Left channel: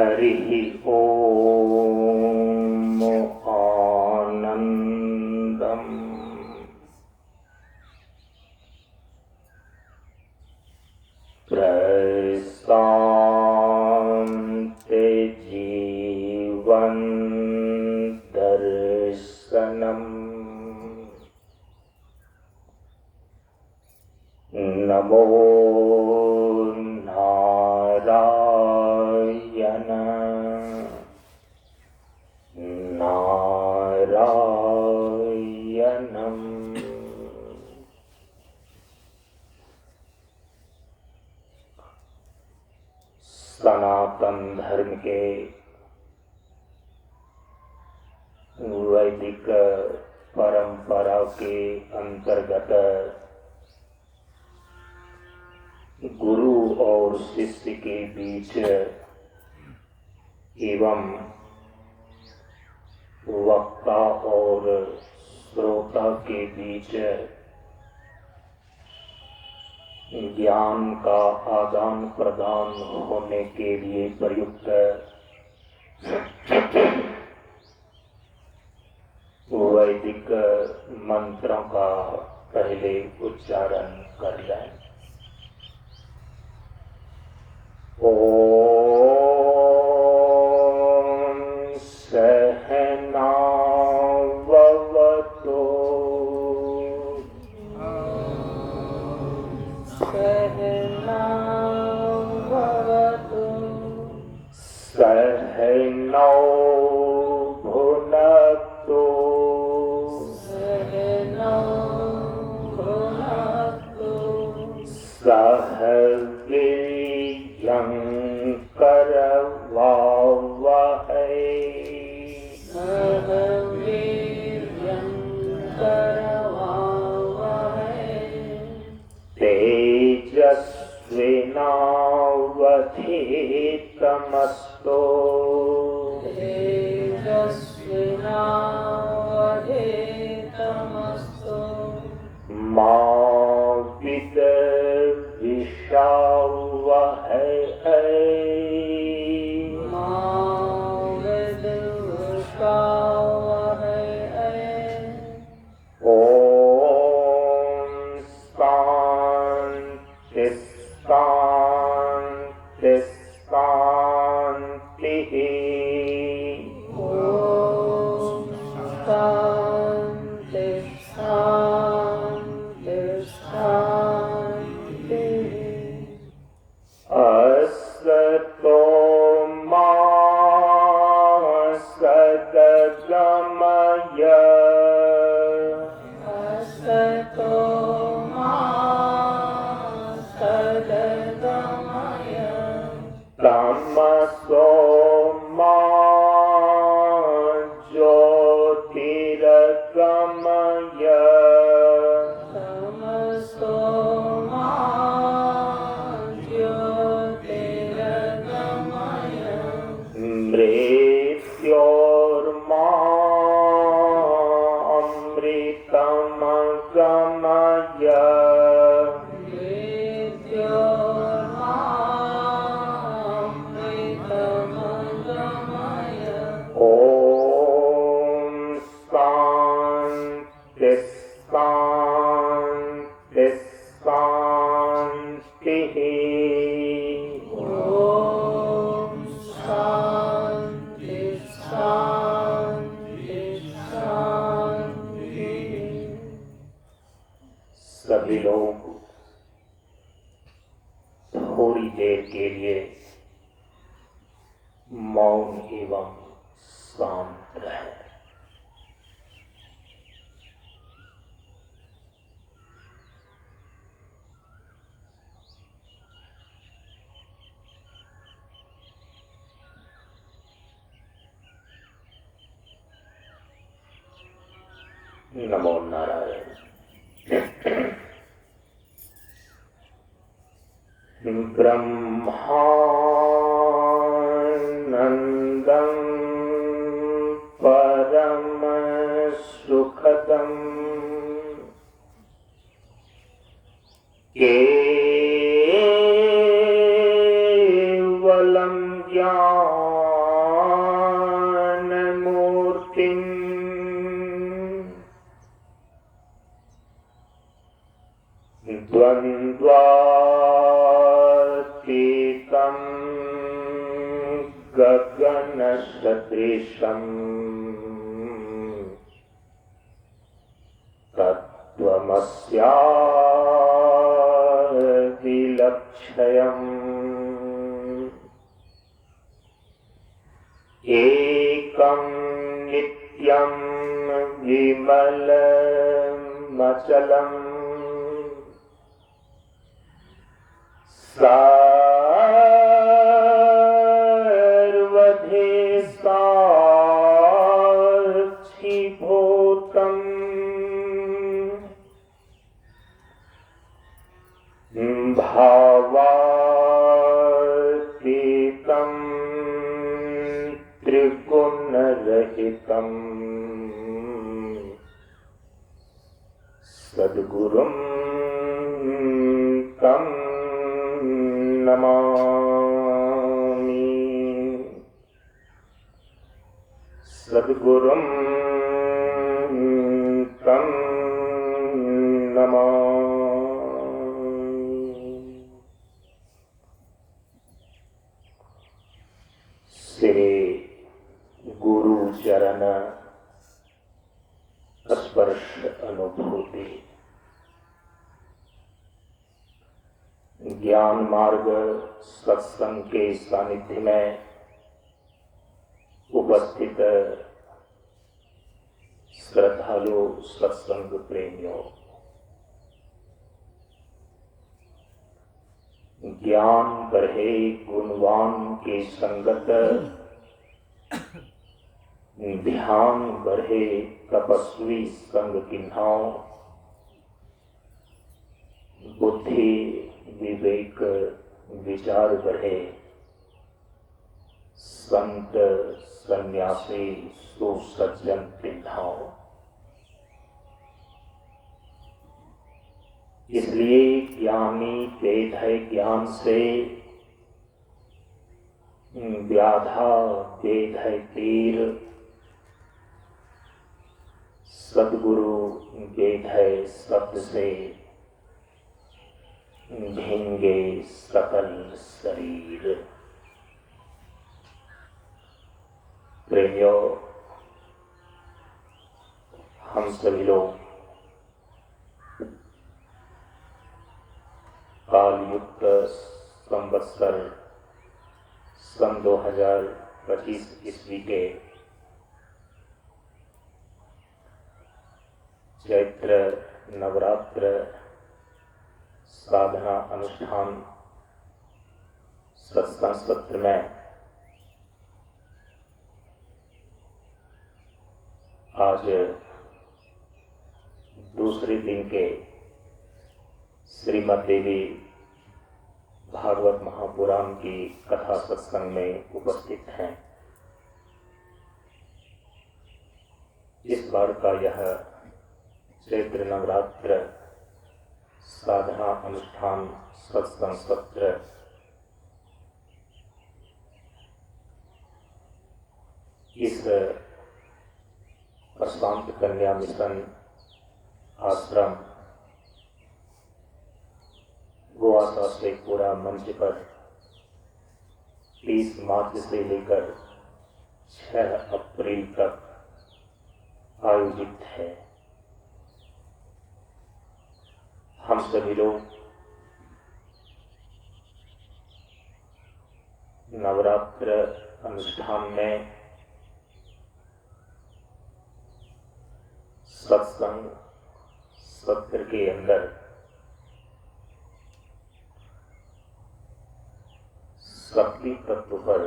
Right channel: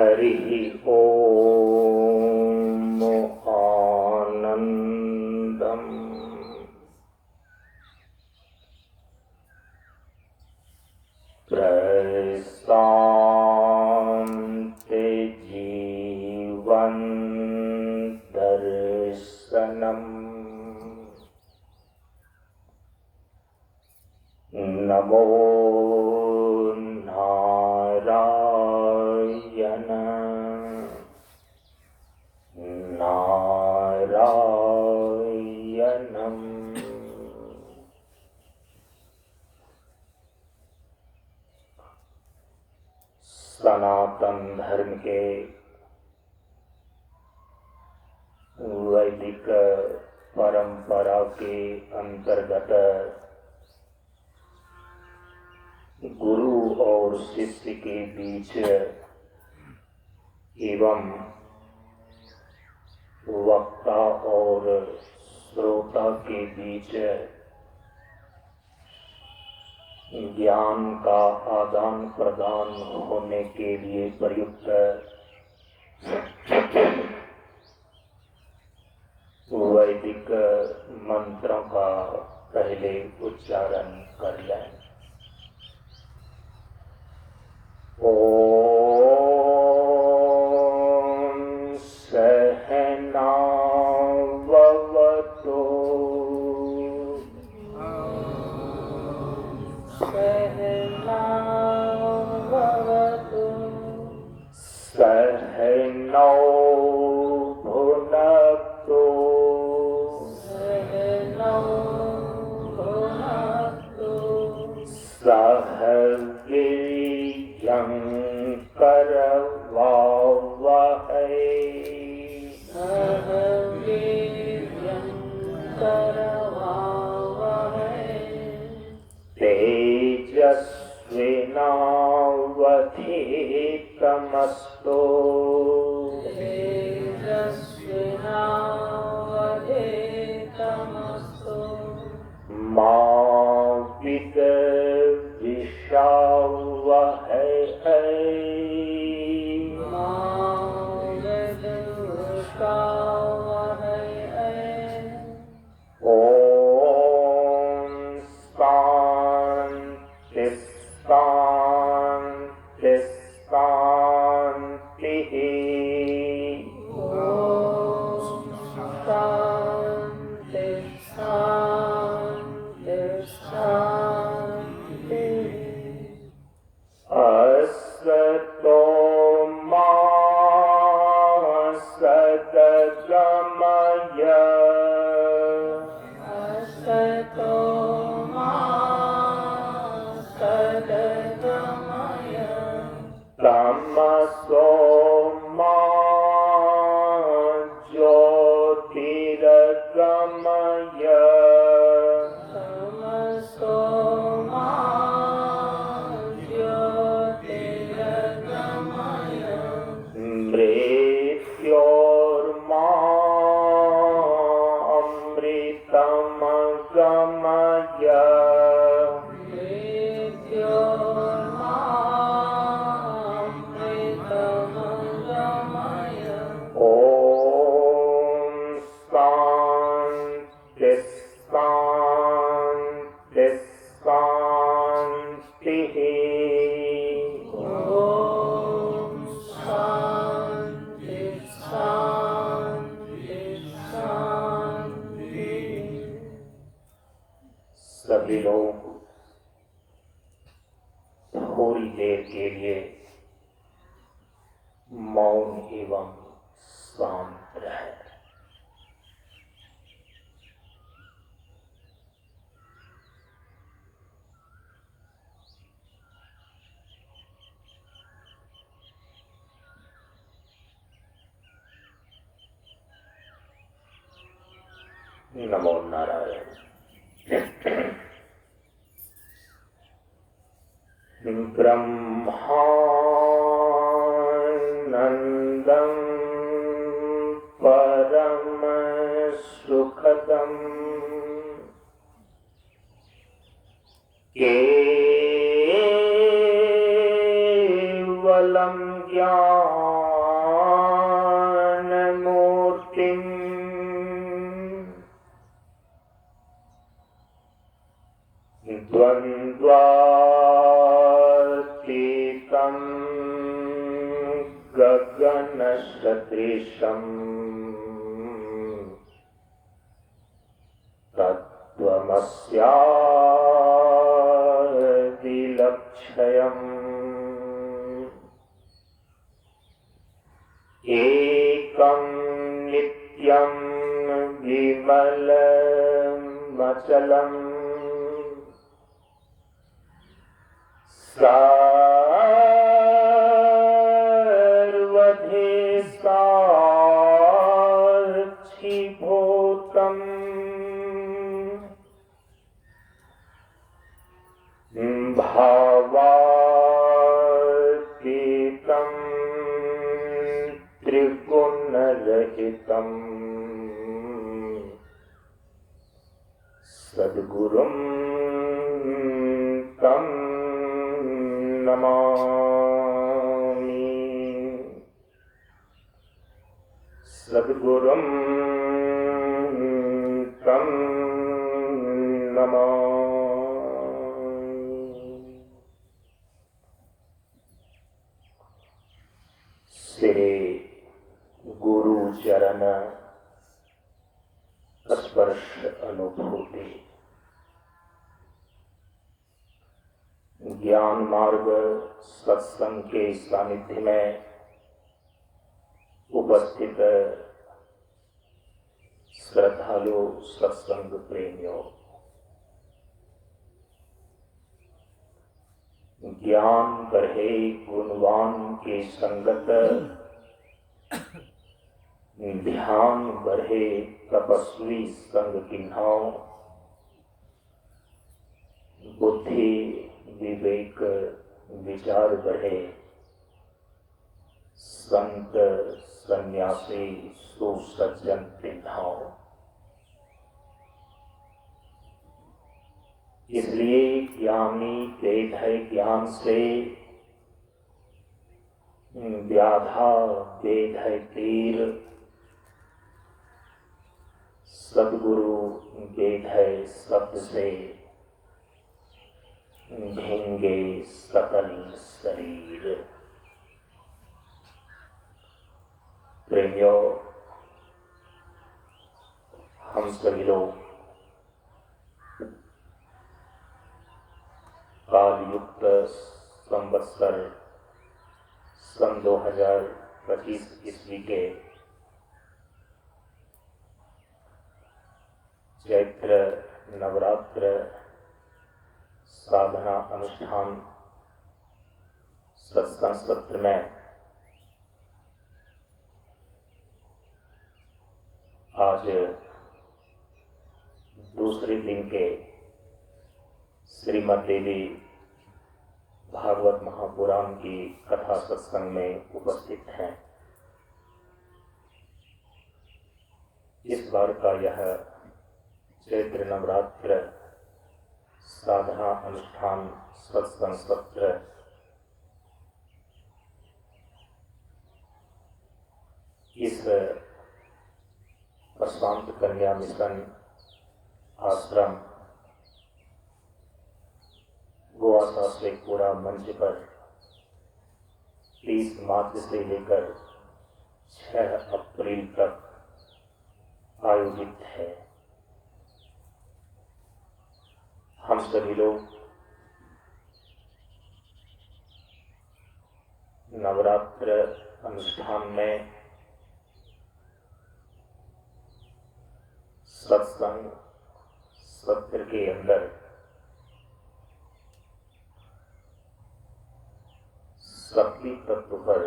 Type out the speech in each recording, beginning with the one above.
हरि ओम आनंदम प्रशांति जीवन दर्शनम नमो नारायण नारायणम। सनातन धर्म के वैदिक परंपरा के अंतर्गत गुरु और शिष्य के बीच एवं वक्ता और श्रोता के बीच ज्ञान का आदान प्रदान होने के लिए प्रयुक्त वैदिक मंत्रों का पहले उच्चारण कर लें। ओम सहनाववतु सहनाववतु सहनौ भुनक्तु सहनौ भुनक्तु सह वीर्यं करवावहै सह वीर्यं करवावहै तेजस्विनावधीतमस्तु तेजस्विनावधीतमस्तु मा विद्विषावहै ओम शांति शांति शांति। ओम शांति शांति शांति। असतो मा सद्गमय असतो मा सद्गमय तमसो मा ज्योतिर्गमय तमसो मा ज्योतिर्गमय मृत्योर्मा अमृतम गमय मृत्योर्मा अमृतम गमय। ओम शांति शांति शांति। ओम शांति शांति शांति। सभी लोग थोड़ी देर के लिए मौन एवं शांत रहे। नमो नारायण। ब्रह्मानंदं परम सुखदं केवलं ज्ञानम् द्वन्द्वातीतं गगनसदृशं तत्त्वमस्यादिलक्ष्यम् एकं नित्यं विमलमचलम् सर्वधि साक्षीभूतम् भावातीतं त्रिगुणरहितम् सद्गुरुं तं नमामि। सद्गुरुं तं नमामि। श्री गुरु चरण स्पर्श अनुभूति ज्ञान मार्ग सत्संग के सानिध्य में उपस्थित श्रद्धालु सत्संग प्रेमियों, ज्ञान बढ़े गुणवान के संगत, ध्यान बढ़े तपस्वी संग किन्हाओ, बुद्धि विवेक विचार बढ़े संत सन्यासी सुसज्जन पिन्हाओ। इसलिए ज्ञानी वेद है ज्ञान से, व्याधा वेद है तीर, सद्गुरु वेद है शब्द से, ढेंगे सकल शरीर। प्रेमियों, हम सभी लोग कालयुक्त संवत्सर सन 2025 ईस्वी के चैत्र नवरात्र साधना अनुष्ठान सत्संग सत्र में आज दूसरे दिन के श्रीमद् देवी भागवत महापुराण की कथा सत्संग में उपस्थित हैं। इस बार का यह चैत्र नवरात्र साधना अनुष्ठान सत्संग सत्र इस प्रशांत कन्या मिशन आश्रम गोवा से पूरा मंच पर 30 मार्च से लेकर 6 अप्रैल तक आयोजित है। हम सभी लोग नवरात्र अनुष्ठान में सत्संग सत्र के अंदर शक्ति तत्व पर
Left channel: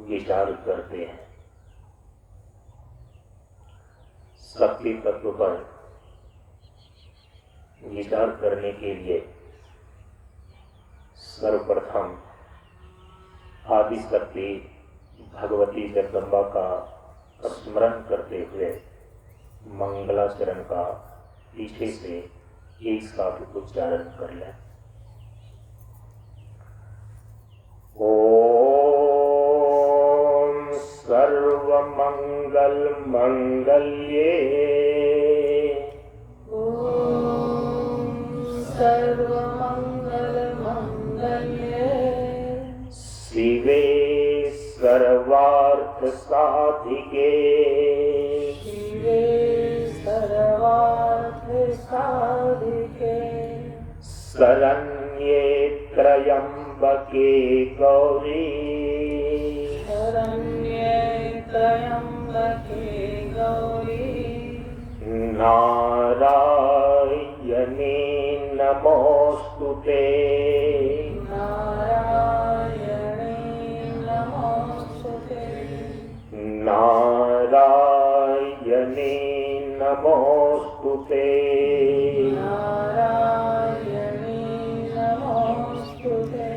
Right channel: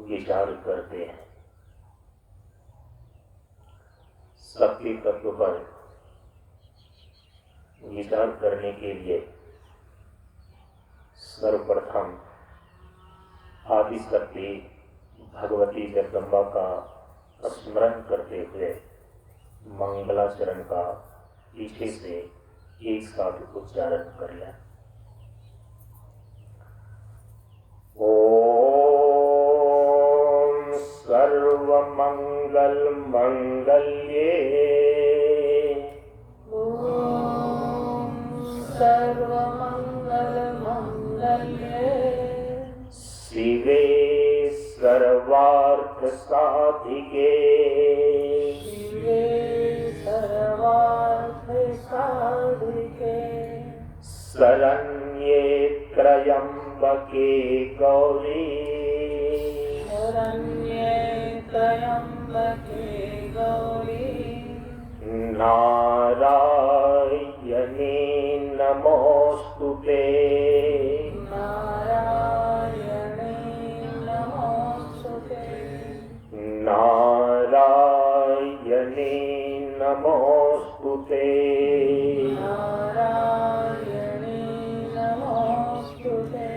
विचार करते हैं। शक्ति तत्व पर विचार करने के लिए सर्वप्रथम आदि शक्ति भगवती जगदम्बा का स्मरण करते हुए मंगलाचरण का पीछे से एक साथ उच्चारण कर लें। ओम सर्वमंगल मंगल्ये, ओम सर्व सर्वमङ्गलमाङ्गल्ये शिवे सर्वार्थ साधिके शिवे सर्वार्थ साधिके शरण्ये त्र्यम्बके गौरी शरण्ये त्र्यम्बके गौरी नारायणे नमोस्तुते नारायणे नमोस्तुते नारायणे नमोस्तुते नारायणे नमोस्तुते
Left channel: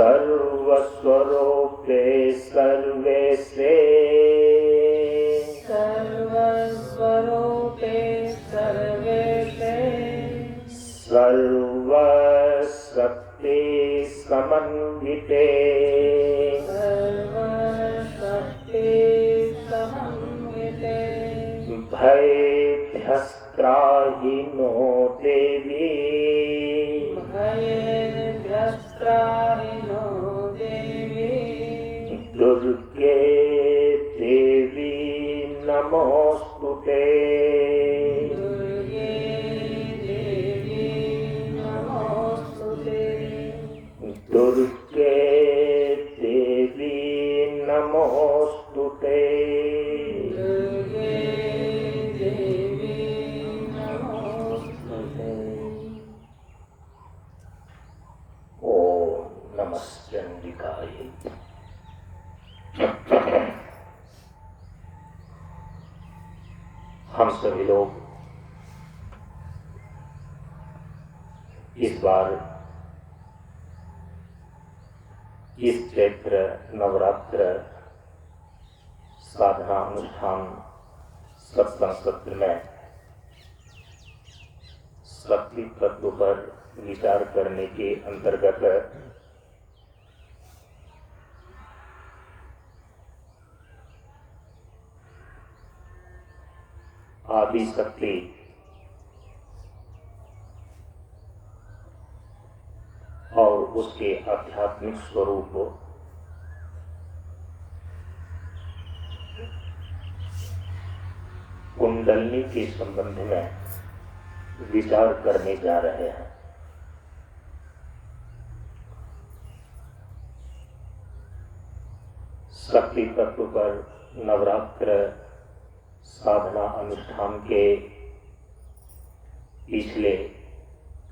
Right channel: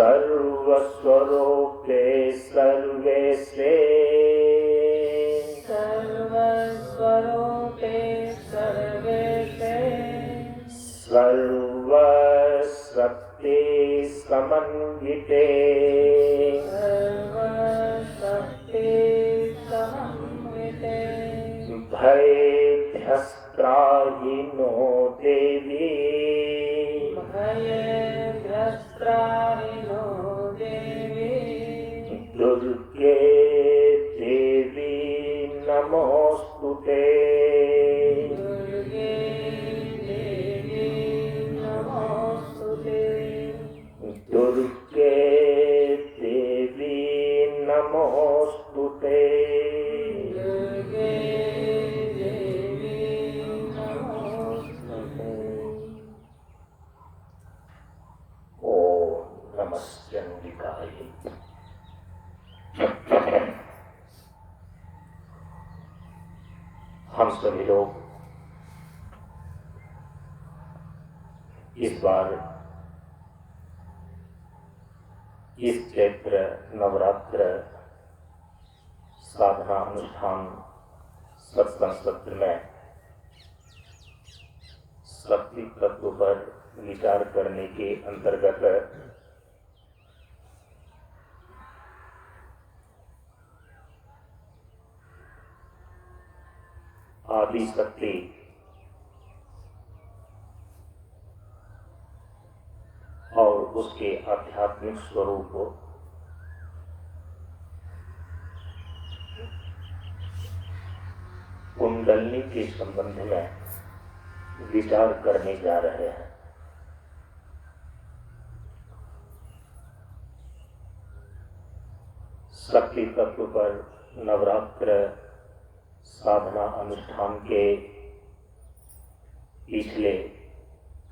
सर्वस्वरूपे सर्वेशे सर्वस्वरूपे सर्वेशे सर्वशक्ति समन्विते सर्वशक्ति समन्विते भयभ्यस्त्राहिनो देवी भयग्रस्त्राहिनो देवी दुर्गे देवी नमोस्तुते दुर्गे देवी नमोस्तुते दुर्गे देवी नमोस्तुते दुर्गे देवी नमोस्तुते ओम नमः चंडिकाय। हम सभी लोग इस बार इस चैत्र नवरात्र साधना अनुष्ठान सत्संग सत्र में शक्ति तत्व पर विचार करने के अंतर्गत आदि शक्ति और उसके आध्यात्मिक स्वरूप कुंडलनी के संबंध में विचार करने जा रहे हैं। शक्ति तत्व पर नवरात्र साधना अनुष्ठान के पिछले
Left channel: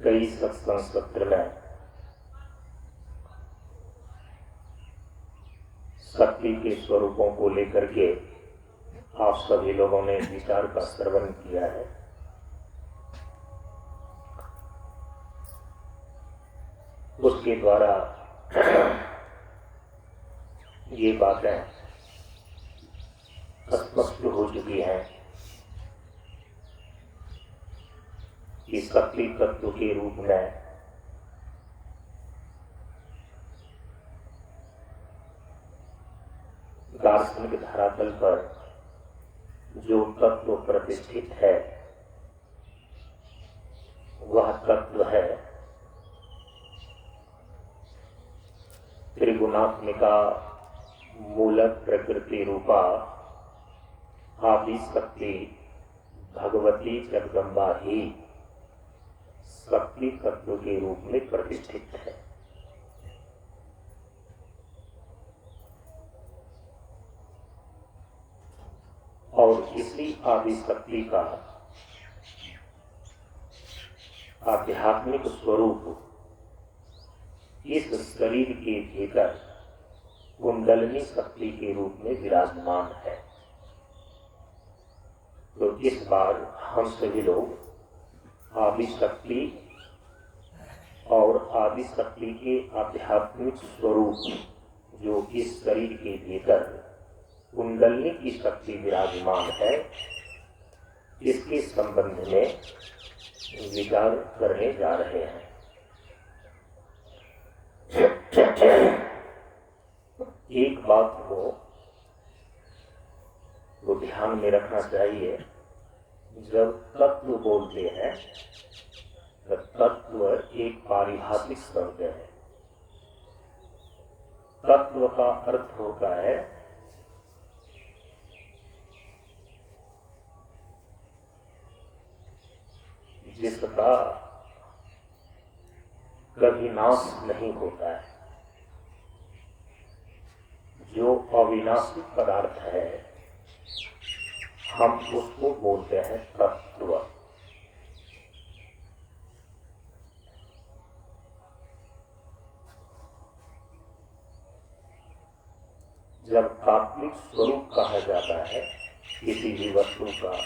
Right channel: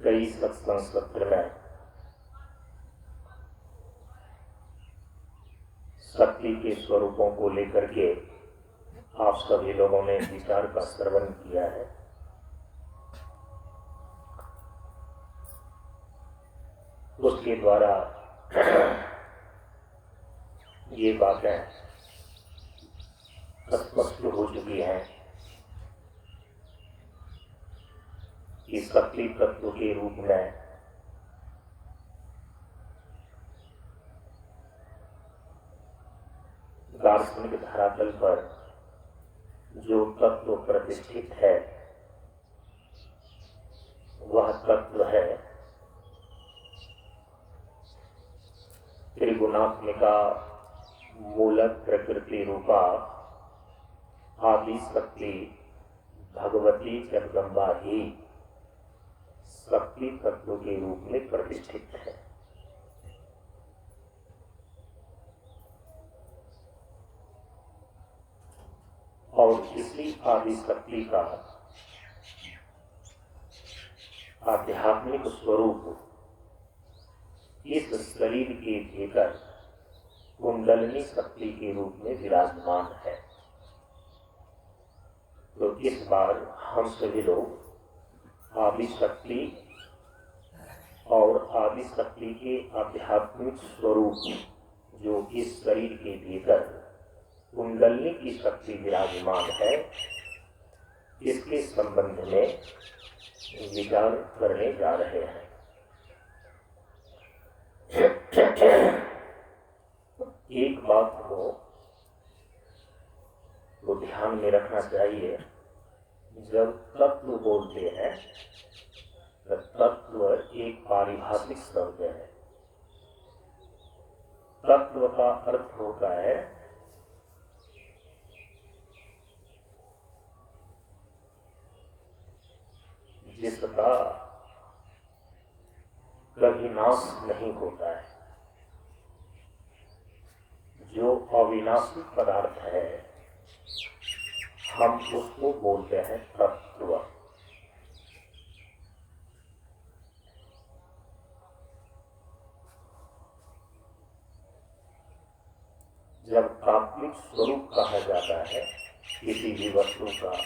कई सत्संग सत्र में शक्ति के स्वरूपों को लेकर के आप सभी लोगों ने विचार का श्रवण किया है। उसके द्वारा ये बातें स्पष्ट हो चुकी हैं कि शक्ति तत्व के रूप में दार्शनिक धरातल पर जो तत्व प्रतिष्ठित है वह तत्व है त्रिगुणात्मिका मूल प्रकृति रूपा आदि शक्ति भगवती जगदम्बा ही शक्ति तत्व के रूप में प्रतिष्ठित है। और इसी आदि शक्ति का आध्यात्मिक स्वरूप इस शरीर के भीतर कुंडलिनी शक्ति के रूप में विराजमान है। तो इस बार हम सभी लोग आदि शक्ति और आदि शक्ति के आध्यात्मिक स्वरूप जो इस शरीर के भीतर कुंडलिनी की शक्ति विराजमान है इसके संबंध में विचार करने जा रहे हैं। एक बात को ध्यान में रखना चाहिए, जब तत्व बोलते हैं तत्व एक पारिभाषिक शब्द है। तत्व का अर्थ होता है जिसका कभी नाश नहीं होता है, जो अविनाशी पदार्थ है, हम उसको बोलते हैं तत्व। जब तात्विक स्वरूप कहा जाता है किसी भी वस्तु का,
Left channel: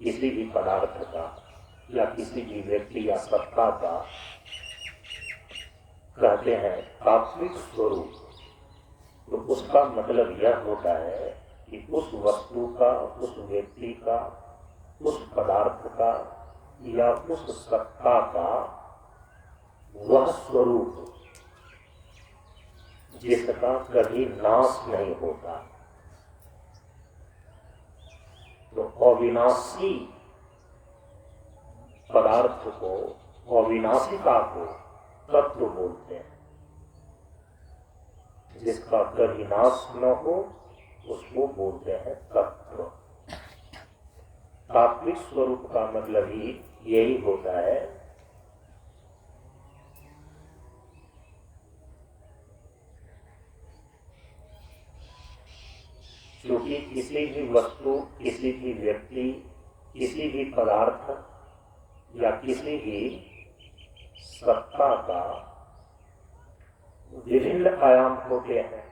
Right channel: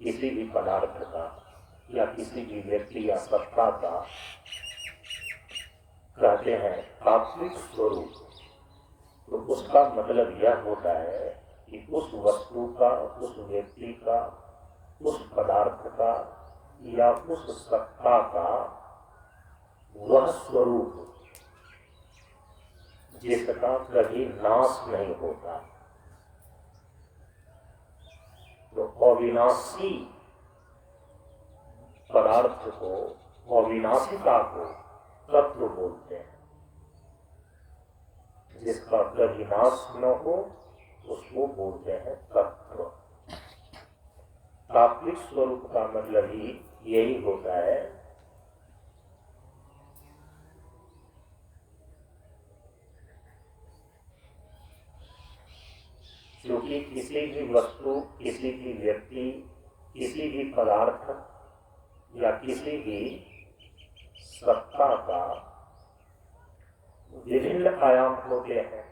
किसी भी पदार्थ का या किसी भी व्यक्ति या सत्ता का, कहते हैं तात्विक स्वरूप, तो उसका मतलब यह होता है कि उस वस्तु का, उस व्यक्ति का, उस पदार्थ का या उस सत्ता का वह स्वरूप जिसका कभी नाश नहीं होता। तो अविनाशी पदार्थ को, अविनाशिता को तत्व बोलते हैं। जिसका कभी नाश न हो उसको बोलते हैं तत्व। तात्विक स्वरूप का मतलब ही यही होता है क्योंकि किसी भी वस्तु, किसी भी व्यक्ति, किसी भी पदार्थ या किसी भी सत्ता का विभिन्न आयाम होते हैं।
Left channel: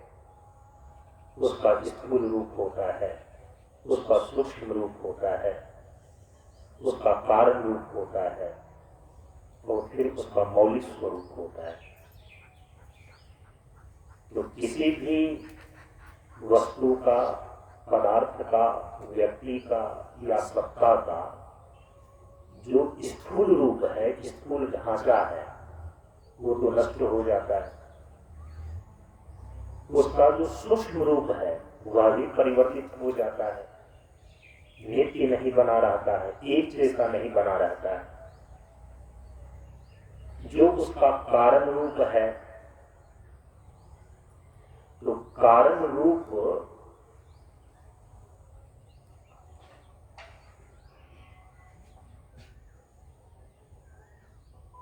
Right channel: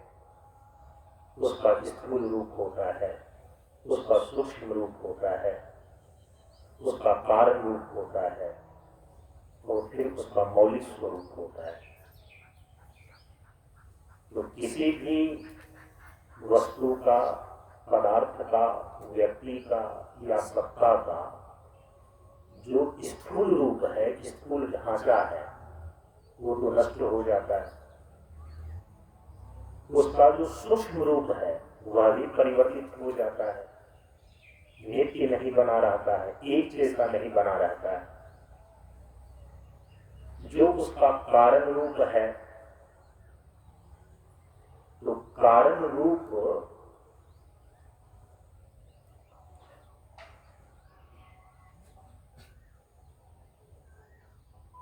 उसका स्थूल रूप होता है, उसका सूक्ष्म रूप होता है, उसका कारण रूप होता है और फिर उसका मौलिक स्वरूप होता है। तो किसी भी वस्तु का, पदार्थ का, व्यक्ति का या सत्ता का जो स्थूल रूप है, स्थूल ढांचा है, वो तो नष्ट हो जाता है। उसका जो सूक्ष्म रूप है वह भी परिवर्तित हो जाता है, नित्य नहीं बना रहता है, एक जैसा नहीं बना रहता है। जो उसका कारण रूप है, तो कारण रूप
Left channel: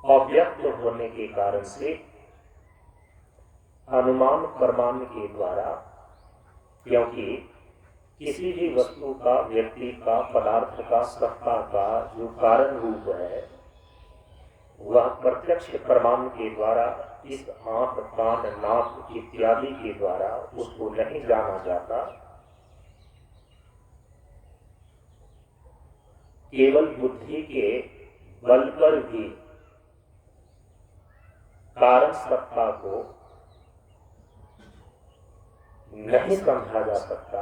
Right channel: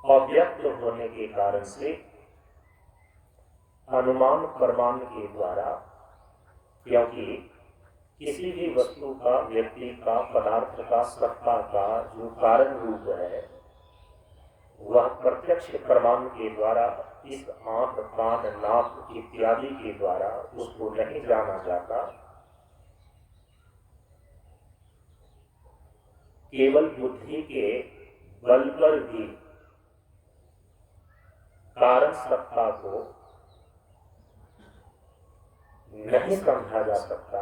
अव्यक्त होने के कारण से अनुमान प्रमाण के द्वारा, क्योंकि किसी भी वस्तु का, व्यक्ति का, पदार्थ का, सत्ता का जो कारण रूप है वह प्रत्यक्ष प्रमाण के द्वारा, इस आंख, कान, नाक इत्यादि के द्वारा उसको नहीं जाना जाता। केवल बुद्धि के बल पर भी कारण सत्ता को नहीं समझा जा सकता।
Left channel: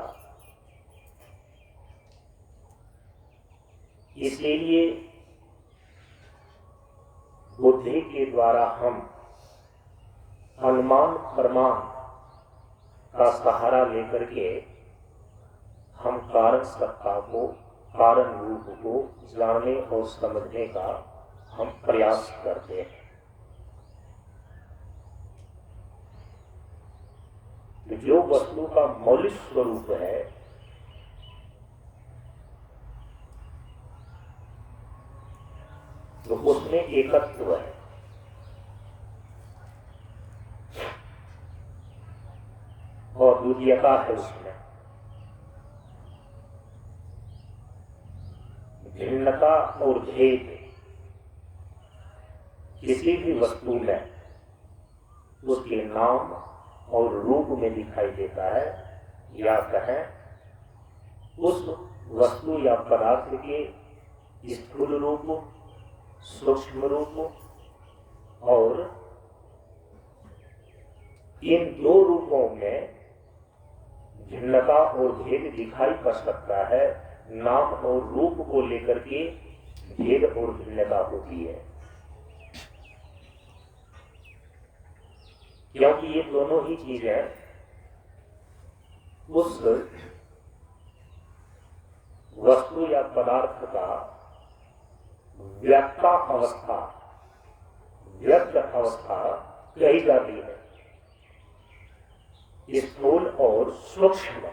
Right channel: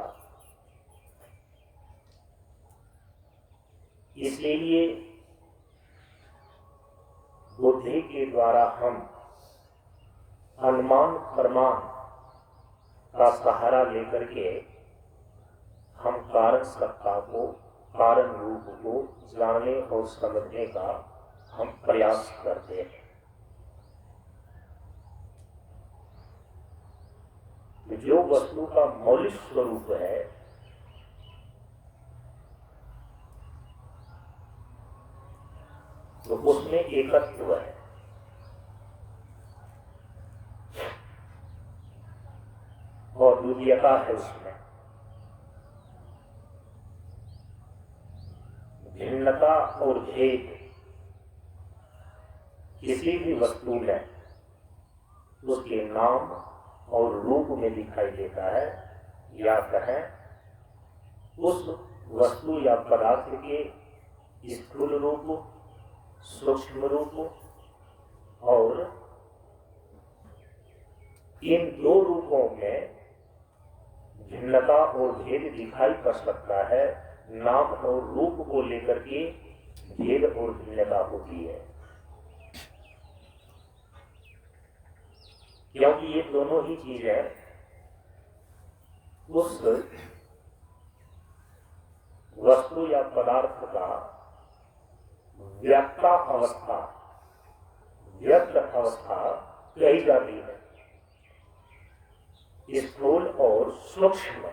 इसलिए बुद्धि के द्वारा हम अनुमान प्रमाण का सहारा लेकर के हम कारण सत्ता को, कारण रूप को जानने और समझने का हम प्रयास करते हैं। जो वस्तु का मौलिक स्वरूप है तो उसमें एकत्व है। और दुनियता है उसमें, भिन्नता और भेद किसी भी वस्तु में उसके नाम और रूप में दिखाई देता है, या कहें उस वस्तु या पदार्थ के स्थूल रूप, सूक्ष्म रूप और इन दो रूपों में भिन्नता और भेद दिखाई पड़ सकता है। नाम और रूप को लेकर के भेद और भिन्नता होती है, क्योंकि ये दोनों ही चीजें उस वस्तु या पदार्थ का व्यक्तावस्था, व्यक्त अवस्था कही जाती है। स्थूल और सूक्ष्म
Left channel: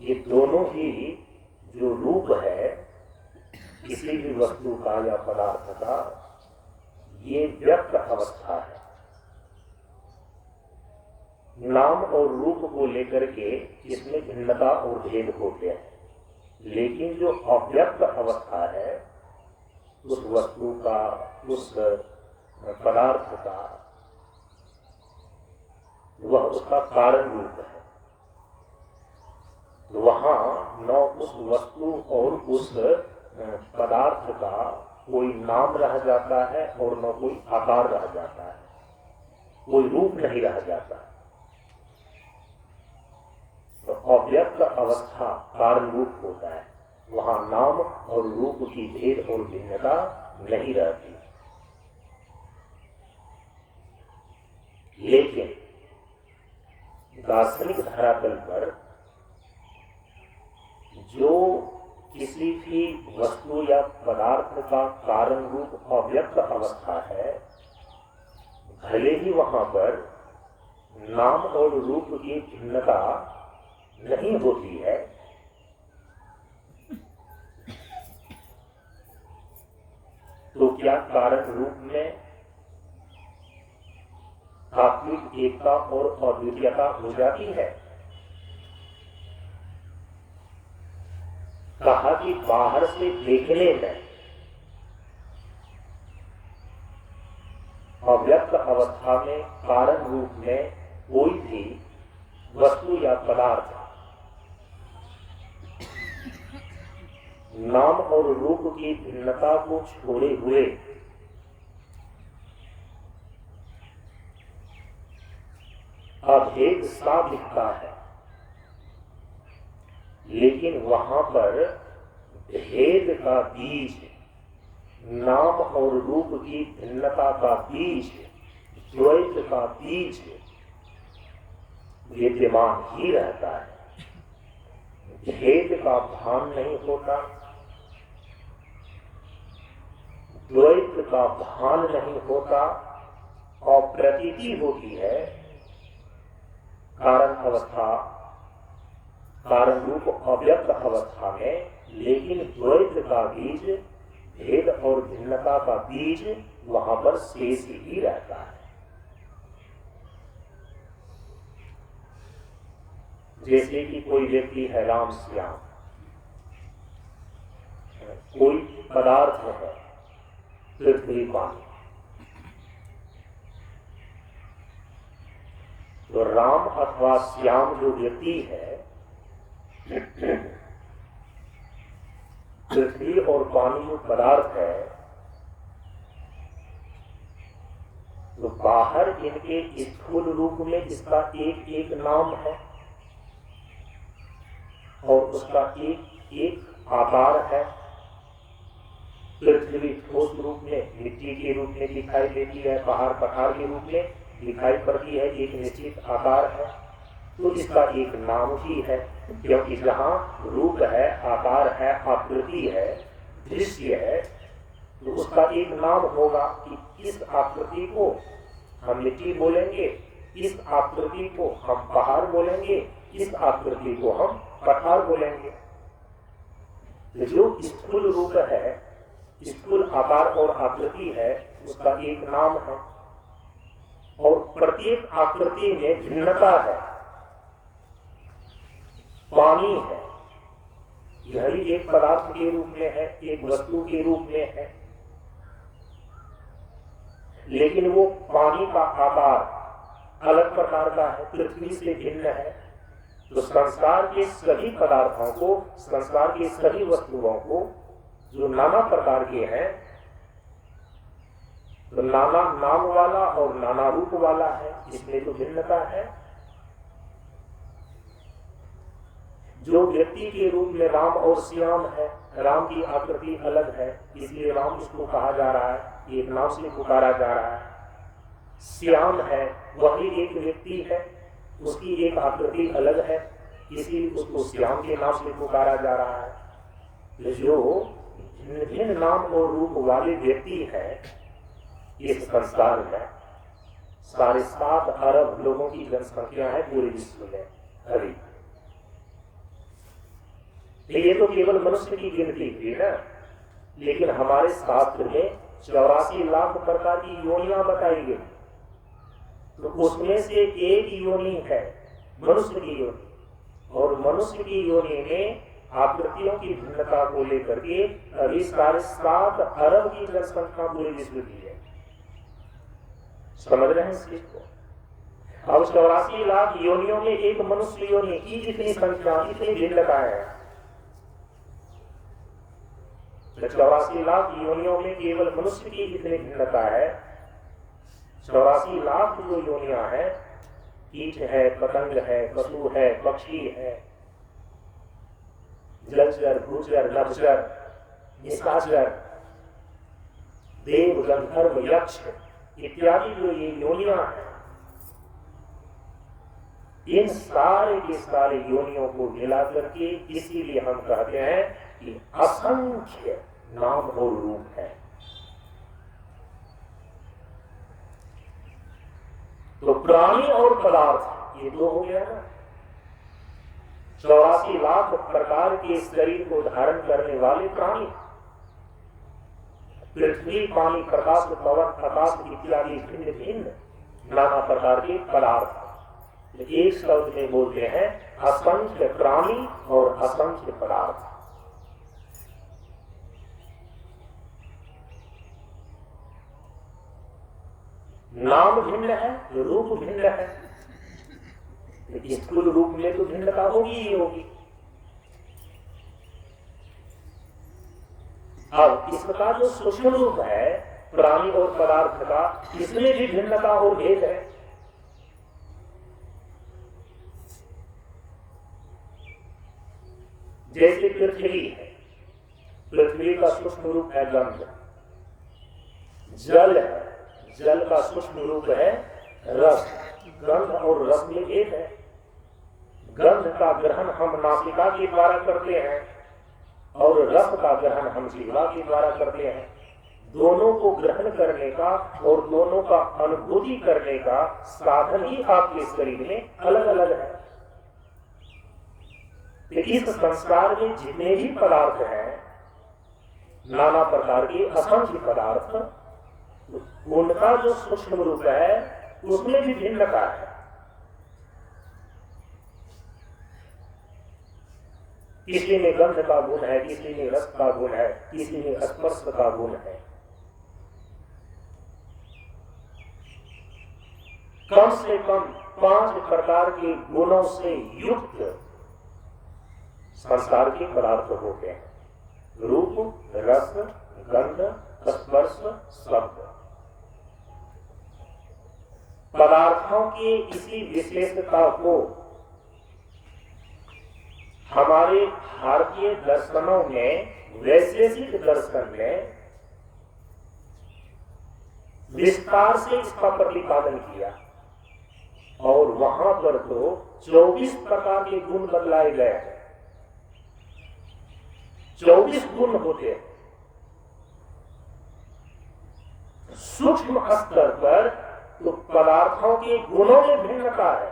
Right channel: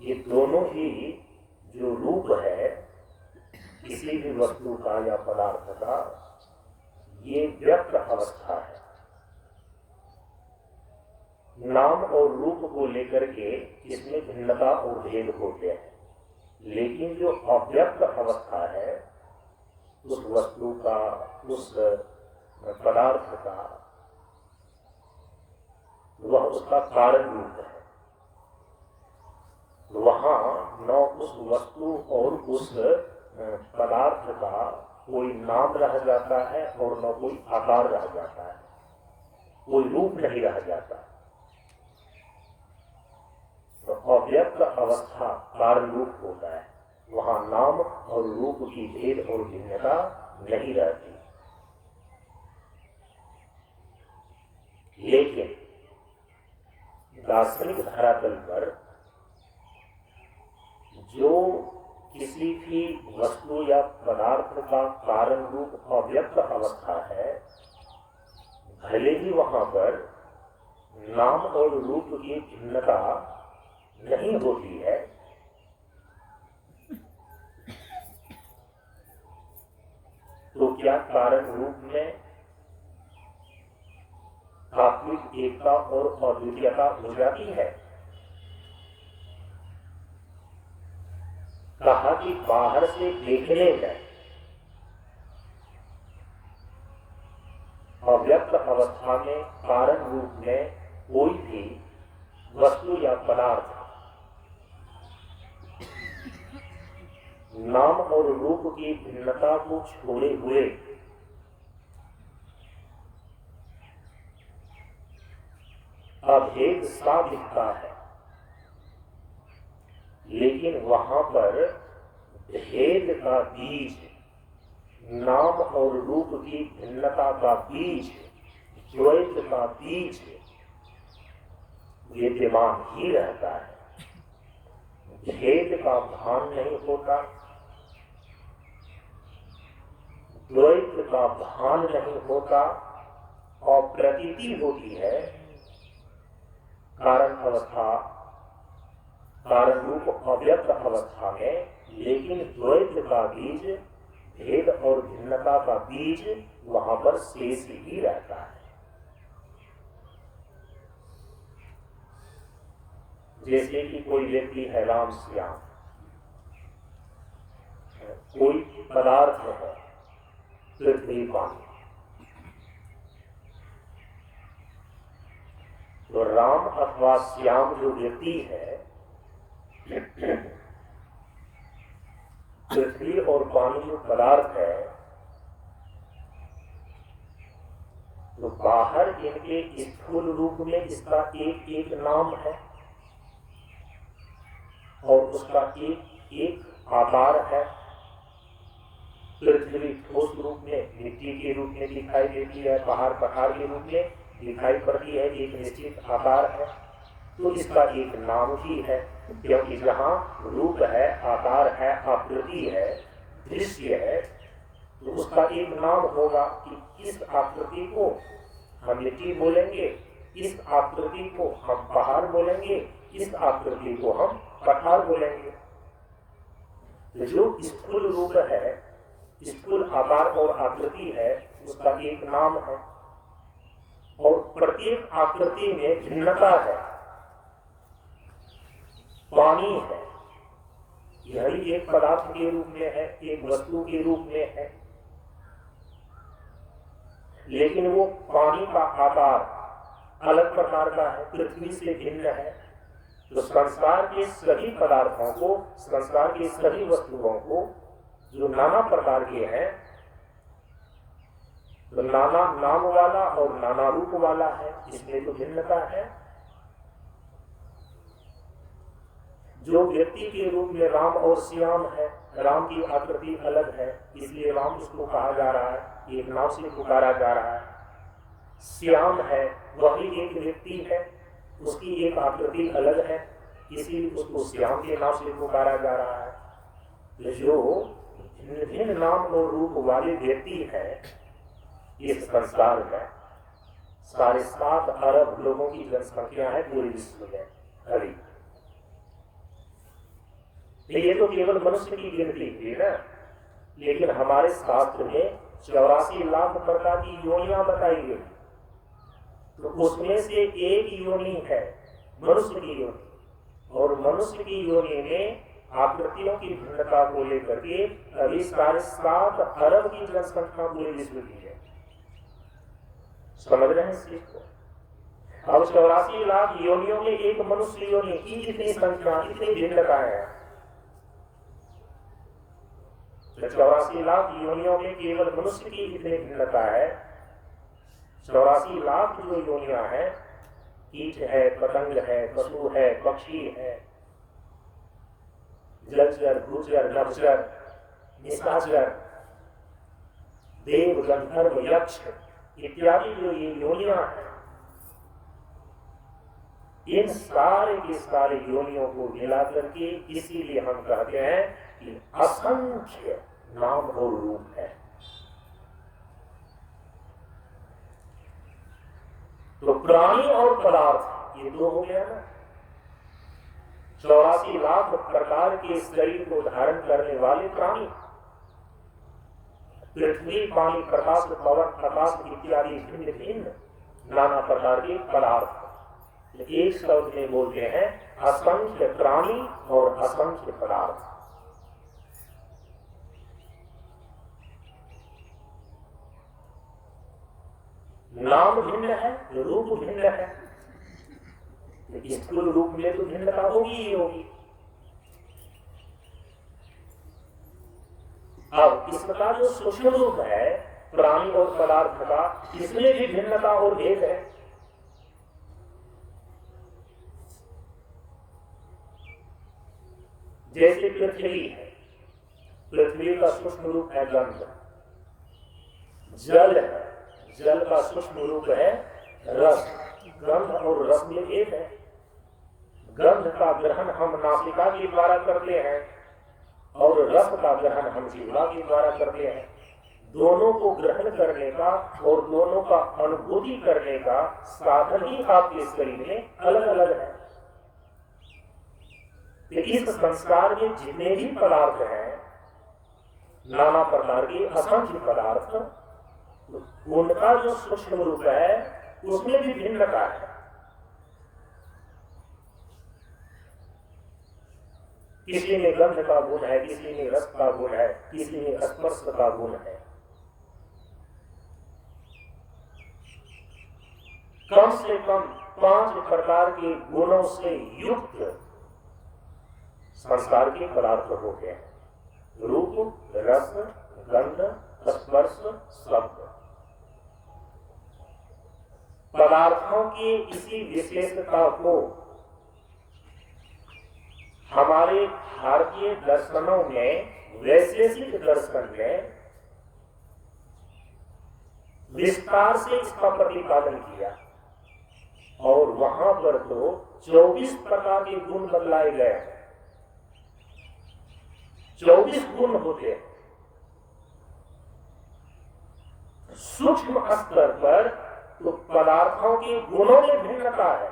ये दोनों ही जो रूप है किसी भी वस्तु का या पदार्थ का, ये व्यक्त अवस्था है। नाम और रूप को लेकर के इसमें भिन्नता और भेद होते हैं, लेकिन जो अव्यक्त अवस्था है उस वस्तु का, उस पदार्थ का, वह उसका कारण रूप है। वहां न उस वस्तु और उस पदार्थ का कोई नाम रह जाता है और न कोई आकार रह जाता है, कोई रूप नहीं रह जाता। तो अव्यक्त अवस्था कारण रूप होता है, वहां नाम और रूप की भेद और भिन्नता नहीं रहती। लेकिन दार्शनिक धरातल पर जो किसी भी वस्तु या पदार्थ का कारण रूप अव्यक्त अवस्था है, भले ही वहां पर नाम और रूप की भिन्नता नहीं होती है, तो क्या कारण रूप में तात्विक एकता और अद्वितीयता हो जाती है? कहा कि बाहर से देखने में अव्यक्त अवस्था में कारण रूप में कोई भी वस्तु या पदार्थ नाम और रूप की भिन्नता को छोड़े हुए अभेद सा दिखता है, लेकिन वहां पर भेद का बीज, नाम और रूप की भिन्नता का बीज, द्वैत का बीज विद्यमान ही रहता है। भेद का भान नहीं होता, द्वैत का भान नहीं होता, और प्रतीति होती है कारण अवस्था, कारण रूप अव्यक्त अवस्था में, लेकिन द्वैत का बीज, भेद और भिन्नता का बीज वहां पर शेष ही रहता है। जैसे कि कोई व्यक्ति है राम श्याम, कोई पदार्थ है पृथ्वी पानी, तो राम अथवा श्याम जो व्यक्ति है, पृथ्वी और पानी जो पदार्थ है, तो बाहर इनके स्थूल रूप में इसका एक एक नाम है और उसका एक एक आकार है। पृथ्वी ठोस रूप में मिट्टी के रूप में दिखाई देती है, पहाड़ पहाड़ के रूप में दिखाई पड़ती है, एक निश्चित आकार है, तो इसका एक नाम ही है। क्योंकि जहाँ रूप है, आकार है, आकृति है, दृश्य है, तो उसका एक नाम होगा कि इस आकृति को हम मिट्टी बोलेंगे, इस आकृति को हम पहाड़ बोलेंगे, इस आकृति को हम पठार बोलेंगे। जो स्थूल रूप है, स्थूल आकार और आकृति है, उसका एक नाम है और प्रत्येक आकृति में भिन्नता है। पानी है, यह भी एक पदार्थ के रूप में है, एक वस्तु के रूप में है, लेकिन वो पानी का आकार अलग प्रकार का है, पृथ्वी से भिन्न है। तो संसार के सभी पदार्थों को, संसार के सभी वस्तुओं को जो नाना प्रकार के हैं, तो नाना नाम वाला और नाना रूप वाला है, इसमें तो भिन्नता है। जो व्यक्ति के रूप में राम और श्याम है, राम की आकृति अलग है, इसलिए राम उसको कहा जा रहा है, एक नाम से पुकारा जा रहा है। श्याम है, वह भी एक व्यक्ति है, उसकी एक आकृति अलग है, इसीलिए उसको श्याम के नाम से पुकारा जा रहा है। जो भिन्न नाम और रूप वाले व्यक्ति है इस संसार में। 7.5 अरब लोगों की जनसंख्या है पूरे विश्व में अभी। ये तो केवल मनुष्य की गिनती थी ना, लेकिन हमारे शास्त्र में 84 लाख प्रकार की योनियां बताई गई। तो उसमें से एक योनि है मनुष्य की योनि, और मनुष्य की योनि में आकृतियों की भिन्नता को लेकर के अभी 7.5 अरब की जनसंख्या पूरे विश्व की है। समझ रहे हैं इस चीज को? अब 84 लाख योनियों में एक मनुष्य योनि की कितनी संख्या, कितनी भिन्नता है? 84 लाख योनियों में केवल मनुष्य की इतनी भिन्नता है। 84 लाख जो योनियां हैं, कीट है, पतंग है, पशु है, पक्षी है, जलचर, भूचर, नभचर, निशाचर, देव, गंधर्व, यक्ष इत्यादि जो ये योनियां हैं, इन सारे के सारे योनियों को मिलाकर के इसीलिए हम कहते हैं कि असंख्य नाम और रूप है। तो प्राणी और पदार्थ ये दो हो गया ना। 84 लाख प्रकार के शरीर को धारण करने वाले प्राणी, पृथ्वी, पानी, प्रकाश, पवन, आकाश इत्यादि भिन्न भिन्न नाना प्रकार के पदार्थ एक शब्द में बोलते हैं असंख्य प्राणी और असंख्य पदार्थ। नाम भिन्न है, रूप भिन्न है, स्थूल रूप में तो भिन्नता होगी ही होगी। अब इसका जो सूक्ष्म रूप है प्राणी और पदार्थ का, इसमें भी भिन्नता और भेद है। जैसे पृथ्वी है, पृथ्वी का सूक्ष्म रूप है गंध। जल है, जल का सूक्ष्म रूप है रस। गंध और रस में भेद है। गंध का ग्रहण हम नासिका के द्वारा करते हैं और रस का ग्रहण हम जीवा के द्वारा करते हैं। दोनों को ग्रहण करने का और दोनों का अनुभूति करने का साधन ही आपके शरीर में अलग अलग है। तो इस संसार में जितने भी पदार्थ हैं, नाना प्रकार के असंख्य पदार्थ, उनका जो सूक्ष्म रूप है उसमें भी भिन्नता है। किसी में गंध का गुण है, किसी में रस का गुण है, किसी में स्पर्श का गुण है। कम से कम 5 प्रकार के गुणों से युक्त संसार के पदार्थ होते हैं। रूप, रस, गंध, स्पर्श, शब्द। पदार्थों की इसी विशेषता को हमारे भारतीय दर्शनों में, वैशेषिक दर्शन में विस्तार से इसका प्रतिपादन किया, और वहां पर तो 24 प्रकार के गुण बतलाए गए हैं। 24 गुण होते हैं। सूक्ष्म स्तर पर तो पदार्थों के गुणों में भिन्नता है।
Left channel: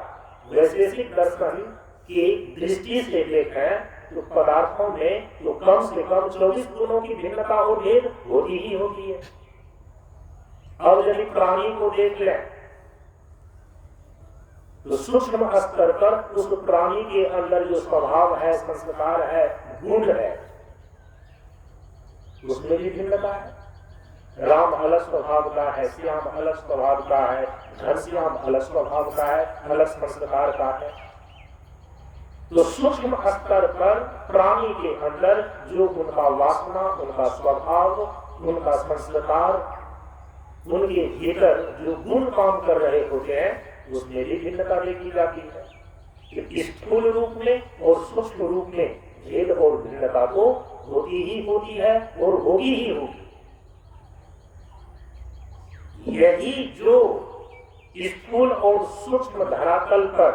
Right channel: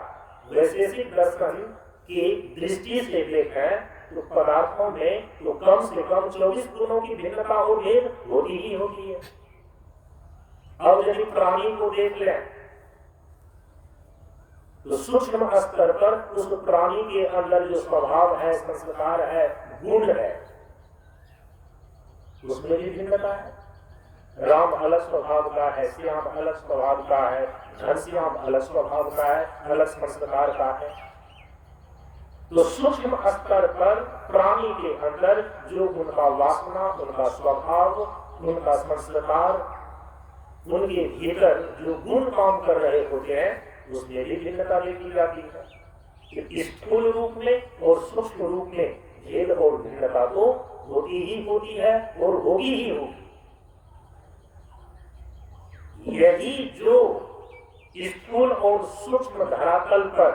वैशेषिक दर्शन की दृष्टि से देखें तो पदार्थों में तो कम से कम 24 गुणों की भिन्नता और भेद होती ही होती है। और यदि प्राणी को देख लें तो सूक्ष्म स्तर पर उस प्राणी के अंदर जो स्वभाव है, संस्कार है, गुण है, उसमें भी भिन्नता है। राम अलग स्वभाव का है, श्याम अलग स्वभाव का है, घनश्याम अलग स्वभाव का है, अलग संस्कार का है। तो सूक्ष्म स्तर पर प्राणी के अंदर जो उनका वासना, उनका स्वभाव, उनका संस्कार, उनके भीतर जो गुण काम कर रहे होते हैं, उसमें भी भिन्नता देखी जाती है। स्थूल रूप में और सूक्ष्म रूप में भेद और भिन्नता तो होती ही होती है और होगी ही होगी। यही जो स्थूल और सूक्ष्म धरातल पर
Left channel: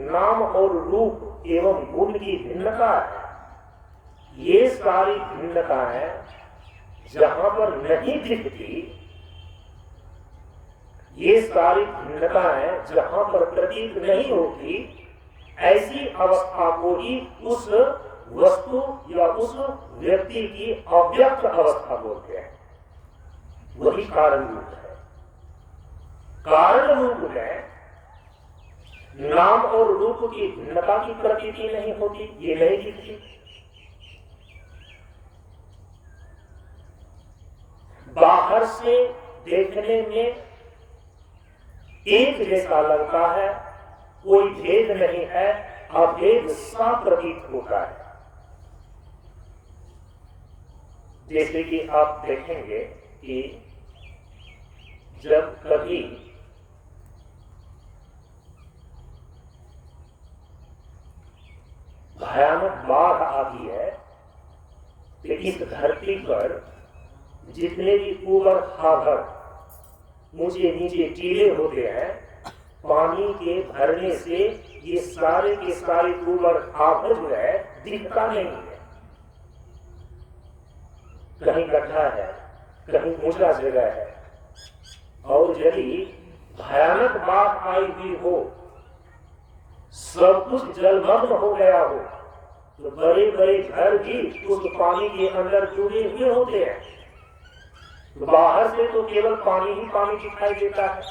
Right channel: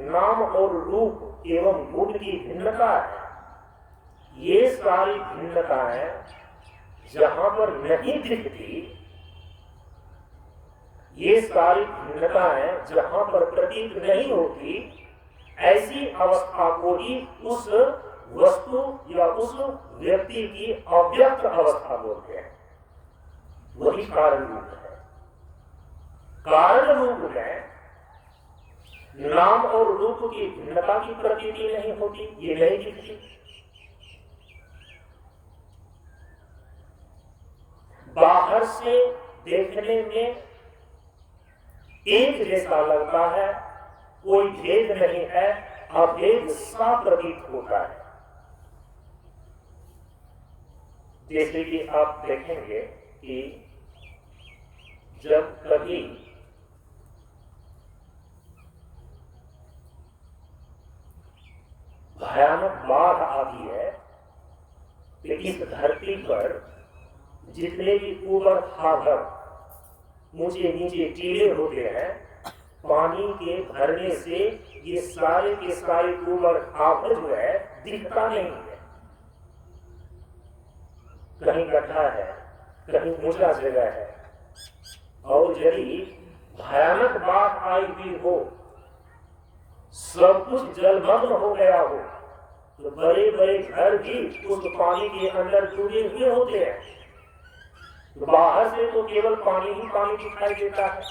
नाम और रूप एवं गुण की भिन्नता है, ये सारी भिन्नताएं जहां पर नहीं दिखती, ये सारी भिन्नताएं जहां पर प्रतीत नहीं होती, ऐसी अवस्था को ही उस वस्तु या उस व्यक्ति की अव्यक्त अवस्था बोलते हैं। वही कारण रूप है। कारण रूप में नाम और रूप की भिन्नता की प्रतीति नहीं होती, ये नहीं दिखती। बाहर से देखने में एक जैसा लगता है, कोई भेद नहीं है, अभेद सा प्रतीत होता है। जैसे कि आप देखेंगे कि जब कभी भयानक बाढ़ आती है तो इस धरती पर जितने भी ऊपर खाकर ऊंचे नीचे टीले होते हैं, पानी के भरने से ये सारे के सारे ऊपर खाकर जो है दिखता नहीं है। कहीं गड्ढा है, कहीं ऊंचा जगह है, और यदि भयानक बाढ़ आई हुई हो, सब कुछ जलमग्न हो गया हो, तो बड़े बड़े घर भी उस पानी के अंदर डूबे हुए होते हैं। तो बाहर से तो केवल पानी ही पानी दिखाई देता है,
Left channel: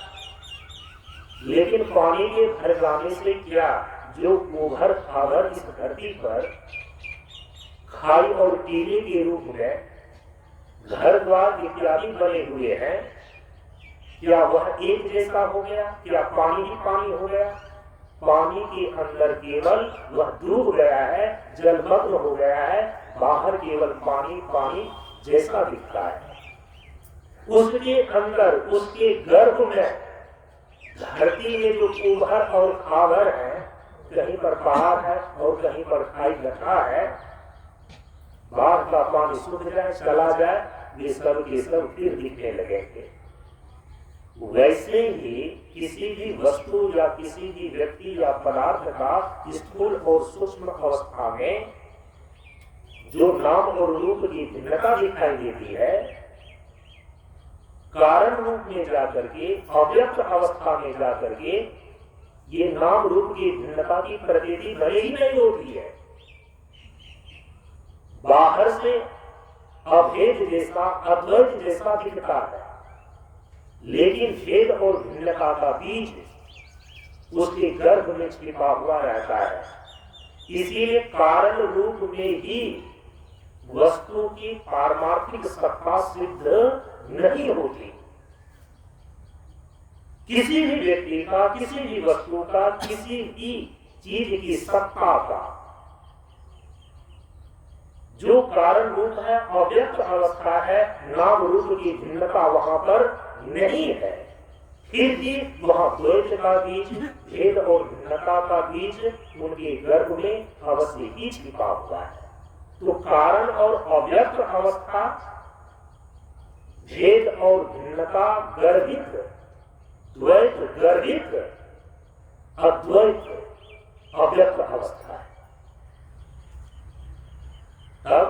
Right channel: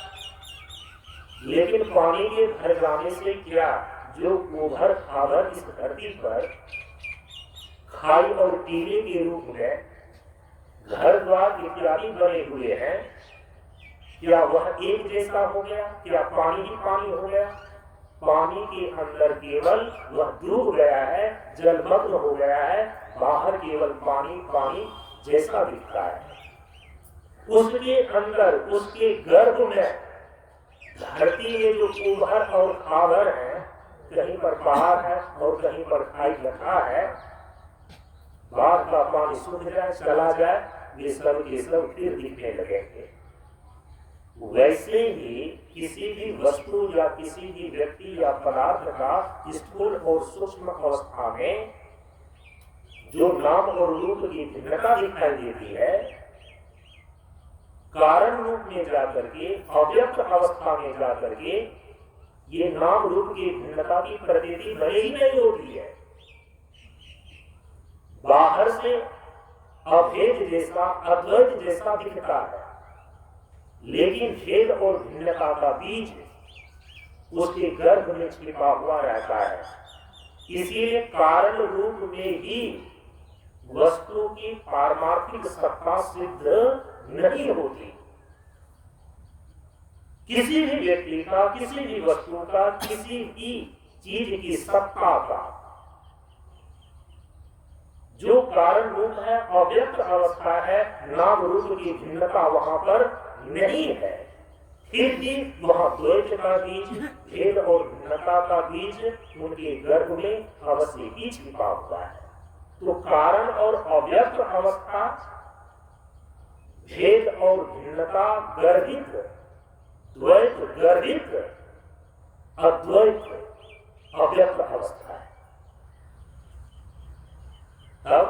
लेकिन पानी के भर जाने से क्या जो उभर खावर इस धरती पर खाई और टीले के रूप में घर द्वार इत्यादि बने हुए हैं, क्या वह एक जैसा हो गया? क्या पानी ही पानी हो गया? पानी के अंदर केवल वह डूब गया है, जलमग्न हो गया है, बाहर केवल पानी पानी जैसा दिखता है। उसके अंदर, उसके गर्भ में, धरती में जो उभर और खावर है, कहीं पर पहाड़ है और कहीं पर खाई गड्ढा है, बाढ़ का पानी सूख जाए, चला जाए, वे सब के सब फिर दिखने लगेंगे। वैसे ही किसी भी वस्तु या किसी भी व्यक्ति या पदार्थ का स्थूल और सूक्ष्म अवस्था में जो नाम और रूप की भिन्नता दिखाई देती है, कारण रूप में जाकर के, अव्यक्त अवस्था में जाकर के ये नाम रूप की भिन्नता की प्रतीति भले ही नहीं होती है। बाहर से अभेद जैसा, अद्वैत जैसा दिखता है, लेकिन भेद और भिन्नता का बीज उसके गर्भ में छिपा हुआ रहता है। इसीलिए कारण रूप में ही वस्तु की पारमार्थिक सत्ता सिद्ध नहीं होती। किसी भी व्यक्ति का, किसी भी वस्तु का, किसी भी चीज की सत्ता का जो कारण रूप है, अव्यक्त अवस्था है, नाम रूप की भिन्नता वहां पर नहीं है, फिर भी वहां द्वैत का बीज, भेद और भिन्नता का बीज उनके गर्भ में अवश्य ही छिपा हुआ है। तो कारण और अव्यक्त अवस्था, भेद और भिन्नता गर्भित, द्वैत गर्भित, अद्वैत अव्यक्त अवस्था है। अब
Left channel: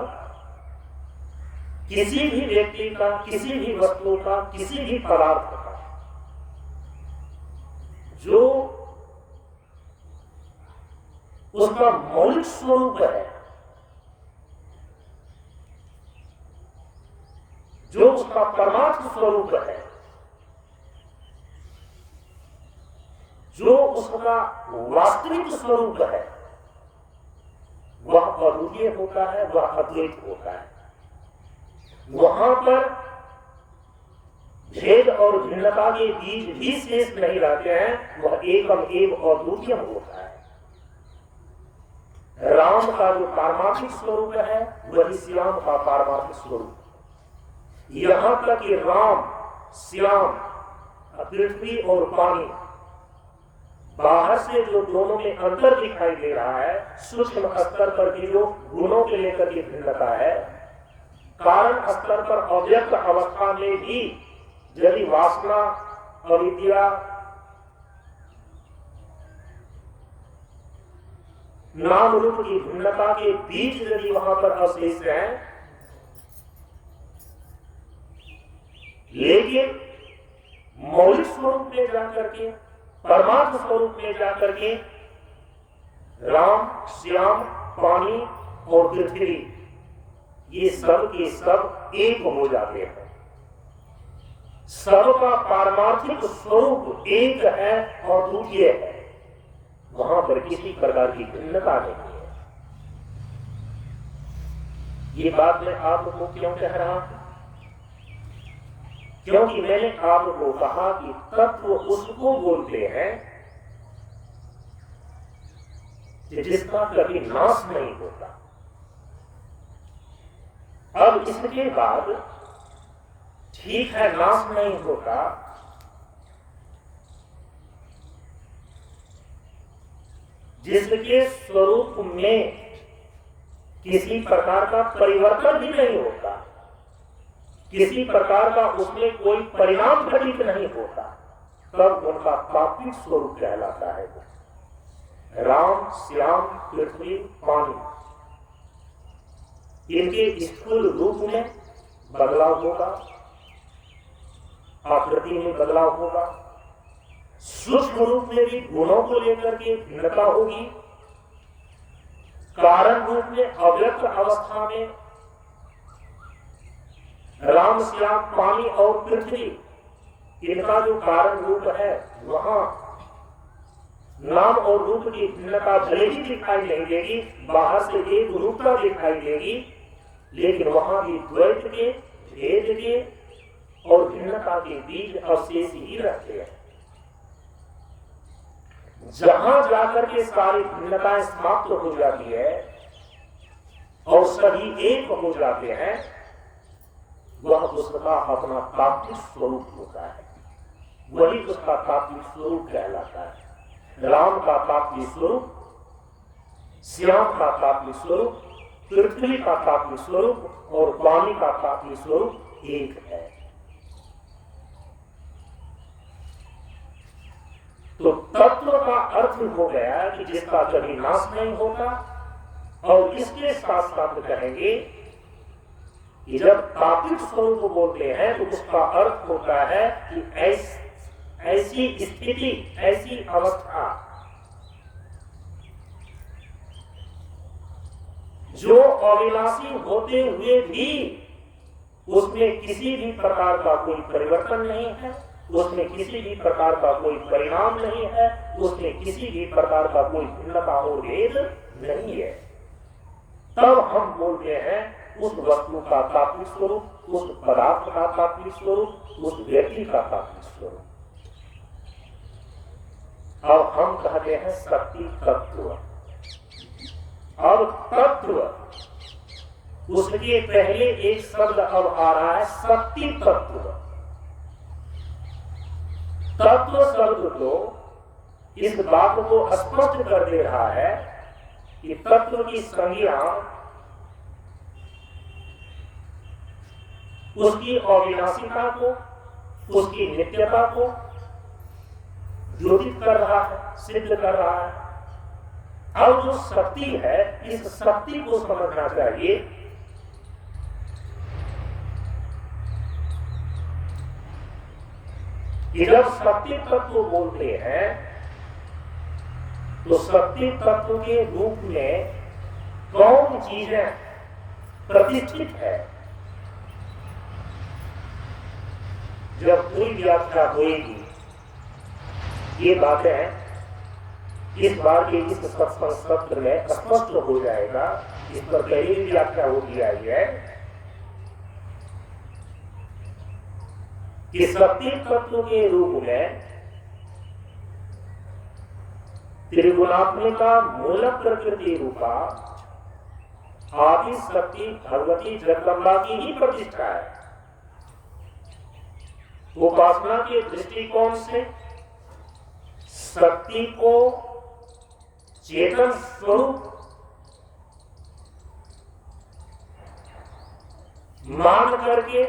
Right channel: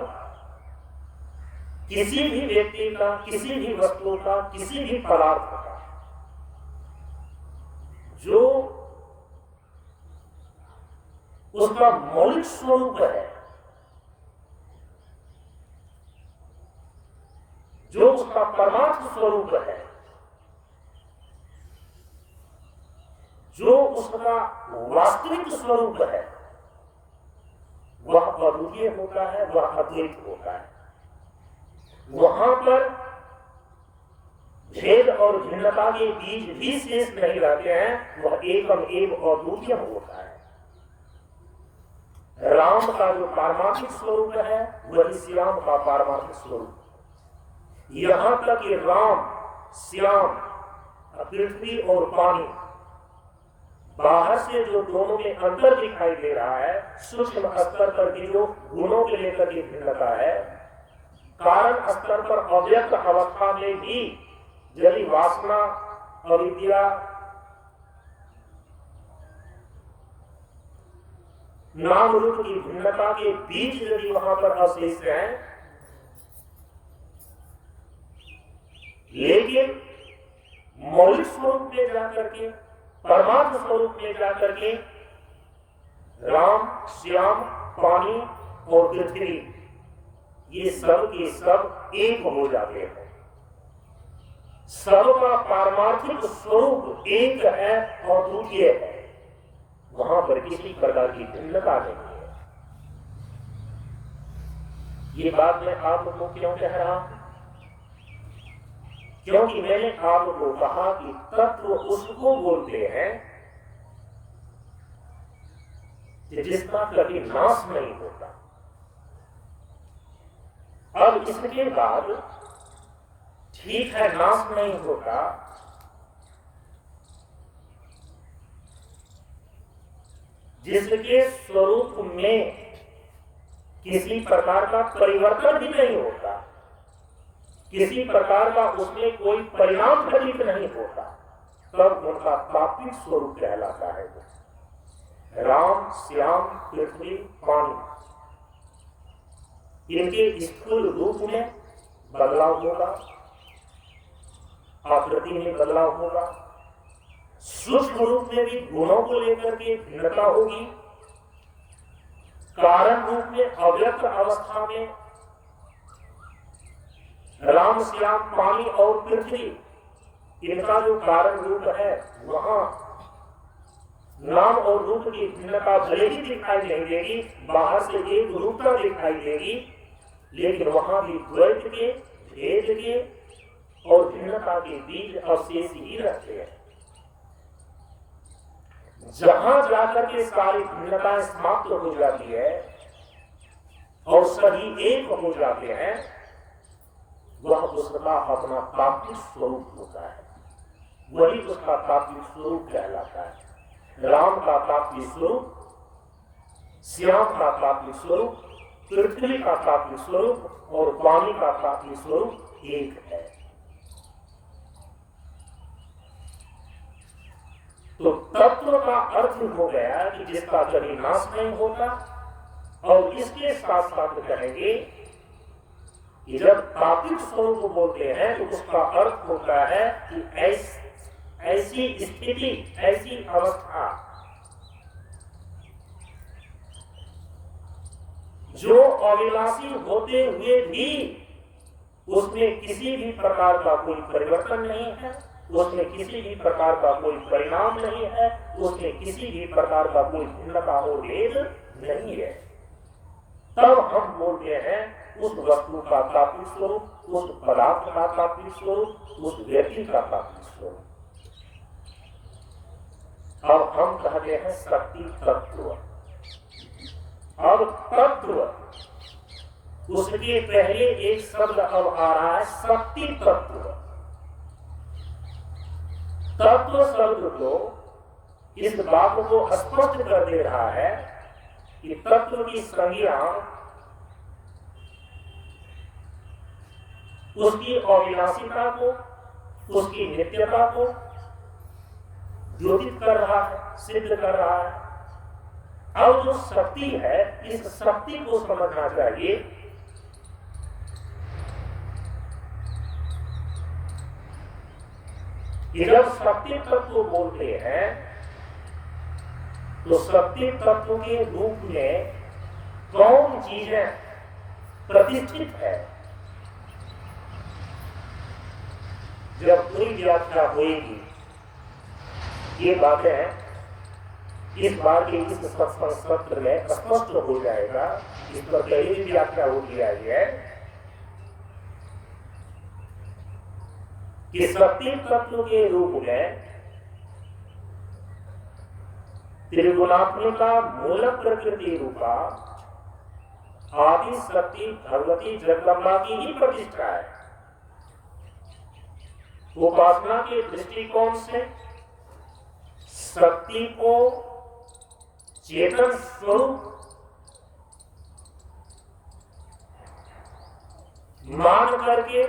किसी भी व्यक्ति का, किसी भी वस्तु का, किसी भी पदार्थ का जो उसका मौलिक स्वरूप है, जो उसका परमार्थ स्वरूप है, जो उसका वास्तविक स्वरूप है, वह अद्वितीय होता है, वह अद्वैत होता है। वहां पर भेद और भिन्नता के बीज भी शेष नहीं रहते हैं, वह एकम एक और द्वितीय होता है। राम का जो पारमार्थिक स्वरूप है, वही श्याम का पारमार्थिक स्वरूप। यहां तक कि राम, श्याम, पृथ्वी और पानी, बाहर से जो दोनों में अंतर दिखाई दे रहा है, सूक्ष्म स्तर पर की जो गुणों के लेकर की भिन्नता है, कारण स्तर पर अव्यक्त अवस्था में भी यदि वासना, अविद्या, नाम रूप की भिन्नता के बीज यदि वहां पर अवशेष है, लेकिन मौलिक स्वरूप में जाकर के, परमात्म स्वरूप में जाकर के राम, श्याम, पानी और पृथ्वी, ये सब के सब एक हो जाते हैं। सबका पारमार्थिक स्वरूप एक है और द्वितीय है, वहां पर किसी प्रकार की भिन्नता नहीं है। ये बात मैं आपको क्यों कह रहा हूं? क्योंकि मैंने आपको कहा कि तत्व उसको बोलते हैं जिसका कभी नाश नहीं होता। अब इसके बाद ठीक है, नाश नहीं होता, जिसके स्वरूप में किसी प्रकार का परिवर्तन भी नहीं होता, किसी प्रकार का उसमें कोई परिणाम घटित नहीं होता, तब उनका तात्विक स्वरूप कहलाता है। राम, श्याम, पृथ्वी, पानी, इनके स्थूल रूप में बदलाव होगा, आकृति में बदलाव होगा, सूक्ष्म रूप में भी गुणों को लेकर के भिन्नता होगी, कारण रूप में अव्यक्त अवस्था में राम, श्याम, पानी और पृथ्वी, इनका जो कारण रूप है वहां नाम और रूप की भिन्नता भले ही दिखाई नहीं देगी, बाहर से एक रूपता दिखाई देगी, लेकिन वहां भी द्वैत के, भेद के और भिन्नता के बीज अवशेष ही रहते हैं। जहां जाकर के सारी भिन्नताएं समाप्त हो जाती है और सभी एक हो जाते हैं, वह उसका अपना तात्विक स्वरूप होता है, वही उसका तात्विक स्वरूप कहलाता है। राम का तात्विक स्वरूप, श्याम का तात्विक स्वरूप, पृथ्वी का तात्विक स्वरूप और पानी का तात्विक स्वरूप एक है। तो तत्व का अर्थ हो गया कि जिसका कभी नाश नहीं होता, और इसके साथ साथ कहेंगे कि जब तात्विक स्वरूप बोलते हैं तो उसका अर्थ होता है कि ऐसी स्थिति, ऐसी अवस्था जो अविनाशी होते हुए भी उसमें किसी भी प्रकार का कोई परिवर्तन नहीं है, उसमें किसी भी प्रकार का कोई परिणाम नहीं है, उसमें किसी भी प्रकार का कोई भिन्नता और भेद नहीं है, तब हम बोलते हैं उस वस्तु का तात्विक स्वरूप, उस पदार्थ का तात्विक स्वरूप, उस व्यक्ति का तात्विक स्वरूप। और हम कहते हैं शक्ति तत्व। अब तत्व, उसके पहले एक शब्द अब आ रहा है शक्ति तत्व। तत्व शब्द को इस बात को स्पष्ट कर दे रहा है कि तत्व की संज्ञा उसकी अविनाशिता को, उसकी नित्यता को द्योतित कर रहा है, सिद्ध कर रहा है। अब जो शक्ति है, इस शक्ति को समझना चाहिए कि जब शक्ति तत्व बोलते हैं तो शक्ति तत्व के रूप में कौन चीजें प्रतिष्ठित है, जब पूरी व्याख्या होगी ये बातें इस बार के इस सत्संग सत्र में स्पष्ट हो जाएगा। इस पर पहले भी व्याख्या होगी आई है कि शक्ति तत्व के रूप में त्रिगुणात्मिका मूल प्रकृति रूपा आदि शक्ति भगवती जगदम्बा की ही प्रतिष्ठा है। उपासना के दृष्टिकोण से शक्ति को चेतन स्वरूप मान करके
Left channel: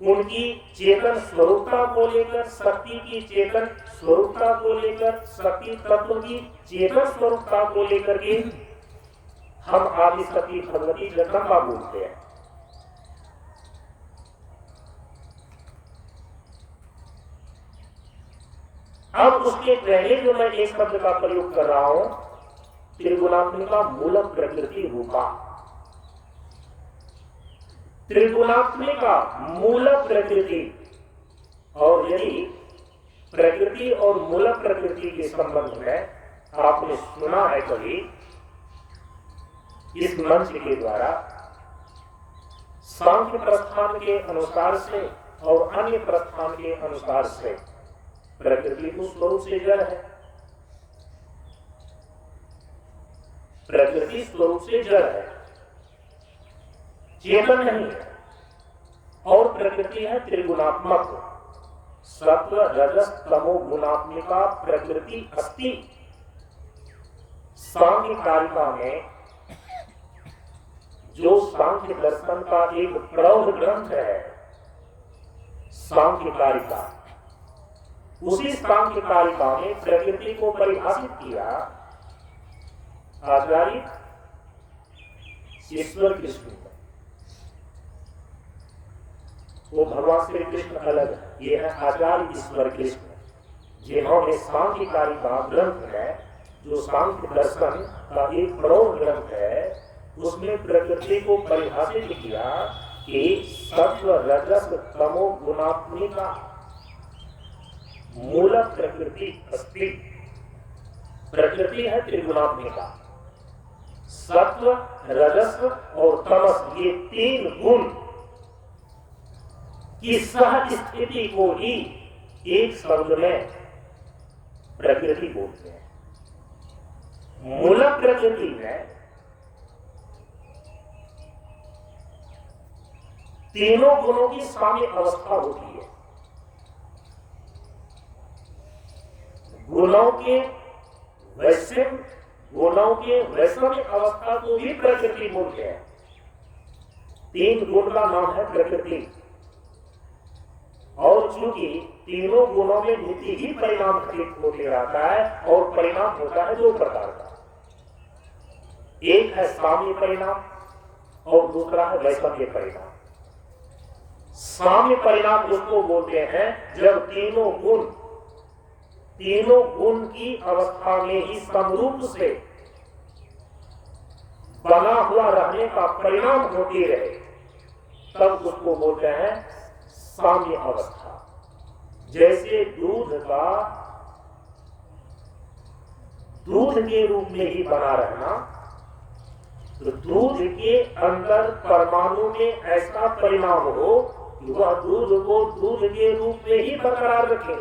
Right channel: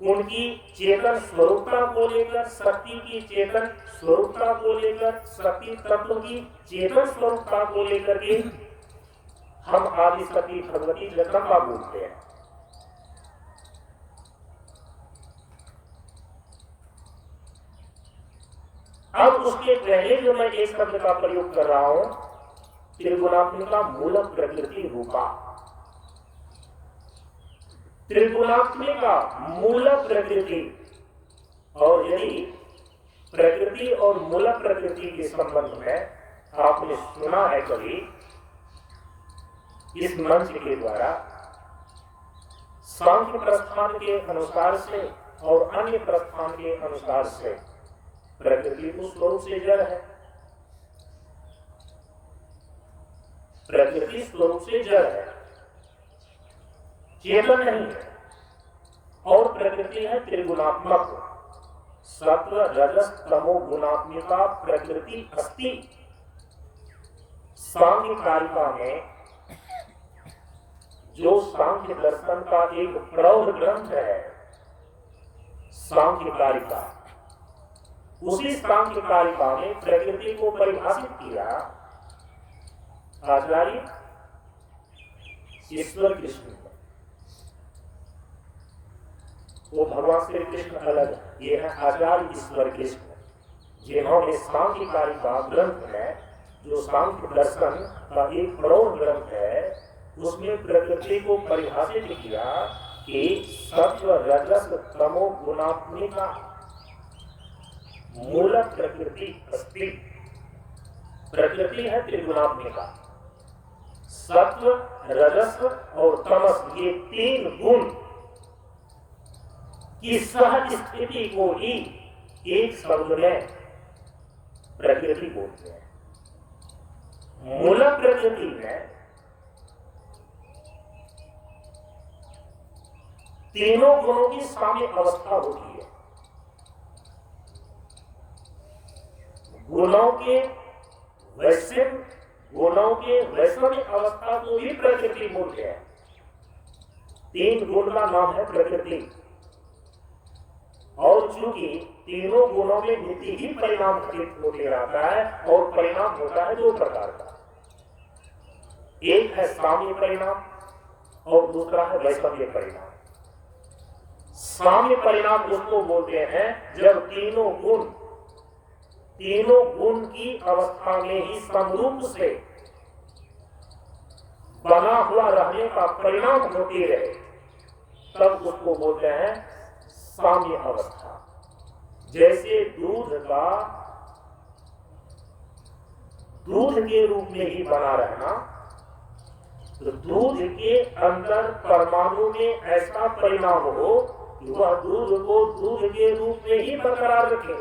उनकी चेतन स्वरूपता को लेकर, शक्ति की चेतन स्वरूपता को लेकर, शक्ति तत्व की चेतन स्वरूपता को लेकर के हम आदि शक्ति भगवती जगदम्बा बोलते हैं। अब उसके पहले जो मैं एक शब्द का प्रयोग कर रहा हूं, त्रिगुणात्मिका मूल प्रकृति रूपा। त्रिगुणात्मिका मूल प्रकृति, और यदि प्रकृति और मूल प्रकृति के संबंध में आपने सुना है कभी इस मंच के द्वारा, सांख्य प्रस्थान के अनुसार से और अन्य प्रस्थान के अनुसार से प्रकृति को स्वरूप से जड़ है। प्रकृति स्वरूप से जड़ है, चेतन नहीं है। और प्रकृति है त्रिगुणात्मक, सत्व रजस तमो गुणात्मिका प्रकृति अस्ति। सांख्य कारिका में, जो सांख्य दर्शन का एक प्रौढ़ ग्रंथ है, सांख्य कारिका, उसी सांख्य कारिका में प्रकृति को परिभाषित किया आचार्य ईश्वर कृष्ण। वो भगवान श्री कृष्ण अलग है, ये है आचार्य ईश्वर कृष्ण, जिन्होंने सांख्य कारिका ग्रंथ में, जो सांख्य दर्शन का एक प्रौढ़ ग्रंथ है, उसमें प्रकृति को परिभाषित किया कि सत्व रजस तमो गुणात्मिका मूल प्रकृति अस्ति। प्रकृति है त्रिगुणात्मिका, सत्व रजस और तमस, ये तीन गुण की सह स्थिति को ही एक शब्द में प्रकृति बोलते हैं। मूल प्रकृति में तीनों गुणों की साम्य अवस्था होती है। गुणों के वैषम्य अवस्था को भी प्रकृति बोलते हैं। तीन गुण का नाम है प्रकृति, और चूंकि तीनों गुणों में नीति ही परिणाम घटित होते रहता है, और परिणाम होता है दो प्रकार का, एक है साम्य परिणाम और दूसरा है वैषम्य परिणाम। साम्य परिणाम उसको बोलते हैं जब तीनों गुण की अवस्था में ही समरूप से बना हुआ रहने का परिणाम होती रहे, तब उसको बोलते हैं साम्य अवस्था। जैसे दूध के रूप में ही बना रहना, तो दूध के अंदर परमाणु में ऐसा परिणाम हो कि वह दूध को दूध के रूप में ही बरकरार रखे,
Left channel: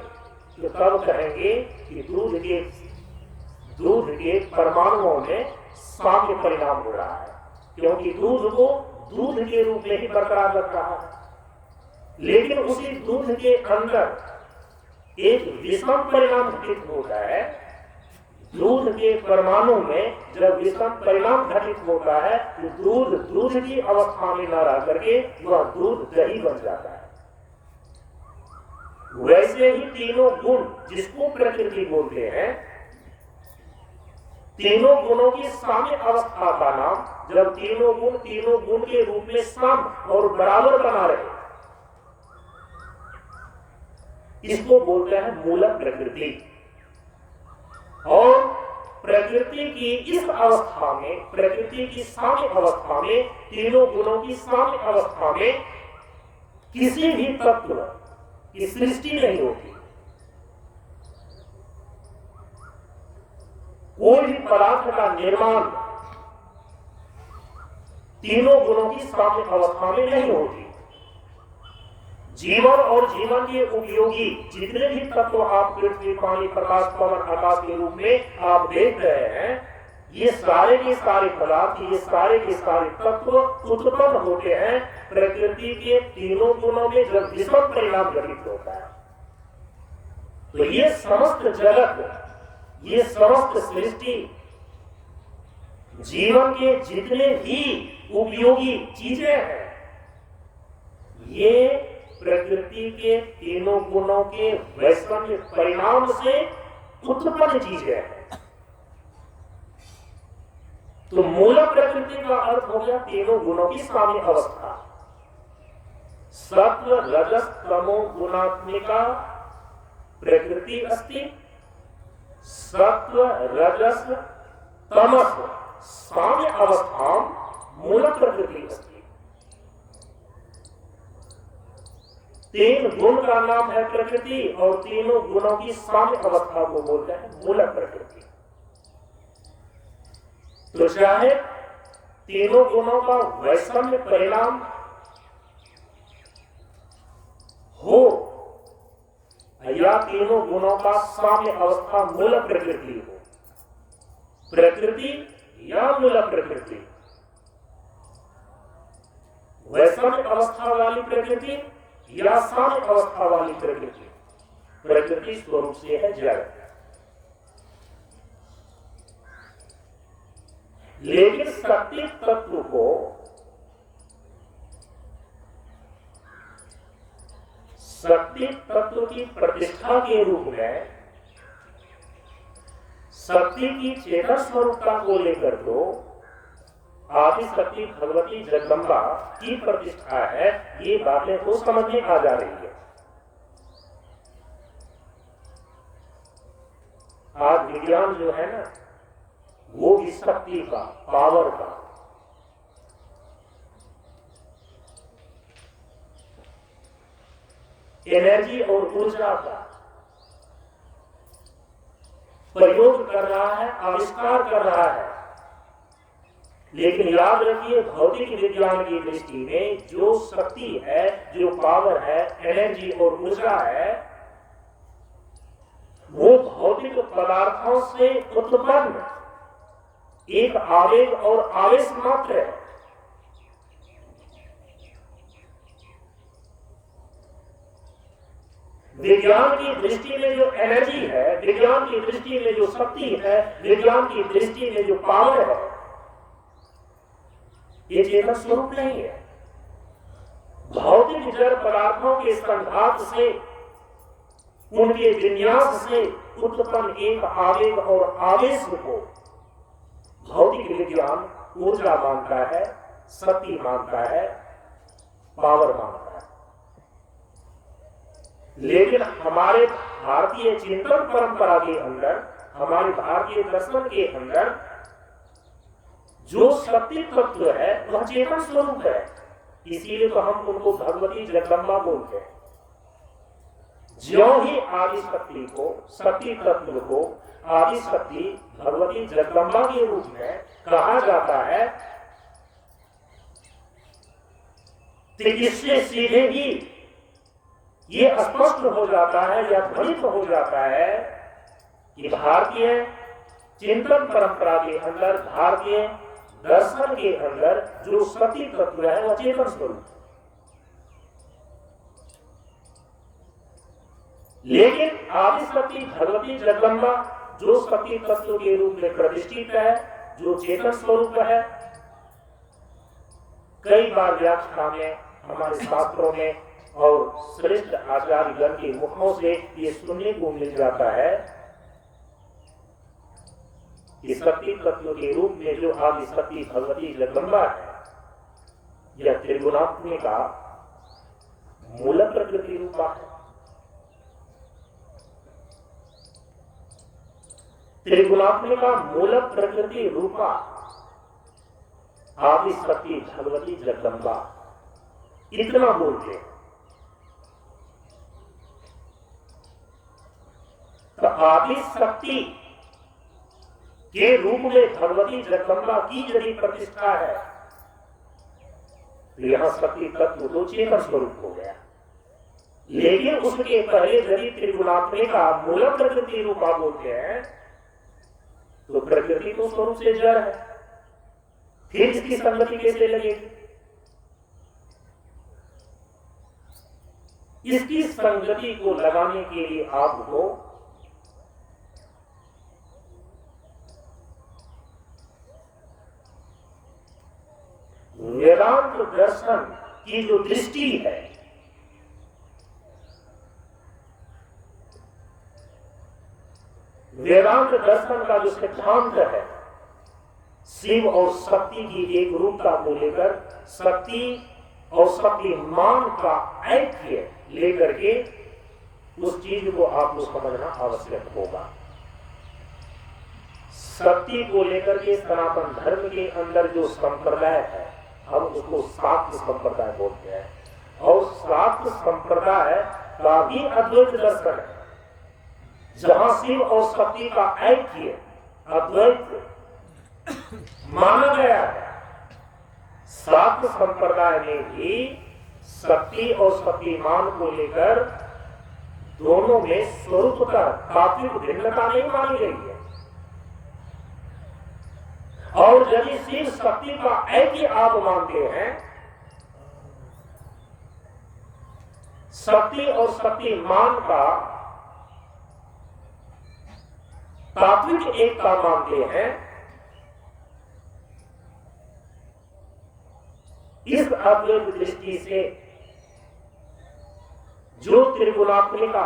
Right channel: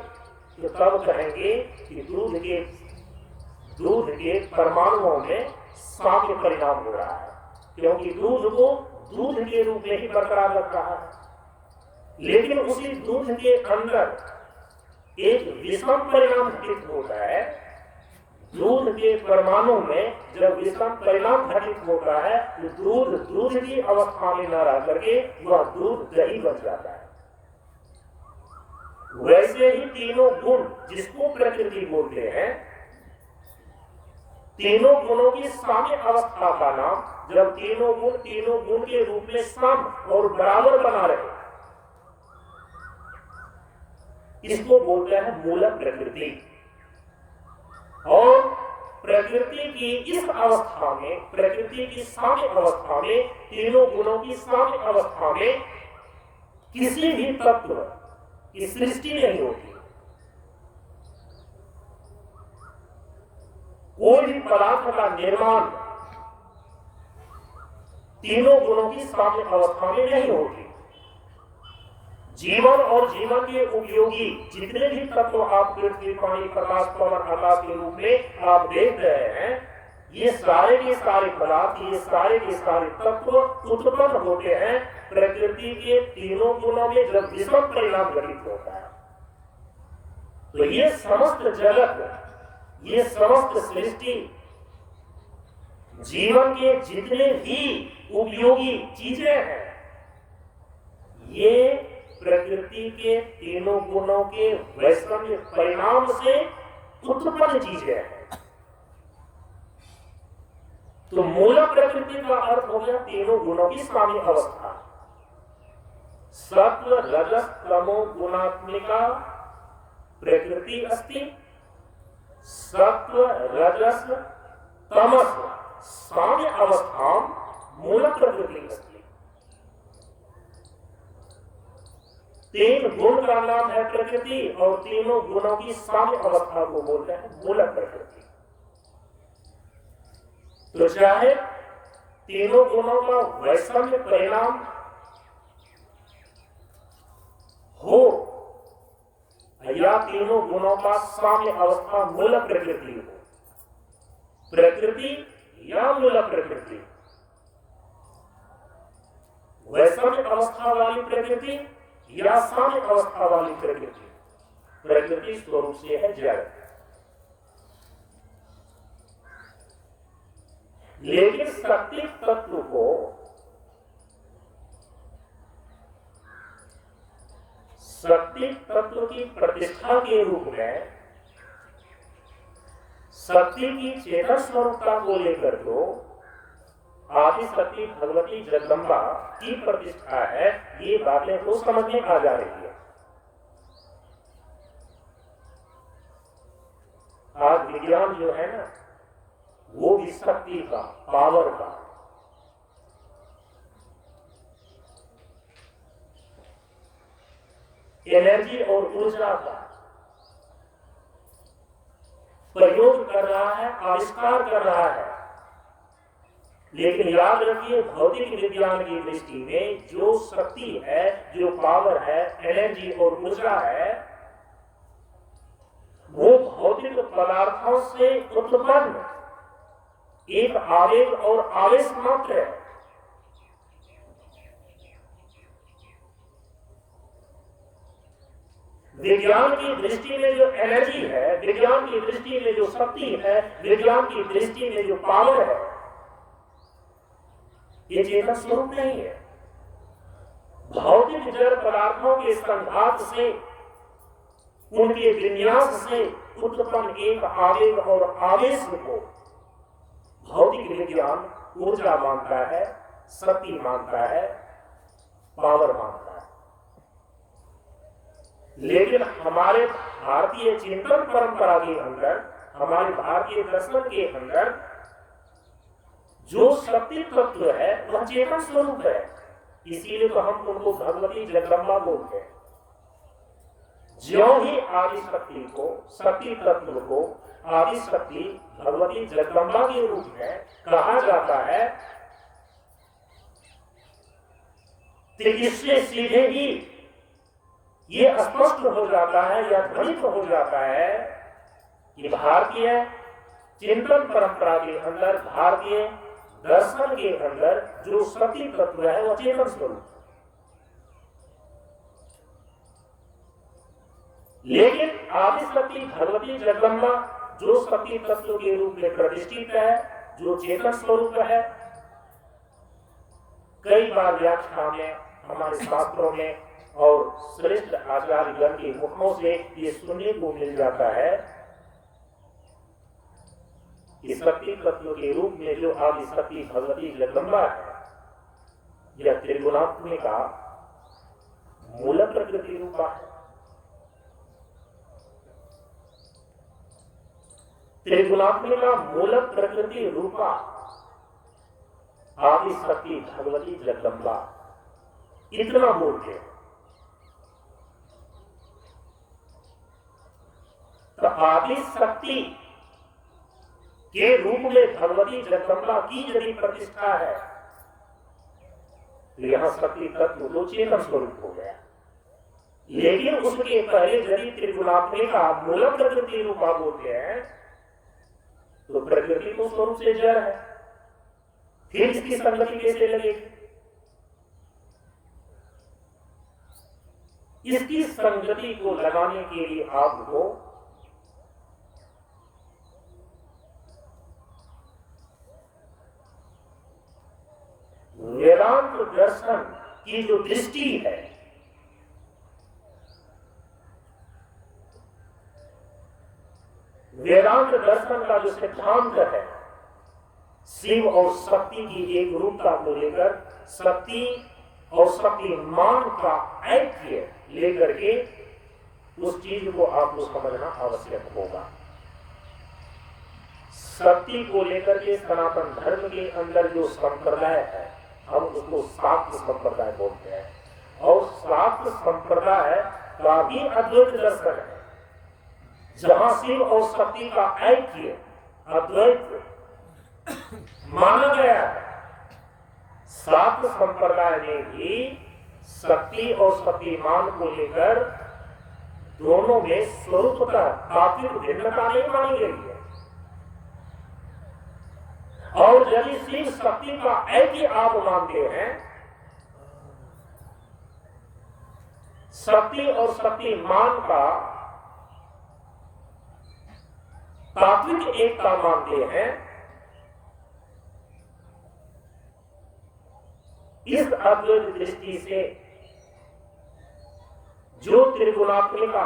तो तब कहेंगे कि दूध के परमाणुओं में साम्य परिणाम हो रहा है, क्योंकि दूध को दूध के रूप में ही बरकरार रख रहा है। लेकिन उसी दूध के अंदर एक विषम परिणाम घटित होता है। दूध के परमाणु में जब विषम परिणाम घटित होता है, तो दूध की अवस्था में न रह करके वह दूध दही बन जाता है। वैसे ही तीनों गुण जिसको प्रकृति बोलते हैं, तीनों गुणों की साम्य अवस्था का नाम, जब तीनों गुण के रूप में सम और बराबर बना रहे, इसको बोलते हैं मूल प्रकृति। और प्रकृति की इस अवस्था में, प्रकृति की साम्य अवस्था में, तीनों गुणों की साम्य अवस्था में किसी भी तत्व की सृष्टि नहीं होती। कोई भी पदार्थ का निर्माण तीनों गुणों की साम्य अवस्था में नहीं होती। जीवन और जीवन के उपयोगी जितने भी तत्व आप पृथ्वी, पानी, प्रकाश, पवन, आकाश के रूप में आप देख रहे हैं, ये सारे के सारे पदार्थ, ये सारे के सारे तत्व उत्पन्न होते हैं प्रकृति के तीनों गुणों में जब विषम परिणाम घटित होता है। तो ये समस्त जगत, ये समस्त सृष्टि, जीवन के जितने भी उपयोगी चीजें हैं, ये प्रकृति के तीनों गुणों के वैषम्य परिणाम से उत्पन्न चीजें हैं। तो मूल प्रकृति का अर्थ हो गया तीनों गुणों की साम्य अवस्था। सत्व रजस तमो गुणात्मिका प्रकृति अस्ति, सत्व रजस तमस साम्य अवस्था मूल प्रकृति अस्ति। तीन गुण का नाम है प्रकृति और तीनों गुणों की साम्य अवस्था को बोलते हैं मूल प्रकृति। तो चाहे तीनों गुणों का वैषम्य परिणाम हो या तीनों गुणों का साम्य अवस्था मूल प्रकृति हो, प्रकृति या मूल प्रकृति, वैषम्य अवस्था वाली प्रकृति या साम्य अवस्था वाली प्रकृति, प्रकृति स्वरूप से है जड़। लेकिन शक्ति तत्व को शक्ति तत्व की प्रतिष्ठा के रूप में शक्ति की चेतन स्वरूपता को लेकर तो आदि शक्ति भगवती जगदम्बा की प्रतिष्ठा है, ये बातें तो समझ में आ जा रही है। आज विज्ञान जो है ना वो भी शक्ति का, पावर का, एनर्जी और ऊर्जा का प्रयोग कर रहा है, आविष्कार कर रहा है। लेकिन याद रखिए भौतिक विज्ञान की दृष्टि में जो शक्ति है, जो पावर है, एनर्जी और ऊर्जा है, वो भौतिक पदार्थों से उत्पन्न एक आवेग और आवेश मात्र है। विज्ञान की दृष्टि में जो एनर्जी है, विज्ञान की दृष्टि में जो शक्ति है, विज्ञान की दृष्टि में जो पावर है, ये चेतन स्वरूप नहीं है। भौतिक जड़ पदार्थों के संघात से, उनके विन्यास से उत्पन्न एक आवेग और आवेश को भौतिक विज्ञान ऊर्जा मानता है, शक्ति मानता है, पावर मानता है। लेकिन हमारे भारतीय चिंतन परंपरा के अंदर, हमारे भारतीय दर्शन के अंदर जो शक्ति तत्व है वह चेतन स्वरूप है। इसीलिए तो हम उनको भगवती जगदम्बा बोलते हैं। ज्यों ही आदि शक्ति को, शक्ति तत्व को आदि शक्ति भगवती जगदम्बा के रूप में कहा जाता है, तो इससे सीधे ही ये स्पष्ट हो जाता है या ध्वनित हो जाता है कि भारतीय चिंतन परंपरा के अंदर, भारतीय दर्शन के अंदर जो शक्ति तत्व है वह चेतन स्वरूप है। लेकिन आदि शक्ति भगवती जगदम्बा जो शक्ति तत्व के रूप में प्रतिष्ठित है, जो चेतन स्वरूप है, कई बार व्याख्या में, हमारे शास्त्रों में और श्रेष्ठ आचार्यगण के मुखों से ये सुनने को मिल जाता है कि शक्ति तत्व के रूप में जो आदि शक्ति भगवती जगदम्बा है, यह त्रिगुणात्मिका मूल प्रकृति रूपा है। त्रिगुणात्मिका मूल प्रकृति रूपा आदि शक्ति भगवती जगदम्बा, इतना बोलते हैं। तो आदि शक्ति के रूप में भगवती जगदम्बा की यदि प्रतिष्ठा है तो यहां शक्ति तत्व तो चेतन स्वरूप हो गया। लेकिन उसके पहले यदि त्रिगुणात्मिका मूल प्रकृति रूपा बोलते हैं तो प्रकृति तो स्वरूप से जड़ है, फिर इसकी संगति कैसे लगेगी? इसकी संगति को लगाने के लिए आपको वेदांत दर्शन की जो दृष्टि है, वेदांत दर्शन का जो सिद्धांत है, शिव और शक्ति की एक रूपता को लेकर, शक्ति और शक्तिमान का ऐक्य लेकर के उस चीज को आपको समझना आवश्यक होगा। शक्ति को लेकर के सनातन धर्म के अंदर जो संप्रदाय है, हम उसको शाक्त संप्रदाय बोलते हैं, और शाक्त संप्रदाय का भी अद्वैत दर्शन है, जहां शिव और शक्ति का ऐक्य अद्वैत माना गया है। शाक्त संप्रदाय में भी शक्ति और शक्तिमान को लेकर दोनों में स्वरूपतः तात्विक भिन्नता नहीं मानी गई है। और यदि शिव शक्ति का ऐक्य आप मानते हैं, शक्ति और शक्तिमान का तात्विक एकता मानते हैं, इस अद्वैत दृष्टि से जो त्रिगुणात्मिका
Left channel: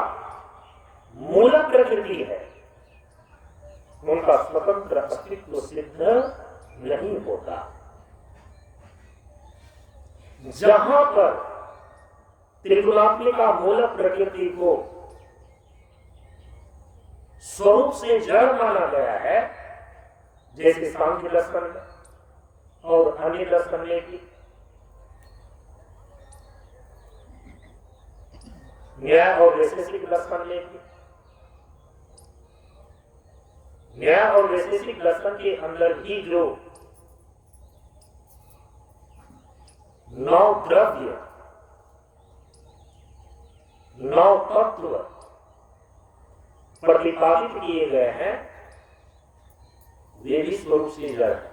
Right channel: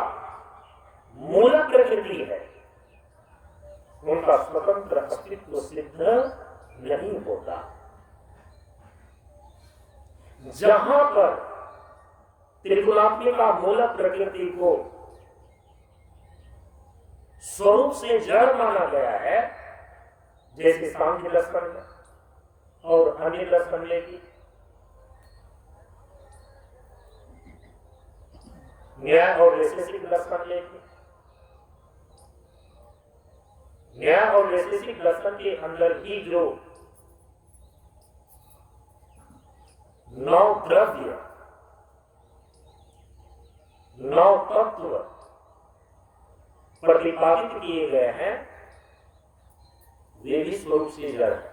मूल प्रकृति है, उनका स्वतंत्र अस्तित्व सिद्ध नहीं होता। जहां पर त्रिगुणात्मिका मूल प्रकृति को स्वरूप से जड़ माना गया है, जैसे सांख्य दर्शन में और अन्य दर्शन में भी, न्याय और वैशेषिक दर्शन में भी, न्याय और वैशेषिक दर्शन के अंदर भी जो 9 द्रव्य, 9 तत्व प्रतिपादित किए गए हैं, वे भी स्वरूप से जड़ है।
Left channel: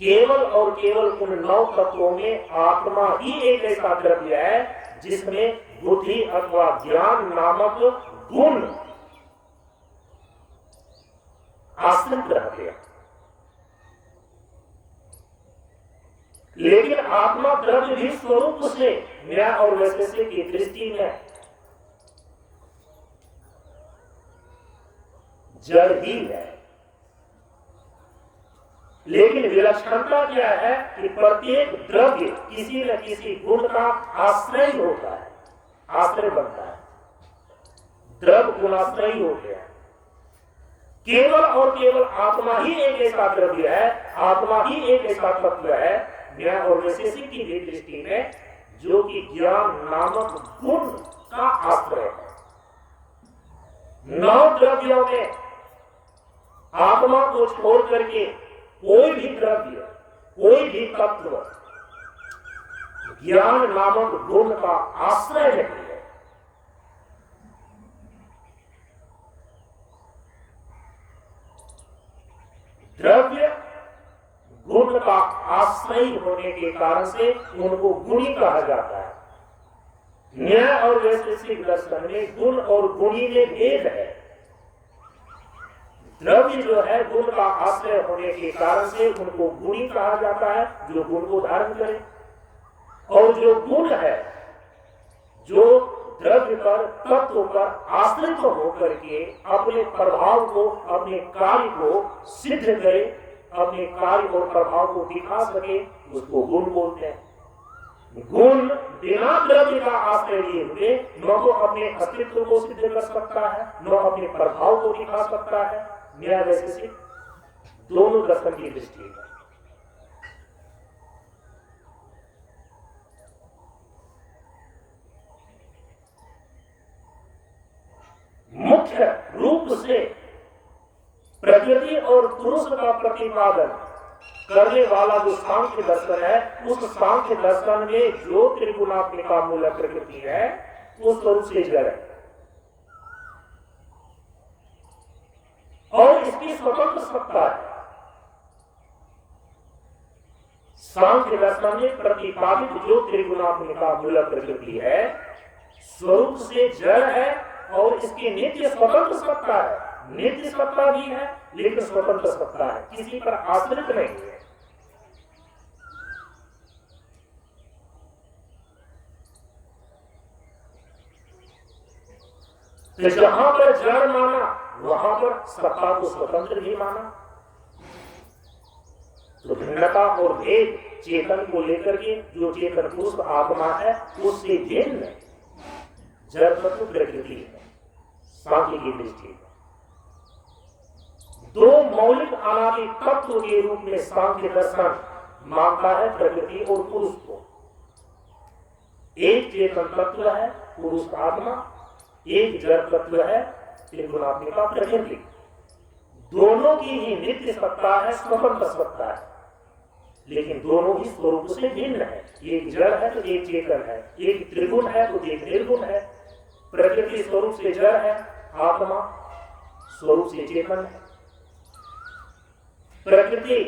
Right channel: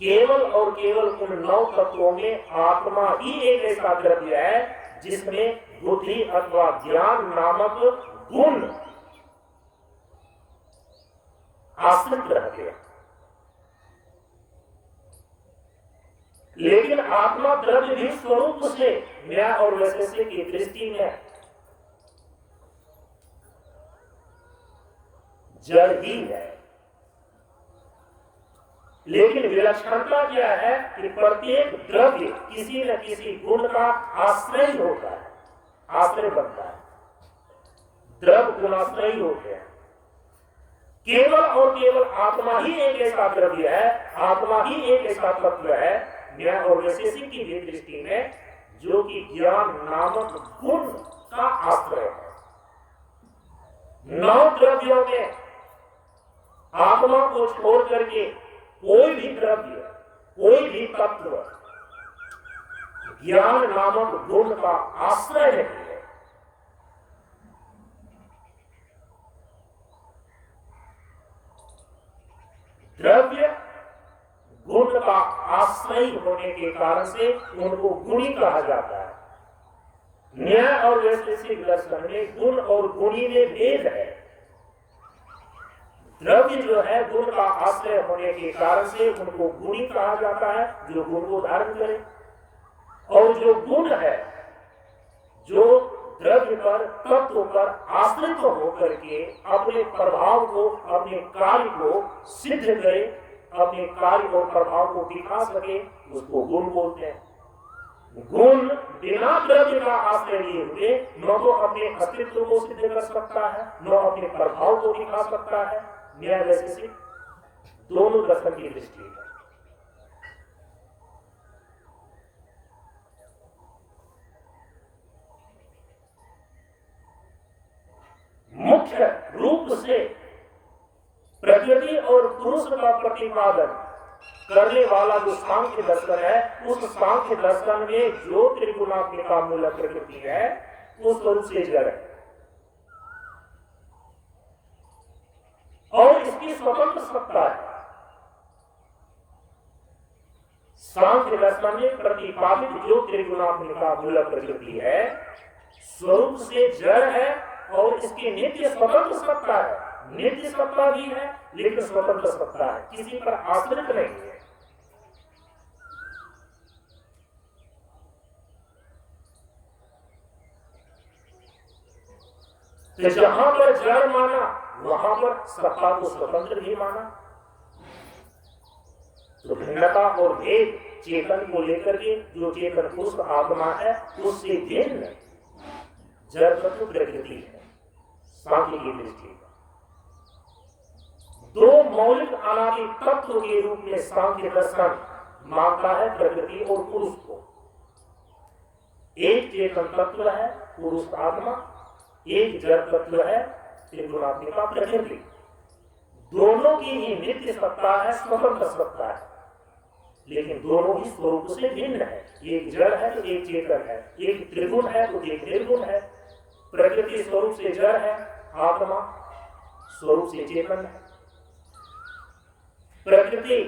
केवल और केवल उन 9 तत्वों में आत्मा ही एक ऐसा द्रव्य है जिसमें बुद्धि अथवा ज्ञान नामक गुण आश्रित रहते हैं। लेकिन आत्मा द्रव्य भी स्वरूप से न्याय और वैशेषिक की दृष्टि में जड़ ही है। लेकिन विलक्षणता क्या है कि प्रत्येक द्रव्य किसी न किसी गुण का आश्रय होता है, आश्रय बनता है, द्रव्य गुणाश्रयी होते हैं। केवल और केवल आत्मा ही एक ऐसा द्रव्य है, आत्मा ही एक ऐसा तत्व है न्याय और वैशेषिक की भी दृष्टि में, जो कि ज्ञान नामक गुण का आश्रय है। 9 द्रव्यों में आत्मा को छोड़ करके कोई भी द्रव्य, कोई भी तत्व ज्ञान नामक गुण का आश्रय नहीं है। द्रव्य गुण का आश्रय होने के कारण से उनको गुणी कहा जाता है। न्याय और वैशेषिक दर्शन में गुण और गुणी में भेद है। द्रव्य जो है गुण का आश्रय होने के कारण से उनको गुणी कहा जाता है, जो गुण को धारण करे, और जो गुण है जो द्रव्य पर, तत्व पर आश्रित होकर के अपने प्रभाव को, अपने कार्य को सिद्ध करे, अपने कार्य और प्रभाव को दिखा सके, उसको गुण बोलते हैं। गुण बिना द्रव्य का आश्रय लिए हुए न तो अपने अस्तित्व को सिद्ध कर सकता है, न अपने प्रभाव को दिखा सकता है। न्याय वैशेषिक दोनों दर्शन की दृष्टि है। मुख्य रूप से प्रकृति और पुरुष का प्रतिपादन करने वाला जो सांख्य दर्शन है, उस सांख्य दर्शन में जो त्रिगुणात्मिका मूल प्रकृति है, उस स्वरूप से जड़ है और इसकी स्वतंत्र सत्ता है। सांख्य दर्शन में प्रतिपादित जो त्रिगुणात्मिका मूल प्रकृति है, स्वरूप से जड़ है और इसकी नित्य स्वतंत्र सत्ता है। नित्य सत्ता भी है लेकिन स्वतंत्र सत्ता है, किसी पर आश्रित नहीं है। तो जहां पर जड़ माना वहां पर सत्ता को स्वतंत्र भी माना। तो भिन्नता और भेद चेतन को लेकर के जो चेतन पुरुष आत्मा है उससे भिन्न जड़ तत्व प्रकृति है। सांख्य की दृष्टि में दो मौलिक अनादि तत्व के रूप में सांख्य दर्शन मानता है प्रकृति और पुरुष को। एक चेतन तत्व है पुरुष आत्मा, एक जड़ तत्व है त्रिगुणात्मिका प्रकृति। दोनों की ही नित्य सत्ता है, स्वतंत्र सत्ता है, लेकिन दोनों ही स्वरूप से भिन्न है। एक जड़ है तो एक चेतन है, एक त्रिगुण है तो एक निर्गुण है। प्रकृति स्वरूप से जड़ है, आत्मा स्वरूप से चेतन है। प्रकृति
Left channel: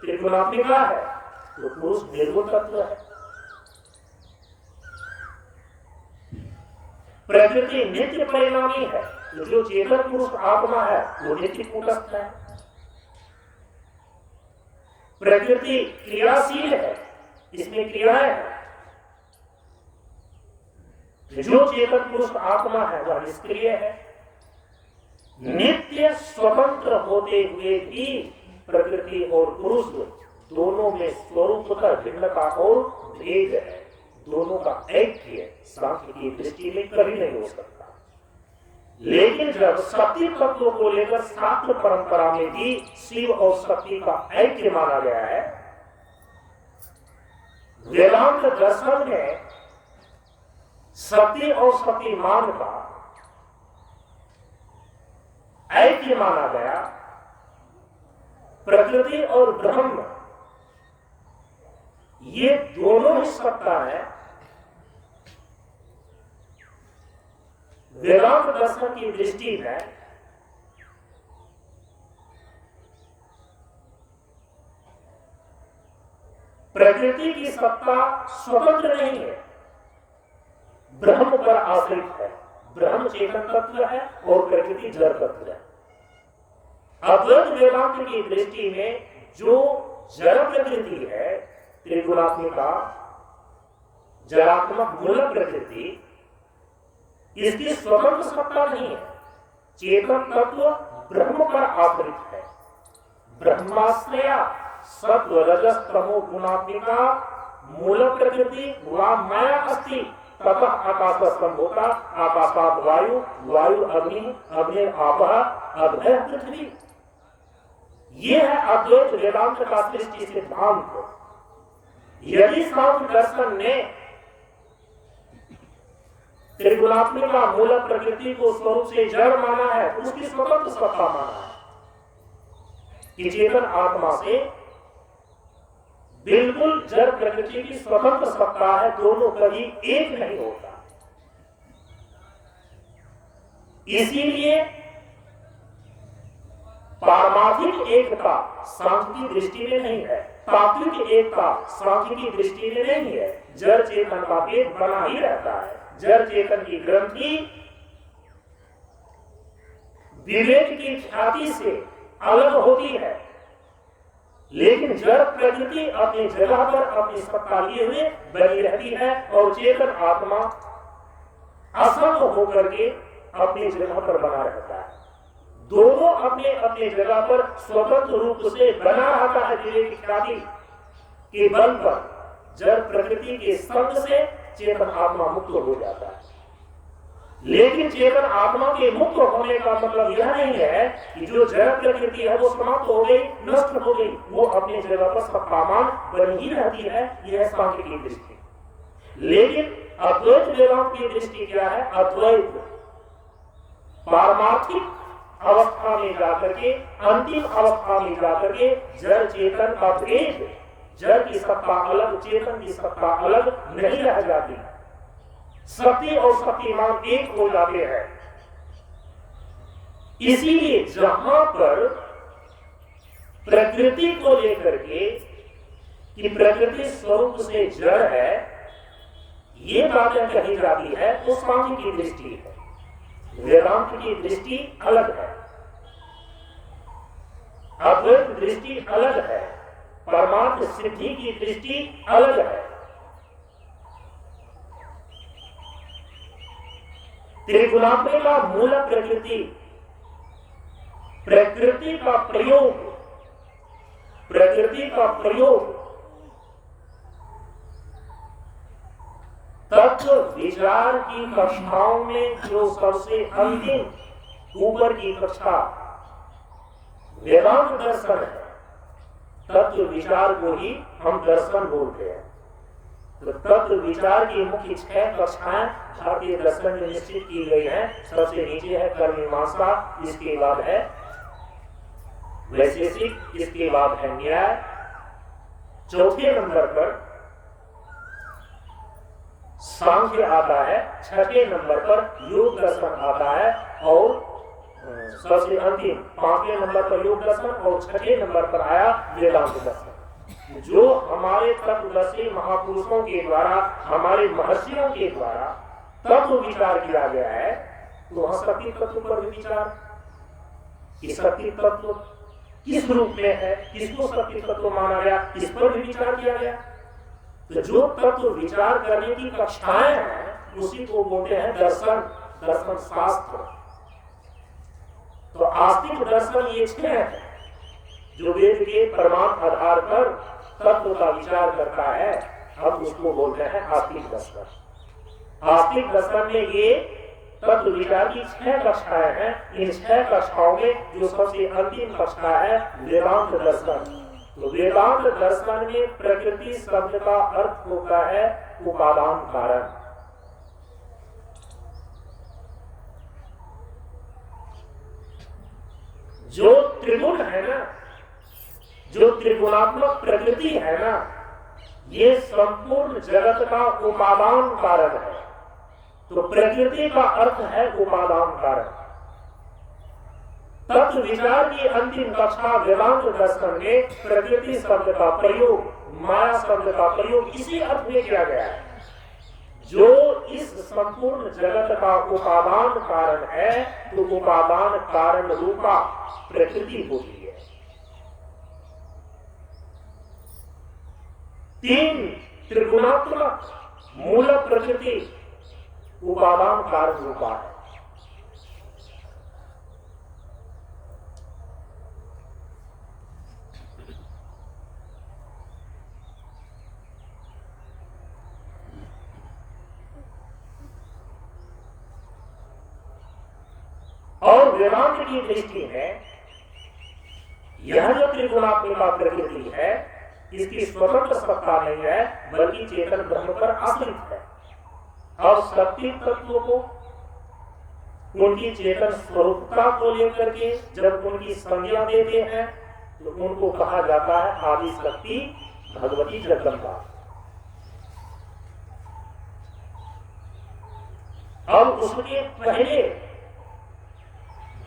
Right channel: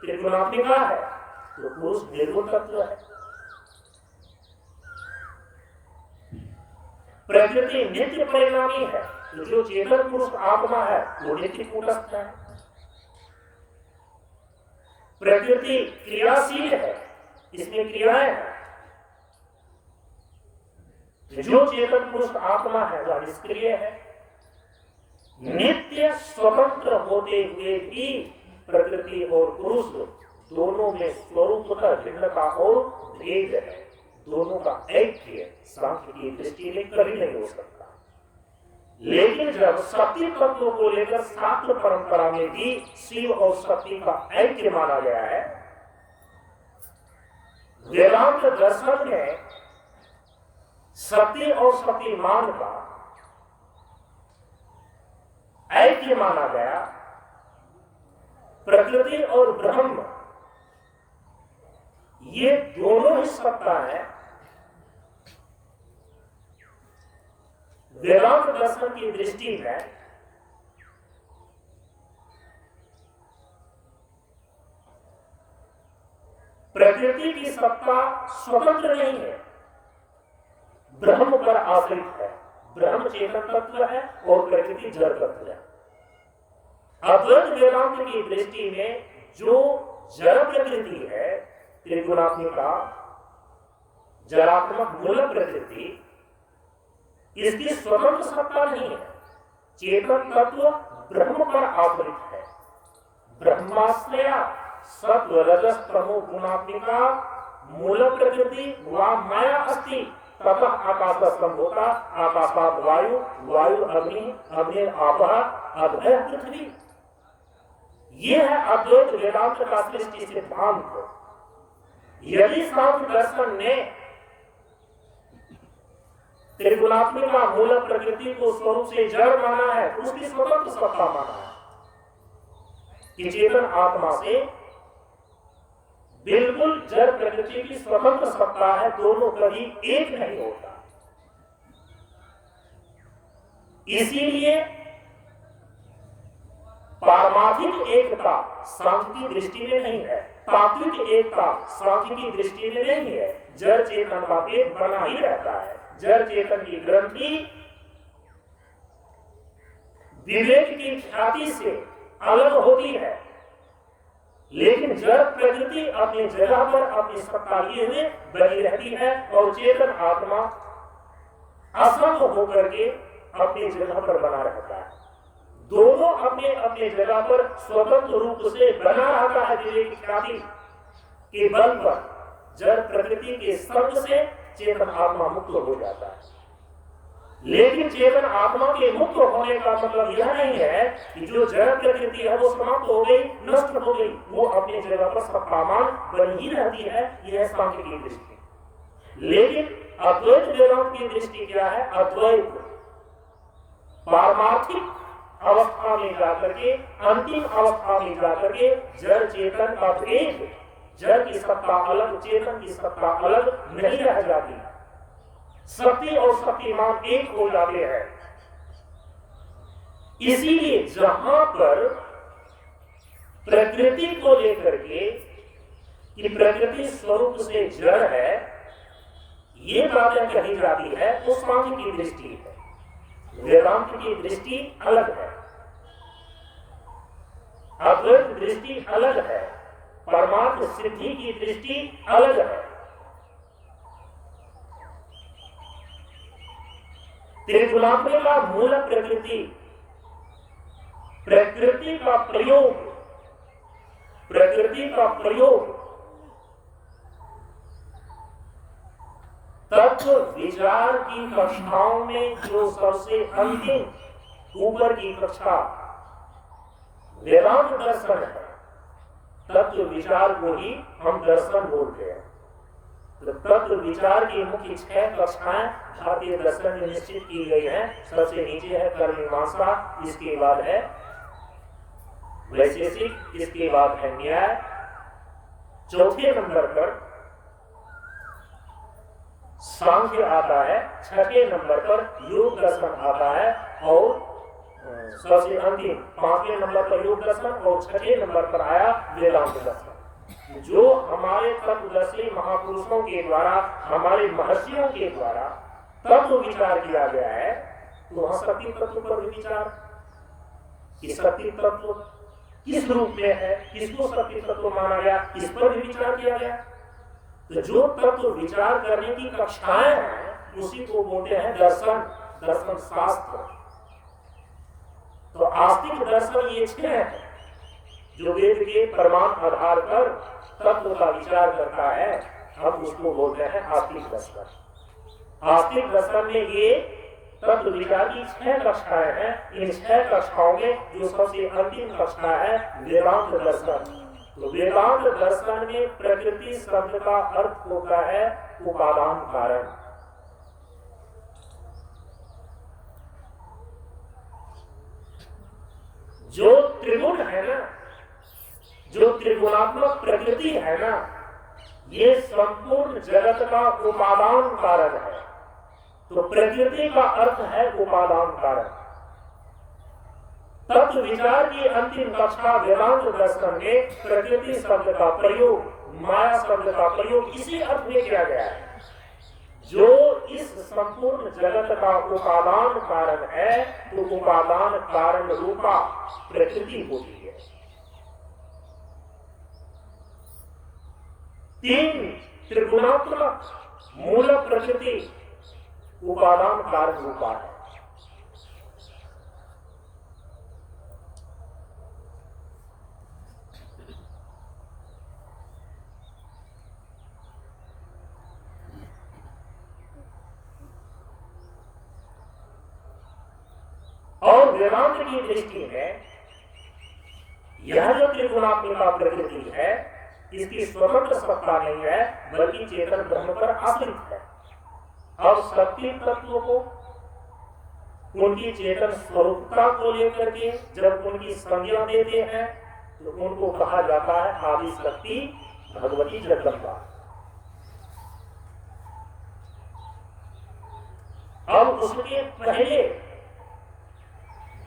त्रिगुणात्मिका है तो पुरुष निर्गुण तत्व है। प्रकृति नित्य परिणामी है तो जो चेतन पुरुष आत्मा है वो नित्य कूटस्थ है। प्रकृति क्रियाशील है, इसमें क्रियाएं हैं। जो चेतन पुरुष आत्मा है वह निष्क्रिय है। नित्य स्वतंत्र होते हुए भी प्रकृति और पुरुष दोनों में स्वरूप का भिन्नता और भेद है। दोनों का ऐक्य सांख्य की दृष्टि में कभी नहीं हो सकता। लेकिन जब शक्ति तत्व को लेकर शास्त्र परंपरा में भी शिव और शक्ति का ऐक्य माना गया है, वेदांत दर्शन में शक्ति और शक्तिमान का ऐक्य माना गया, प्रकृति और ब्रह्म ये दोनों ही सत्ता है। वेदांत दर्शन की दृष्टि में प्रकृति की सत्ता स्वतंत्र नहीं है, ब्रह्म पर आश्रित है। ब्रह्म चेतन तत्व है और प्रकृति जड़ तत्व है। अद्वैत वेदांत की दृष्टि में जो जड़ प्रकृति है त्रिगुणात्मिका जड़ात्मक मूल प्रकृति, इसकी स्वतंत्र सत्ता नहीं है। चेतन तत्व ब्रह्म पर आश्रित है। ब्रह्माश्रया सत्व रजस तमो गुणात्मिका मूल प्रकृति वा माया अस्ति ततः आकाश संभूता आकाशात् वायु वायु अग्नि अग्नि आपः अभय पृथ्वी। ये है अद्वैत वेदांत का सृष्टि सिद्धांत। यदि सांख्य दर्शन ने त्रिगुणात्मिका मूल प्रकृति को स्वरूप से जड़ माना है, उसकी स्वतंत्र सत्ता माना है कि चेतन आत्मा से बिल्कुल जड़ प्रकृति की स्वतंत्र सत्ता है, दोनों कभी एक नहीं होता। इसीलिए पारमार्थिक एकता सांख्य की दृष्टि में नहीं है, तात्विक एकता सांख्य की दृष्टि में नहीं है। जड़ चेतन का भेद बना ही रहता है। जड़ चेतन की ग्रंथि विवेक की ख्याति से अलग होती है, लेकिन जड़ प्रकृति अपनी जगह पर अपनी सत्ता लिए हुए बनी रहती है और चेतन आत्मा असंग होकर के अपनी जगह पर बना रहता है। दोनों अपने अपने जगह पर स्वतंत्र रूप से बना रहता है। विवेक की ख्याति के बल पर जड़ प्रकृति के संग से चेतन आत्मा मुक्त हो जाता है। लेकिन चेतन आत्मा के मुक्त होने का मतलब यह नहीं है कि जो जड़ प्रकृति है वो समाप्त हो गई, नष्ट हो गई। वो अपनी जगह पर सत्तामान बनी ही रहती है। यह सांख्य की दृष्टि। लेकिन अद्वैत वेदांत की दृष्टि क्या है? अद्वैत पारमार्थिक अवस्था में जाकर के, अंतिम अवस्था में जाकर के जड़ चेतन का भेद, जड़ की सत्ता अलग चेतन की सत्ता अलग नहीं रह जाती। शक्ति और शक्तिमान एक हो जाते हैं। इसीलिए जहां पर प्रकृति को लेकर के कि प्रकृति स्वरूप से जड़ है, ये बातें कही जाती है तो सांख्य की दृष्टि है। वेदांत की दृष्टि अलग है, अद्वैत दृष्टि अलग है, परमार्थ सिद्धि की दृष्टि अलग है। त्रिगुणात्मिका मूल प्रकृति, प्रकृति का प्रयोग, प्रकृति का प्रयोग तत्व विचार की कक्षाओं में जो सबसे अंतिम ऊपर की कक्षा वेदांत दर्शन है, तत्व विचार को ही हम दर्शन बोलते हैं। तो तत्व विचार की मुख्य 6 कक्षाएं भारतीय दर्शन में निश्चित की गई हैं। सबसे नीचे है कर्म मीमांसा, इसके बाद है वैशेषिक, इसके बाद है न्याय, चौथे नंबर पर सांख्य आता है, छठे नंबर पर योग दर्शन आता है और सबसे अंतिम 5वें नंबर पर योग दर्शन और 6ठे नंबर पर आया वेदांत दर्शन। जो हमारे तत्वदर्शी महापुरुषों के द्वारा, हमारे महर्षियों के द्वारा तत्व विचार किया गया है, तो वहां शक्ति तत्व पर भी विचार कि शक्ति तत्व किस रूप में है, किसको शक्ति तत्व माना गया, इस पर भी विचार किया गया। तो जो तत्व विचार करने की कक्षाएं हैं उसी को बोलते हैं दर्शन, दर्शन शास्त्र। तो आस्तिक दर्शन ये 6 है जो वेद के प्रमाण आधार पर तत्व का विचार करता है, हम उसको बोलते हैं आस्तिक दर्शन। आस्तिक दर्शन में ये तत्व विचार की 6 कक्षाएं हैं। इन 6 कक्षाओं में जो सबसे अंतिम कक्षा है वेदांत दर्शन। तो वेदांत दर्शन में प्रकृति शब्द का अर्थ होता है उपादान कारण। जो त्रिगुण है ना, जो त्रिगुणात्मक प्रकृति है ना, ये संपूर्ण जगत का उपादान कारण है। तो प्रकृति का अर्थ है उपादान कारण। तत्व विचार की अंतिम कक्षा वेदांत दर्शन में प्रकृति शब्द का प्रयोग, माया शब्द का प्रयोग इसी अर्थ में किया गया है, जो इस संपूर्ण जगत का उपादान कारण है। तो उपादान कारण रूपा प्रकृति होती है। 3 त्रिगुणात्मक मूल प्रकृति उपादान कारण रूपा है। और वेदांत की दृष्टि में यह जो त्रिगुणात्मिका प्रकृति है, इसकी स्वतंत्र सत्ता नहीं है, बल्कि चेतन ब्रह्म पर आश्रित है। और शक्ति तत्वों को उनकी चेतन स्वरूपता को लेकर के जब उनकी संज्ञा देते हैं तो उनको कहा जाता है आदि शक्ति भगवती जगदम्बा। और उसके पहले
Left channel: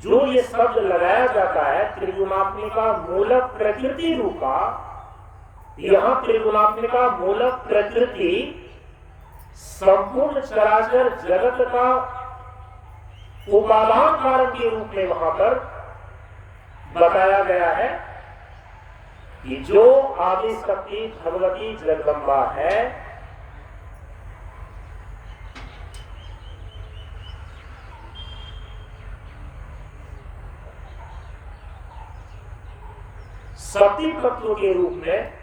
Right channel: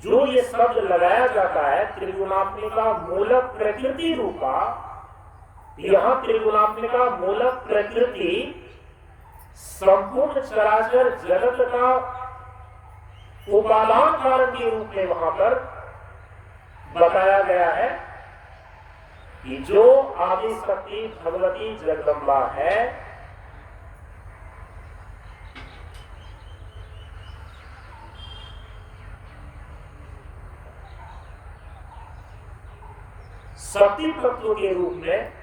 जो ये शब्द लगाया जाता है त्रिगुणात्मिका मूल प्रकृति रूपा, यहां त्रिगुणात्मिका मूल प्रकृति संपूर्ण चराचर जगत का उपादान कारण के रूप में वहां पर बताया गया है कि जो आदि शक्ति भगवती जगदम्बा है, शक्ति तत्व के रूप में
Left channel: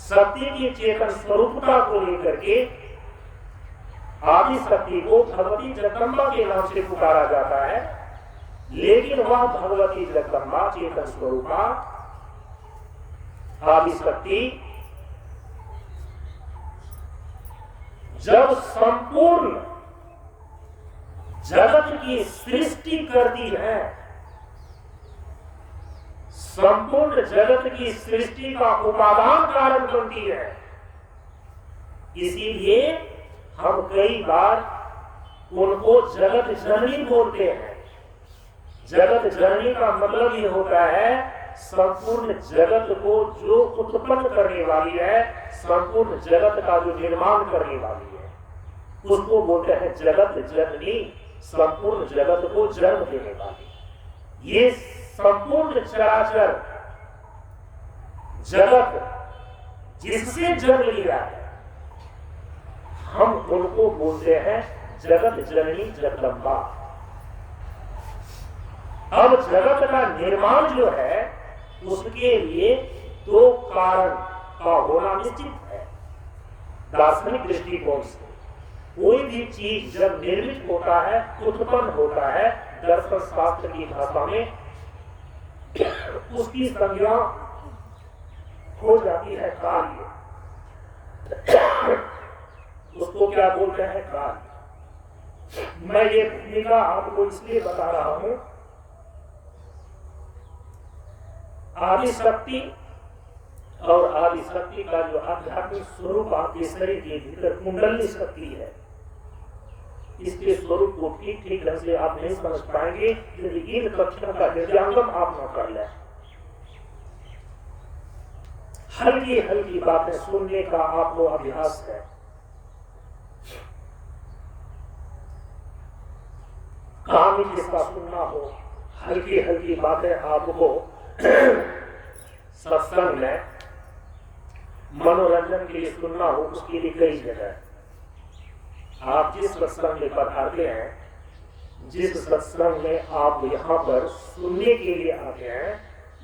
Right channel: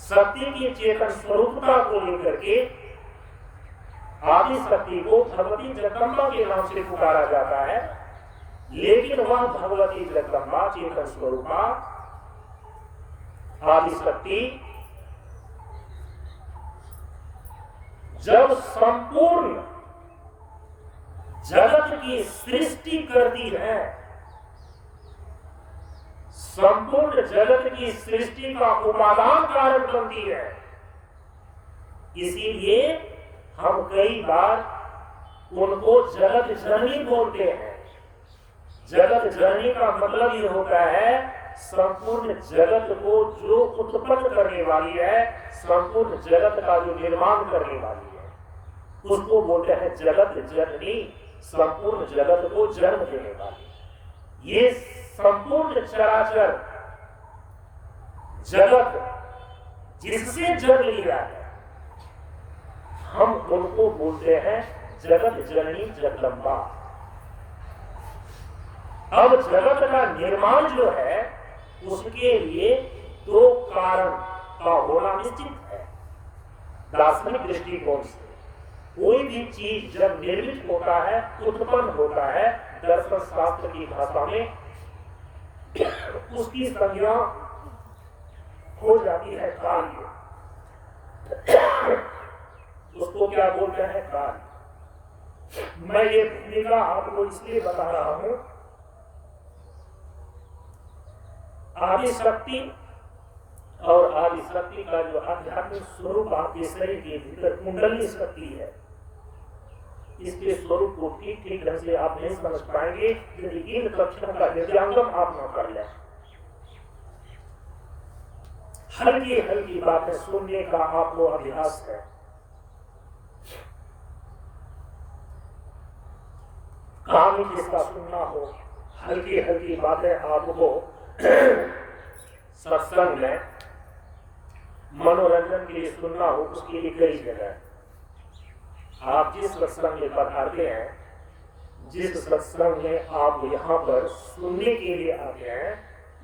शक्ति की चेतन स्वरूपता को लेकर के आदि शक्ति को भगवती जगदम्बा के नाम से पुकारा जाता है। लेकिन वह भगवती जगदम्बा चेतन स्वरूपा आदि शक्ति जब संपूर्ण जगत की सृष्टि करती है, संपूर्ण जगत की सृष्टि का उपादान कारण बनती है, इसीलिए हम कई बार उनको जगत जननी बोलते हैं। जगत जननी का मतलब ये होता है संपूर्ण जगत को जो उत्पन्न करने वाली है, संपूर्ण जगत का जो निर्माण करने वाली है, उसको बोलते हैं जगत जननी, संपूर्ण जगत को जन्म देने वाली। ये संपूर्ण चराचर जगत जिससे जन्म लिया है, हम उनको बोलते हैं जगत जननी जगदम्बा। अब जगत का निर्माण जो है उसके लिए दो कारण का होना निश्चित है। दार्शनिक दृष्टिकोण से कोई भी चीज जब निर्मित होता है, उत्पन्न होता है, दर्शन शास्त्र की भाषा में उसकी संज्ञा हो जाती है कार्य। उसको क्या बोलते हैं? कार्य। मैं ये भूमिका आपको इसलिए बता रहा हूं, आदि शक्ति और आदि शक्ति का जो आध्यात्मिक स्वरूप आपके शरीर के भीतर कुंडली शक्ति है, इसके स्वरूप को ठीक ठीक ढंग से आप नहीं समझ पाएंगे यदि इन तथ्यों का हृदयांगम आप न कर लें। हल्की हल्की बातें सुनने का आपको अभ्यास है। कहानी किसका सुनना हो, हल्की हल्की बातें आपको सत्संग में मनोरंजन के लिए सुनना हो, उसके लिए कई जगह आप जिस सत्संग में पधारते हैं, जिस सत्संग में आप यहाँ पर सुनने के लिए आते हैं,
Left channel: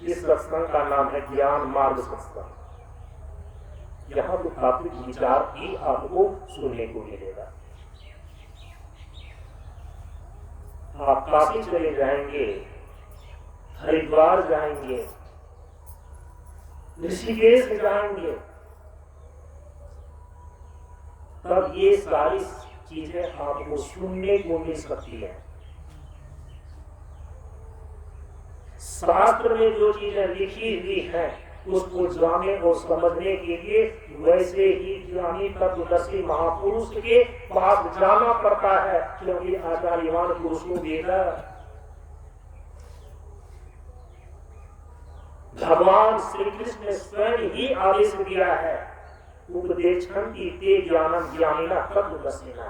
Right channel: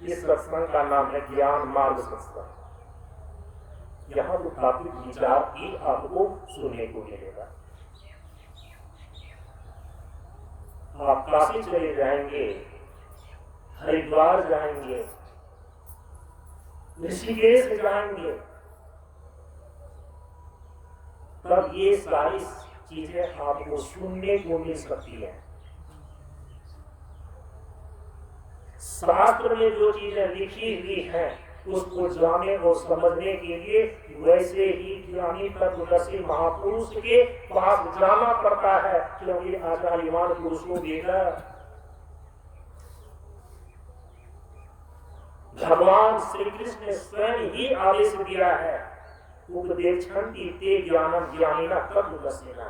इस सत्संग का नाम है ज्ञान मार्ग सत्संग। यहाँ तो तात्विक विचार ही आपको सुनने को मिलेगा। आप काशी चले जाएंगे, हरिद्वार जाएंगे, ऋषिकेश जाएंगे, तब ये सारी चीजें आपको सुनने को मिल सकती है। शास्त्र में जो चीजें लिखी हुई हैं उसको जानने और समझने के लिए वैसे ही ज्ञानी तत्वदर्शी महापुरुष के पास जाना पड़ता है, क्योंकि आचार्यवान पुरुषों देगा। भगवान श्री कृष्ण ने स्वयं ही आदेश दिया है, उपदेशन्ति ते ज्ञानम ज्ञानिना तत्वदर्शिना।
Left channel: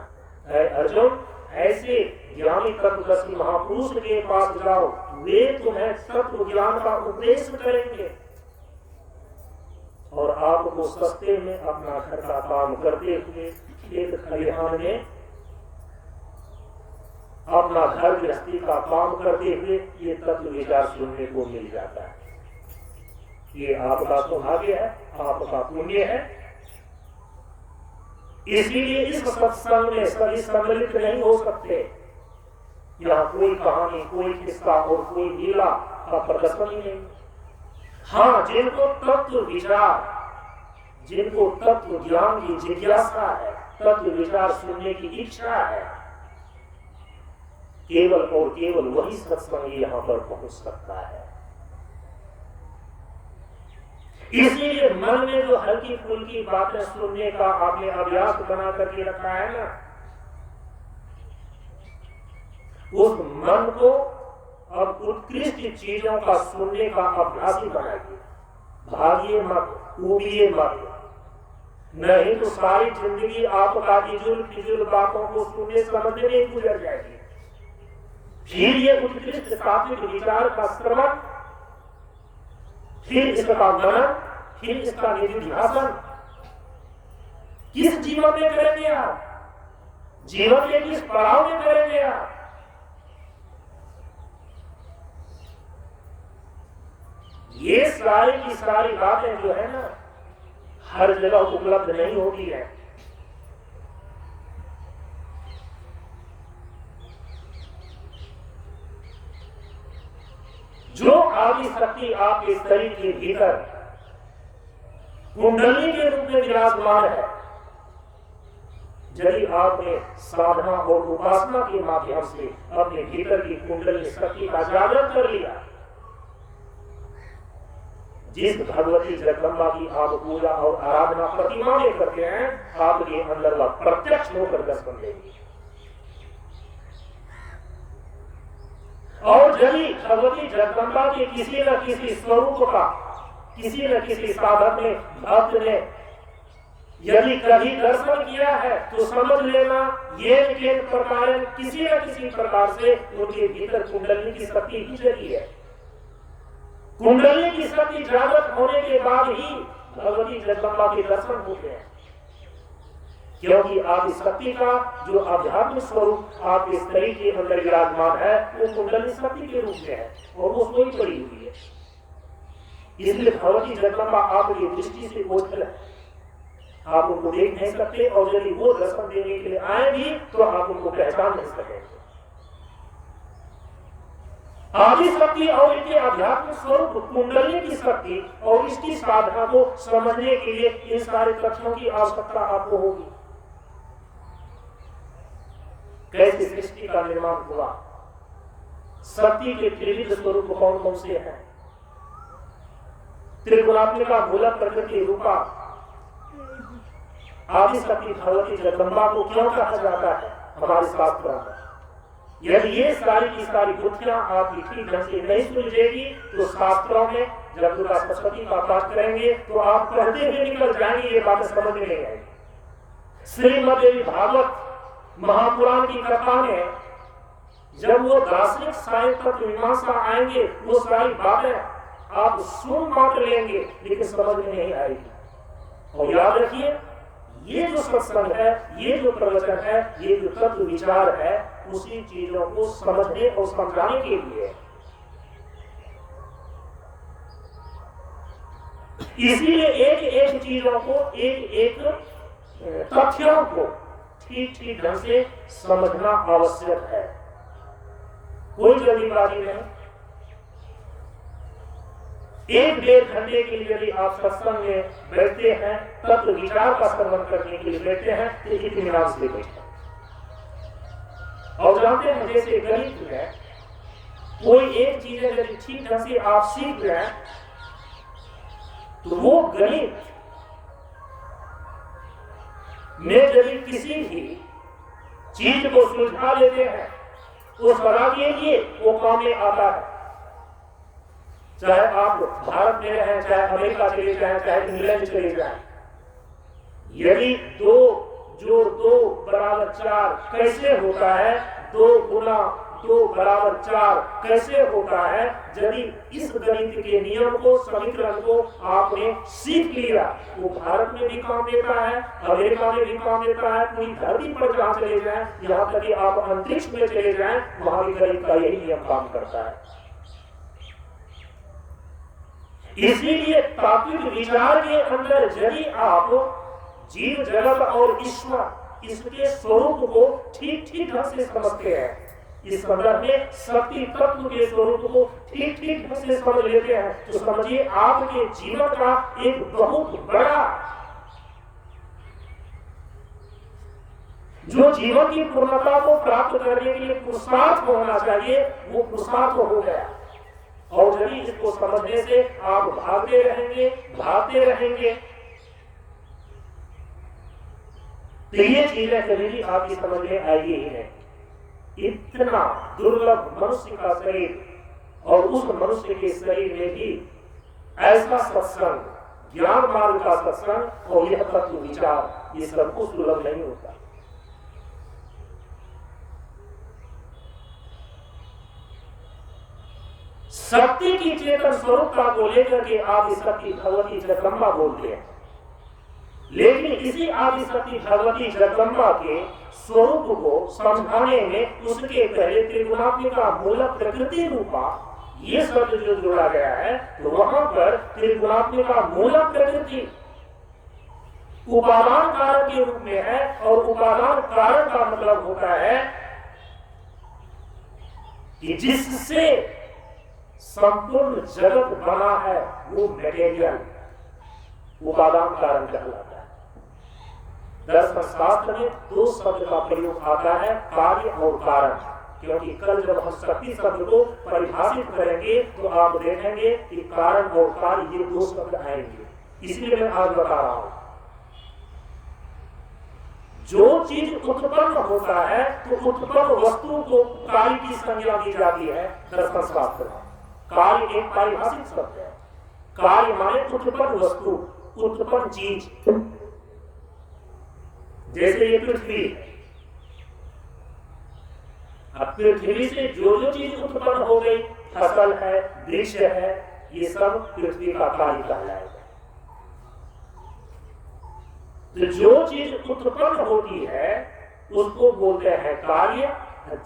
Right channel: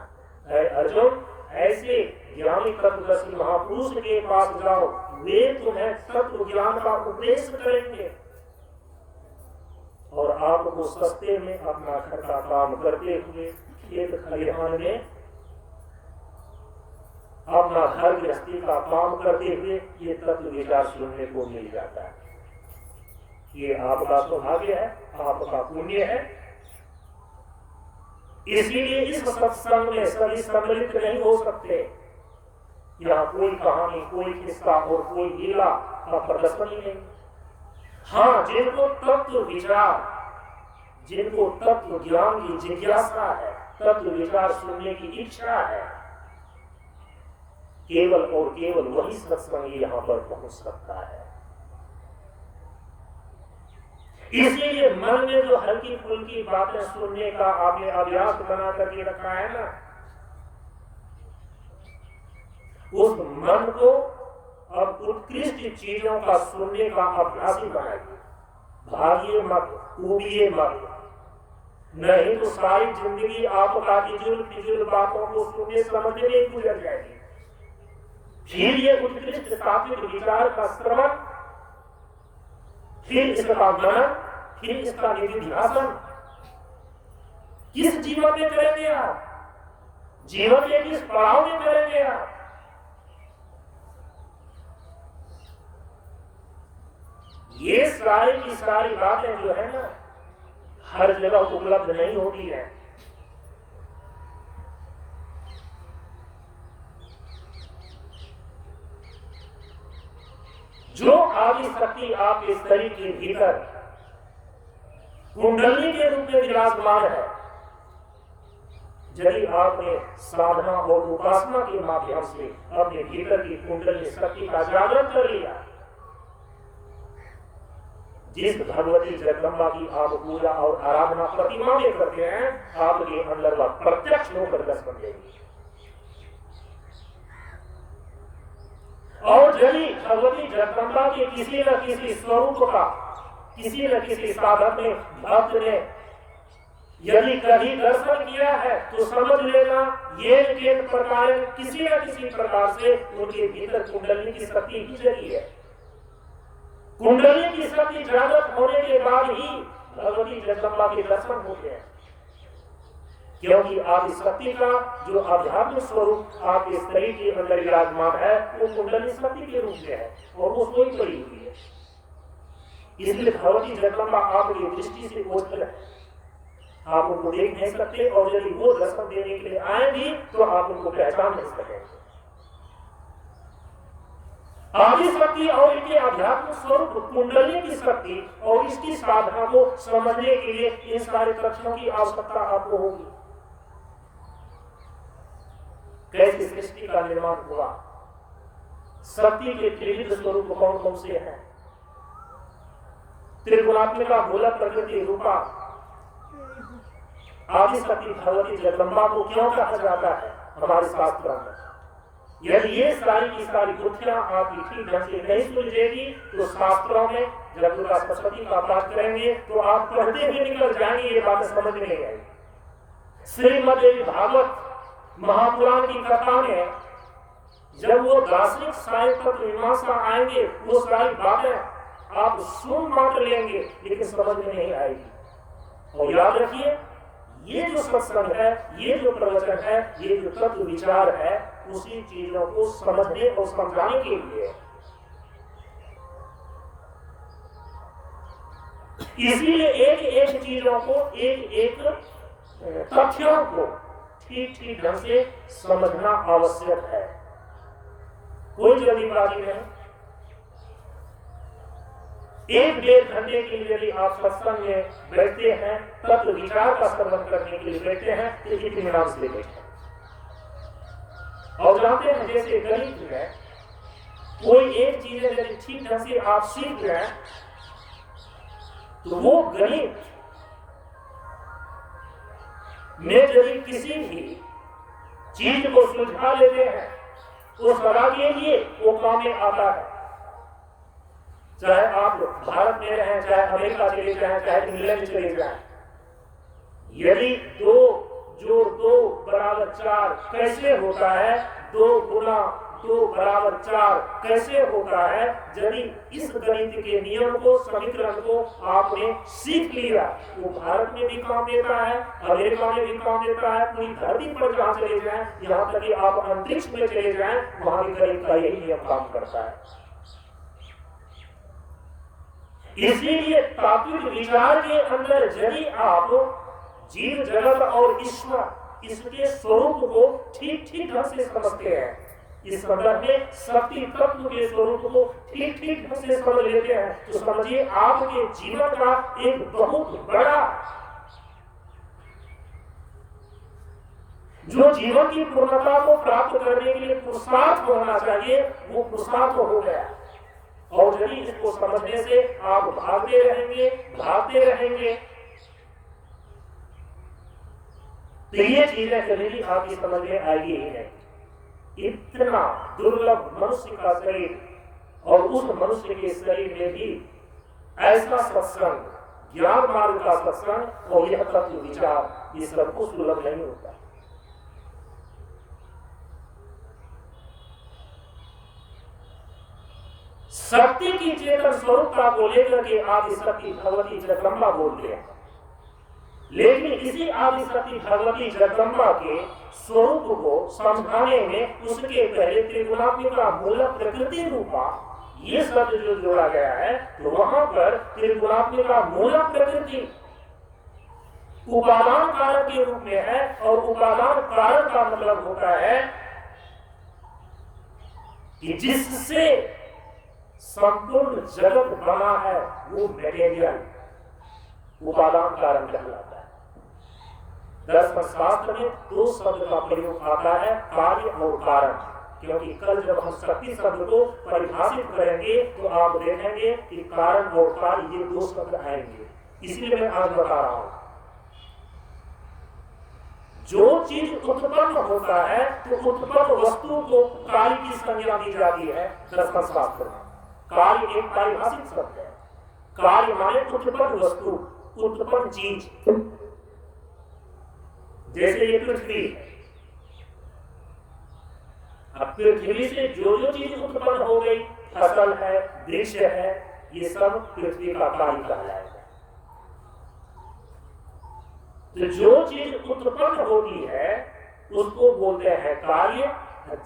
अर्जुन, ऐसे ज्ञानी तत्वदर्शी महापुरुष के पास जाओ, वे तुम्हें तत्व ज्ञान का उपदेश करेंगे और आपको सस्ते में अपना घर का काम करते हुए, खेत खलिहान में अपना घर गृहस्थी का काम करते हुए ये तत्व विचार सुनने को मिल जाता है। ये आपका सौभाग्य है, आपका पुण्य है। इसीलिए इस सत्संग में सभी सम्मिलित नहीं हो सकते। यहाँ कोई कहानी, कोई किस्सा और कोई लीला का प्रदर्शन ही नहीं। हाँ, जिनको तत्व विचार, जिनको तत्व ज्ञान की जिज्ञासा है, तत्व विचार सुनने की इच्छा है, केवल और केवल वही सत्संग यहाँ पर पहुंच सकता है। इसीलिए मन में जो हल्की फुल्की बातें सुनने का आपने अभ्यास बना करके रखा है ना, उस मन को अब उत्कृष्ट चीजों का सुनने का अभ्यास ही बनाइए। भागिए मत, उबिए मत, नहीं तो सारी जिंदगी आपका फिजूल बातों को सुनने समझने में गुजर जाएगी। फिर ये उत्कृष्ट तात्विक विचार का श्रवण, फिर इसका मनन, फिर इसका निधिध्यासन किस जीवन में करेंगे आप? जीवन के किस पड़ाव में करेंगे आप? ये सारी की सारी बातें जो है ना, हर जगह उपलब्ध नहीं होती है। जो आदि शक्ति आपके शरीर के भीतर कुंडली के रूप में विराजमान है, यदि आपने साधना और उपासना के माध्यम से अपने भीतर की कुंडली शक्ति का जागरण कर लिया, जिस भगवती जगदम्बा की आप पूजा और आराधना प्रतिमा में करते हैं, आपके अंदर वह प्रत्यक्ष होकर दर्शन देगी। और यदि भगवती जगदम्बा के किसी न किसी स्वरूप का किसी न किसी साधक ने, भक्त ने यदि कभी दर्शन किया है, तो समझ लेना ये प्रकार किसी न किसी प्रकार से उनके भीतर कुंडली की शक्ति ही जगी है। कुंडली की शक्ति जागृत होने के बाद ही भगवती जगदम्बा के दर्शन होते हैं। क्योंकि आदि शक्ति का जो आध्यात्मिक स्वरूप आपके शरीर के अंदर विराजमान है वो कुंडली शक्ति के रूप में है और वो सोई पड़ी हुई है। इसलिए भगवती जगदम्बा आपकी दृष्टि से ओझल है, आप उनको देख नहीं सकते और यदि वो दर्शन देने के लिए आए भी तो आप उनको पहचान नहीं सकेंगे। आदि शक्ति और इनके आध्यात्मिक स्वरूप कुंडली की शक्ति और इसकी साधना को समझने के लिए इन सारे तथ्यों की आवश्यकता आपको होगी। कैसे सृष्टि का निर्माण हुआ, शक्ति के त्रिविध स्वरूप कौन कौन से हैं, त्रिगुणात्मिका मूल प्रकृति रूपा आदि शक्ति भगवती जगदम्बा को क्यों कहा जाता है हमारे शास्त्रों में। यदि ये सारी की सारी गुत्थियां आपकी ठीक ढंग से नहीं सुलझेगी तो शास्त्रों में जब दुर्गा सप्तशती का पाठ करेंगे तो आप पढ़ते हुए निकल जाएंगे, ये बातें समझ में नहीं आएगी। श्रीमद् भागवत महापुराण की कथा में जब वो दार्शनिक सारे तत्व मीमांसा आएंगे वो सारी बातें आप सुन मात्र लेंगे लेकिन समझ में नहीं आएगी। और याद रखिए ये जो सत्संग है, ये जो प्रवचन है, ये जो तत्व विचार है उसी चीजों को समझने और समझाने के लिए। इसीलिए एक एक चीजों को एक एक तथ्यों को ठीक ठीक ढंग से समझना आवश्यक है, कोई जल्दीबाजी नहीं। एक डेढ़ घंटे के लिए यदि आप सत्संग में बैठते हैं तत्व विचार का श्रवण करने के लिए बैठते हैं तो इत्मीनान से बैठे। और जानते हैं जैसे गणित में कोई एक चीज यदि ठीक ढंग से आप सीख रहे हैं तो वो गणित में यदि किसी भी चीज को सुलझा लेते हैं वो सदा के लिए वो काम में आता है। चाहे आप भारत में रहें, चाहे अमेरिका चले जाएं, चाहे इंग्लैंड चले जाएं, यदि 2 जोड़ 2 बराबर 4 कैसे होता है, 2 गुना 2 बराबर 4 कैसे होता है, यदि इस गणित के नियम को समीकरण को आपने सीख लिया वो भारत में भी काम देता है, अमेरिका में भी काम देता है, पूरी धरती पर जहां चले जाएं, यहाँ तक कि आप अंतरिक्ष में चले जाएं वहां भी गणित का यही नियम काम करता है। इसीलिए तात्विक विचार के अंदर यदि आप जीव जगत और ईश्वर इसके स्वरूप को ठीक ठीक ढंग से समझते हैं, इस संदर्भ में शक्ति तत्व के स्वरूप को ठीक ठीक ढंग से समझ लेते हैं तो समझिए आपके जीवन का एक बहुत बड़ा जो जीवन की पूर्णता को प्राप्त करने के लिए पुरुषार्थ होना चाहिए वो पुरुषार्थ हो गया। और यदि इसको समझने से आप भागते रहेंगे तो ये चीजें कभी भी आपकी समझ में आएगी ही नहीं। इतना दुर्लभ मनुष्य का शरीर और उस मनुष्य के शरीर में भी ऐसा सत्संग, ज्ञान मार्ग का सत्संग और यह तत्व विचार ये सबको सुलभ नहीं होता। शक्ति की चेतन स्वरूपता को लेकर के आदि शक्ति भगवती जगदम्बा बोलते हैं, लेकिन इसी आदि शक्ति भगवती जगदम्बा के स्वरूप को समझाने में उसके पहले त्रिगुणात्मिका मूल प्रकृति रूपा ये शब्द जो जोड़ा गया है तो वहां पर त्रिगुणात्मिका मूल प्रकृति उपादान कारण के रूप में है और उपादान कारण का मतलब होता है कि जिससे संपूर्ण जगत बना है वो मटेरियल उपादान कारण कहलाता है। दर्शन शास्त्र में 2 शब्द का प्रयोग आता है, कार्य और कारण, क्योंकि कल जब हम शक्ति शब्द को परिभाषित करेंगे तो आप देखेंगे कि कारण और कार्य ये 2 शब्द आएंगे। इसलिए मैं आज बता रहा हूं जो चीज उत्पन्न होता है तो उत्पन्न वस्तु को कार्य की संज्ञा दी जाती है। दर्शन शास्त्र में कार्य एक परिभाषित शब्द है। कार्य माने उत्पन्न वस्तु, उत्पन्न चीज। जैसे ये पृथ्वी, अब पृथ्वी से जो जो चीज उत्पन्न हो गई, फसल है, वृक्ष है, ये सब पृथ्वी का कार्य कहलाएगा। तो जो चीज उत्पन्न होती है उसको बोलते हैं कार्य,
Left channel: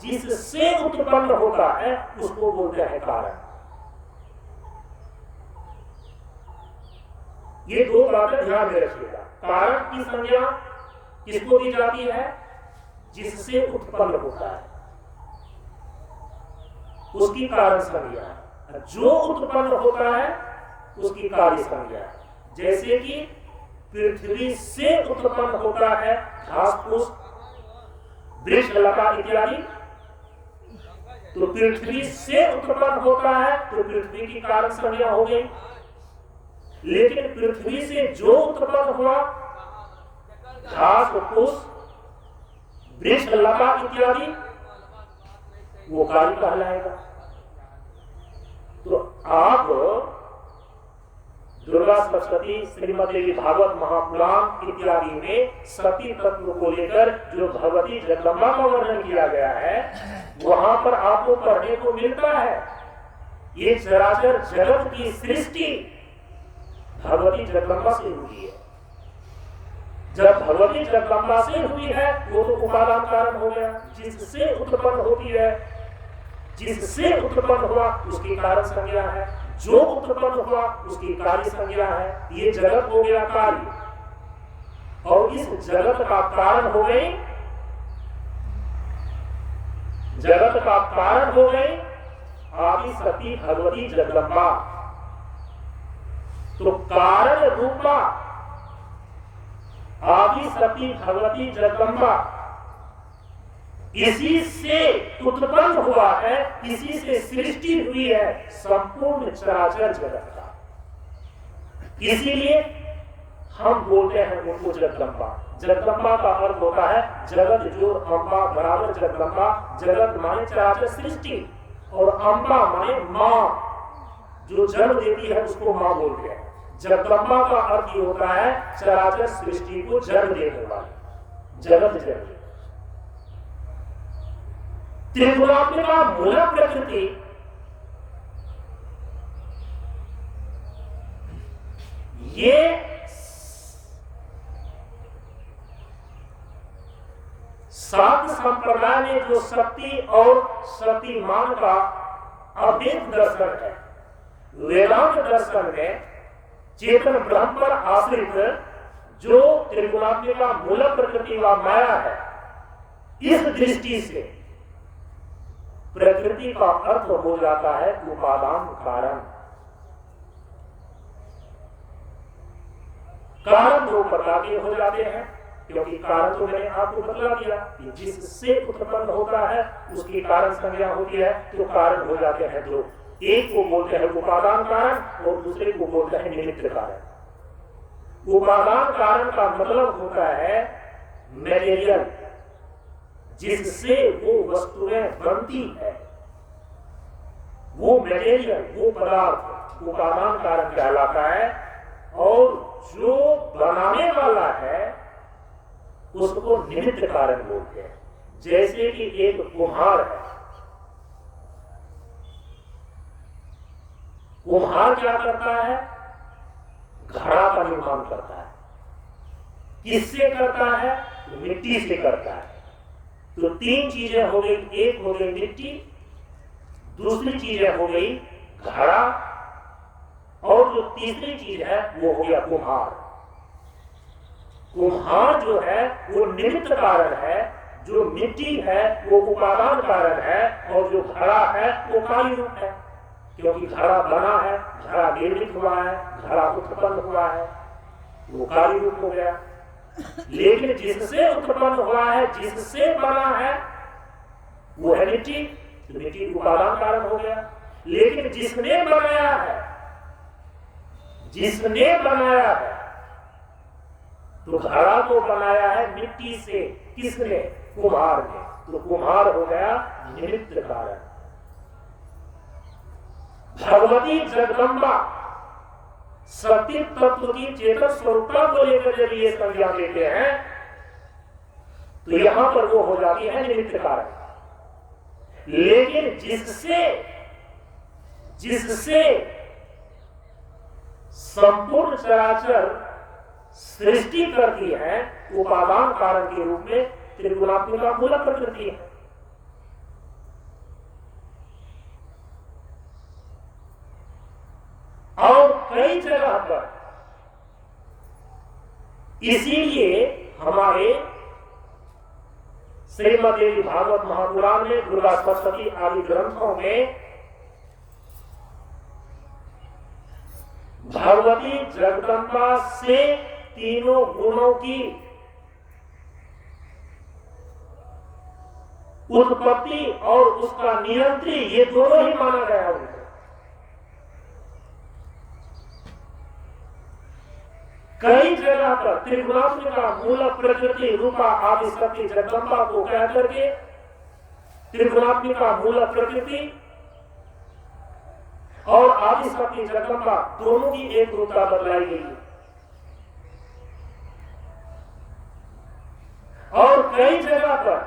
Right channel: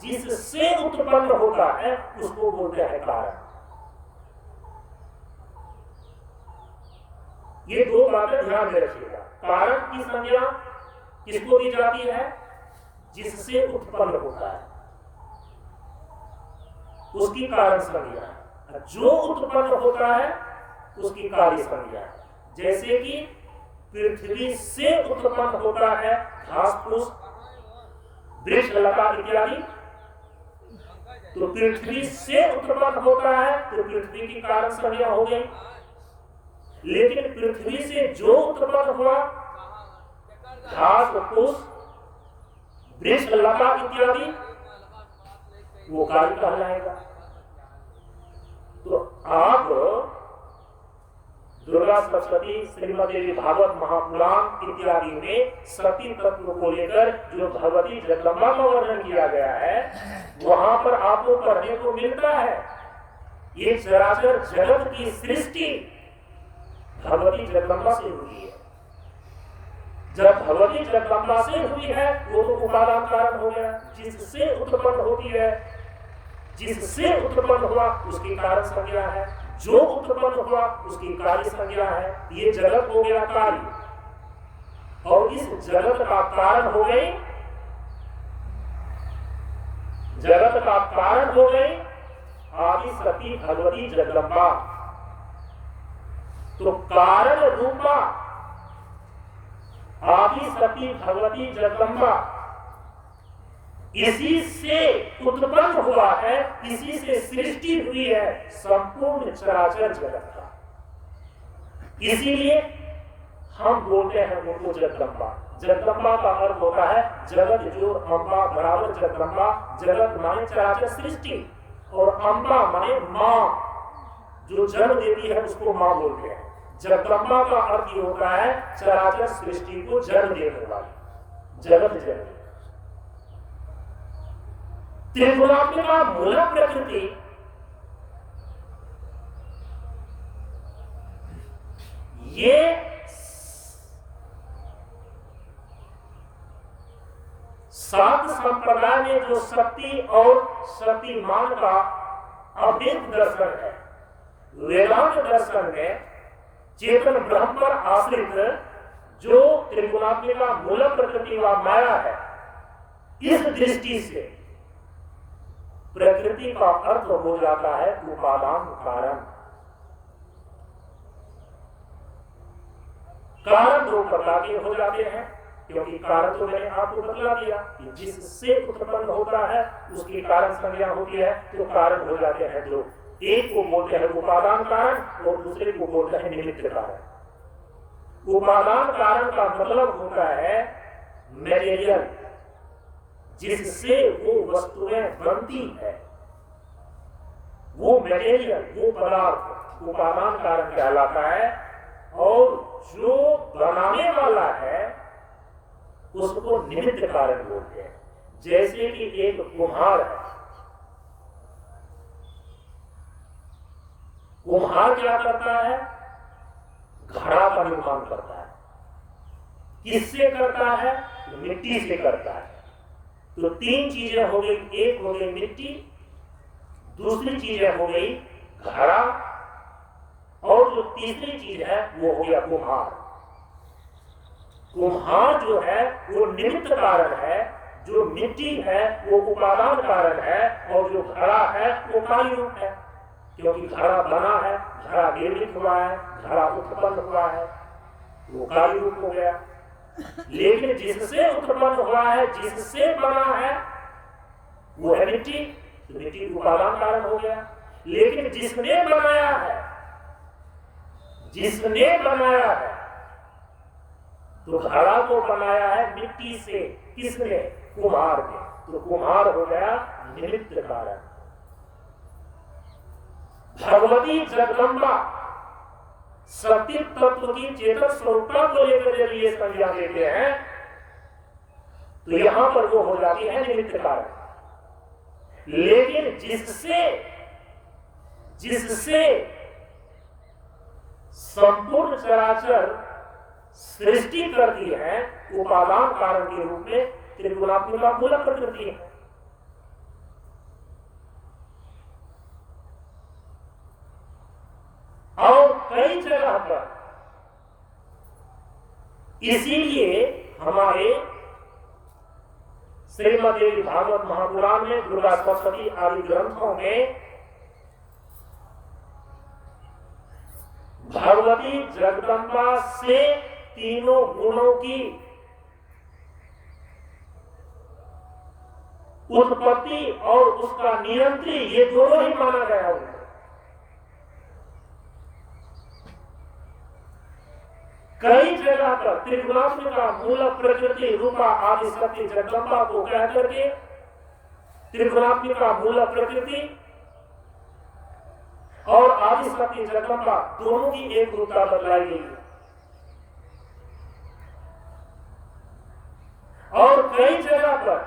जिससे उत्पन्न होता है उसको बोलते हैं कारण। ये दो बातें ध्यान में रखिएगा। कारण की संज्ञा किसको दी जाती है? जिससे उत्पन्न होता है उसकी कारण संज्ञा, जो उत्पन्न होता है उसकी कार्य संज्ञा। जैसे कि पृथ्वी से उत्पन्न होता है घास फूस, वृक्ष लता इत्यादि, तो पृथ्वी से उत्पन्न होता है तो पृथ्वी की कारण संज्ञा हो गई। लेकिन पृथ्वी से जो उत्पन्न हुआ घास फूस, वृक्ष लता इत्यादि, वो कार्य कहलाएगा। तो आप दुर्गा सप्तशती, श्रीमद् देवी भागवत महापुराण इत्यादि में सती तत्व को लेकर जो भगवती जगदम्बा का वर्णन किया गया है वहां पर आपको पढ़ने को मिलता है ये चराचर जगत की सृष्टि भगवती जगदम्बा से हुई है। जब भगवती जगदम्बा से हुई है वो तो उपादान कारण हो गया, जिससे उत्पन्न होती है, जिससे उत्पन्न हुआ उसकी कारण संज्ञा है, जो उत्पन्न हुआ उसकी कार्य संज्ञा है। ये जगत हो गया कार्य, और इस जगत का कारण हो गई, जगत का कारण हो गई आदि सती भगवती जगदम्बा। तो कारण रूपा आदि सती भगवती जगदम्बा इसी से उत्पन्न हुआ है, इसी से सृष्टि हुई है संपूर्ण चराचर जगत का। इसीलिए हम बोलते हैं उनको जगदम्बा। जगदम्बा का अर्थ होता है जगत जो अम्बा बराबर जगदम्बा। जगत माने चराचर सृष्टि और अम्बा माने मां, जो जन्म देती है उसको मां बोलते हैं। जगदम्बा का अर्थ ये होता है चराचर सृष्टि को जन्म देने वाली, जगत जननी। त्रिगुणात्मिका मूल प्रकृति ये सात संप्रदाय में जो शक्ति और शक्तिमान का अभेद दर्शन है, वेदांत दर्शन में चेतन ब्रह्म पर आश्रित जो त्रिगुणात्मिका मूल प्रकृति व माया है, इस दृष्टि से प्रकृति का अर्थ हो जाता है उपादान कारण। कारण दो प्रकार के हो जाते हैं, क्योंकि कारण तो मैंने आपको बतला दिया कि जिससे उत्पन्न होता है उसकी कारण संज्ञा होती है, तो कारण हो जाते हैं दो। एक को बोलते हैं उपादान कारण और दूसरे को बोलते हैं निमित्त कारण। उपादान कारण का मतलब होता है मटेरियल, जिससे वो वस्तुएं बनती है, वो मटेरियल, वो पदार्थ उपादान कारण कहलाता है। और जो बनाने वाला है उसको निमित्त कारण बोलते हैं। जैसे कि एक कुम्हार है, कुम्हार क्या करता है? घड़ा का निर्माण करता है। किससे करता है? मिट्टी से करता है। तो तीन चीजें हो गई, एक हो गई मिट्टी, दूसरी चीजें हो गई घड़ा, और जो तीसरी चीज है वो हो गया कुम्हार। कुम्हार जो है वो निमित्त कारण है, जो मिट्टी है वो उपादान कारण है, और जो घड़ा है वो कार्य रूप है, क्योंकि घड़ा बना है, घड़ा निर्मित हुआ है, घड़ा उत्पन्न हुआ है, वो कार्य रूप हो गया। लेकिन जिससे उत्पन्न हुआ है, जिससे बना है, वो है मिट्टी, तो मिट्टी उपादान कारण हो गया। लेकिन जिसने बनाया है, जिसने बनाया है, तो घड़ा को बनाया है मिट्टी से। किसने? कुम्हार ने। तो कुम्हार हो गया निमित्त कारण। भगवती जगदम्बा सत्य तत्व की चेतन स्वरूपता को लेकर जब ये संज्ञा देते हैं तो यहां पर वो हो जाती है निमित्त कारण। लेकिन जिससे संपूर्ण चराचर सृष्टि करती है उपादान कारण के रूप में त्रिगुणात्मिका मूल प्रकृति है। और कई जगह पर इसीलिए हमारे श्रीमद्देवी भागवत महापुराण में, दुर्गा सप्तशती आदि ग्रंथों में भगवती जगदम्बा से तीनों गुणों की उत्पत्ति और उसका नियंत्री ये दोनों ही माना गया है। कई जगह पर त्रिगुणात्मिका मूल प्रकृति रूपा आदि शक्ति जगदम्बा को कह करके त्रिगुणात्मिका मूल प्रकृति और आदि शक्ति जगदम्बा दोनों की एक रूपता बतलाई गई है। और कई जगह पर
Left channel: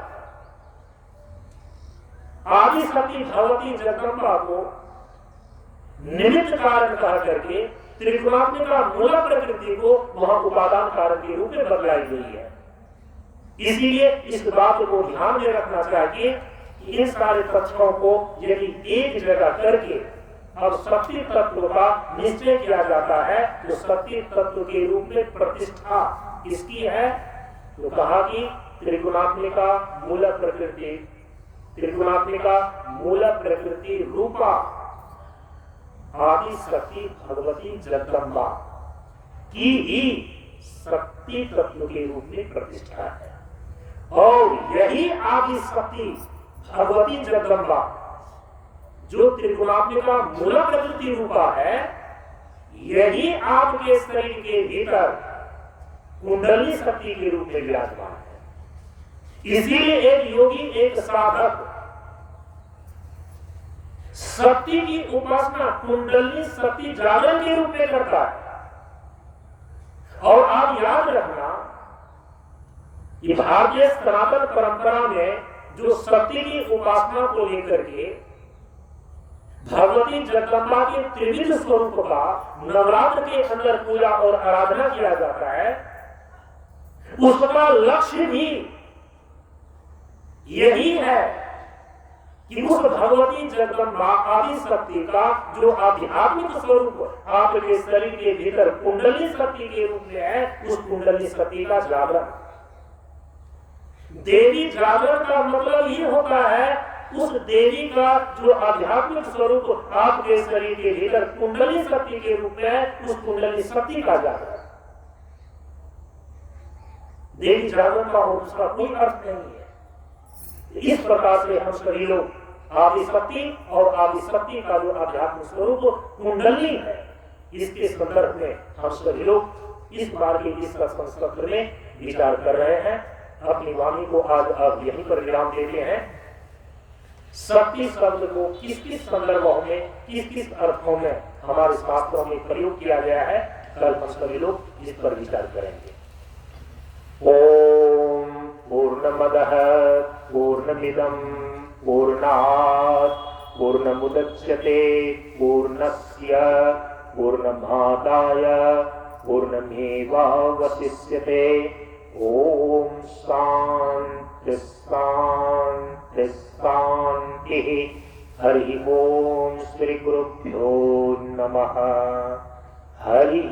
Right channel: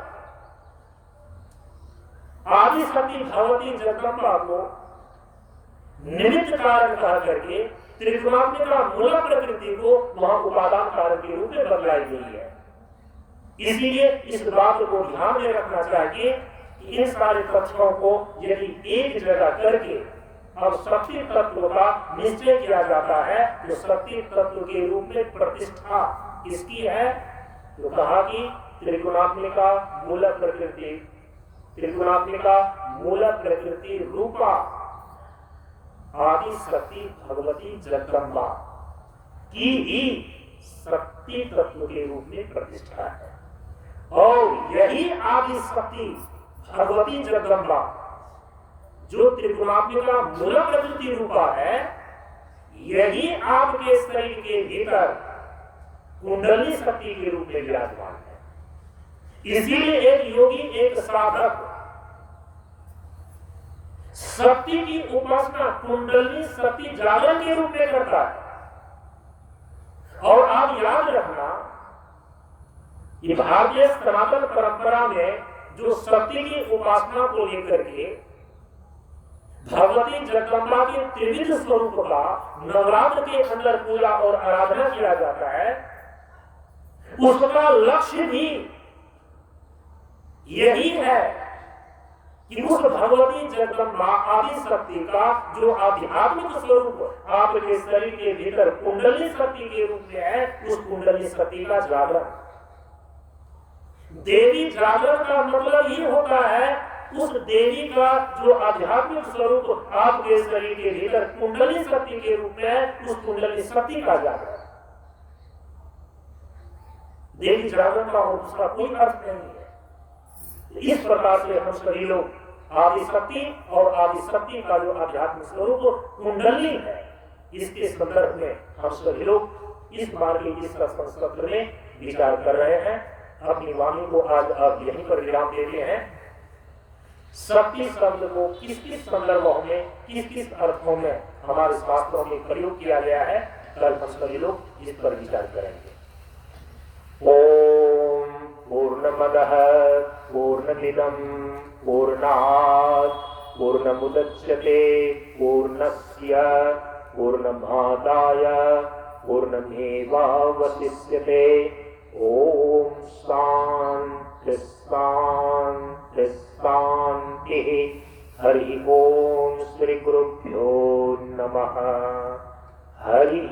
आदि शक्ति भगवती जगदम्बा को निमित्त कारण कहा करके त्रिगुणात्मिका मूल प्रकृति को वहां उपादान कारण के रूप में बदलाई गई है। इसीलिए इस बात को ध्यान में रखना चाहिए कि इन सारे तथ्यों को यदि एक जगह करके और शक्ति तत्व का निश्चय किया जाता है तो शक्ति तत्व के रूप में प्रतिष्ठा इसकी है। तो कहा कि त्रिगुणात्मिका मूल प्रकृति, त्रिगुणात्मिका मूल प्रकृति रूपा आदि शक्ति भगवती जगदम्बा की ही शक्ति तत्व के रूप में प्रतिष्ठा है। और यही आदि शक्ति भगवती जगदम्बा जो त्रिगुणात्मिका मूल प्रकृति रूपा है, यही आपके शरीर के भीतर कुंडली शक्ति के रूप में विराजमान है। इसीलिए एक योगी, एक साधक शक्ति की उपासना कुंडली शक्ति जागरण के रूप में करता है। और आप याद रखना कि भारतीय सनातन परंपरा में जो शक्ति की उपासना को लेकर के भगवती जगदम्बा के त्रिविध स्वरूप का नवरात्र के अंदर पूजा और आराधना किया जाता है, उसका लक्ष्य भी यही है कि उस भगवती जगदम्बा आदि शक्ति का जो आध्यात्मिक स्वरूप आपके शरीर के भीतर कुंडली शक्ति के रूप में है, उस कुंडली शक्ति का जागरण। देवी जागरण का मतलब ये होता है उस देवी का जो आध्यात्मिक स्वरूप आपके शरीर के भीतर कुंडली शक्ति के रूप में है, उस कुंडली शक्ति का जागरण। देवी जागरण का और दूसरा कोई अर्थ नहीं है। इस प्रकार से हम सभी लोग आदि शक्ति और आदि शक्ति का जो आध्यात्मिक स्वरूप कुंडली है, इसके संदर्भ में हम सभी लोग इस बार के इस सत्र में विचार कर रहे हैं। अपनी वाणी को आज आप यहीं पर विराम देते हैं। शक्ति शब्द को किस किस संदर्भों में, किस किस अर्थों में हमारे शास्त्रों में प्रयोग किया गया है, कल हम सभी लोग इस पर विचार करेंगे। ओम पूर्णमदः पूर्णमिदं पूर्णात् पूर्णमुदच्यते पूर्णस्य पूर्णमादाय पूर्णमेवावशिष्यते। ओम शांति शांति शांति। हरि ओम श्री गुरुभ्यो नमः। हरि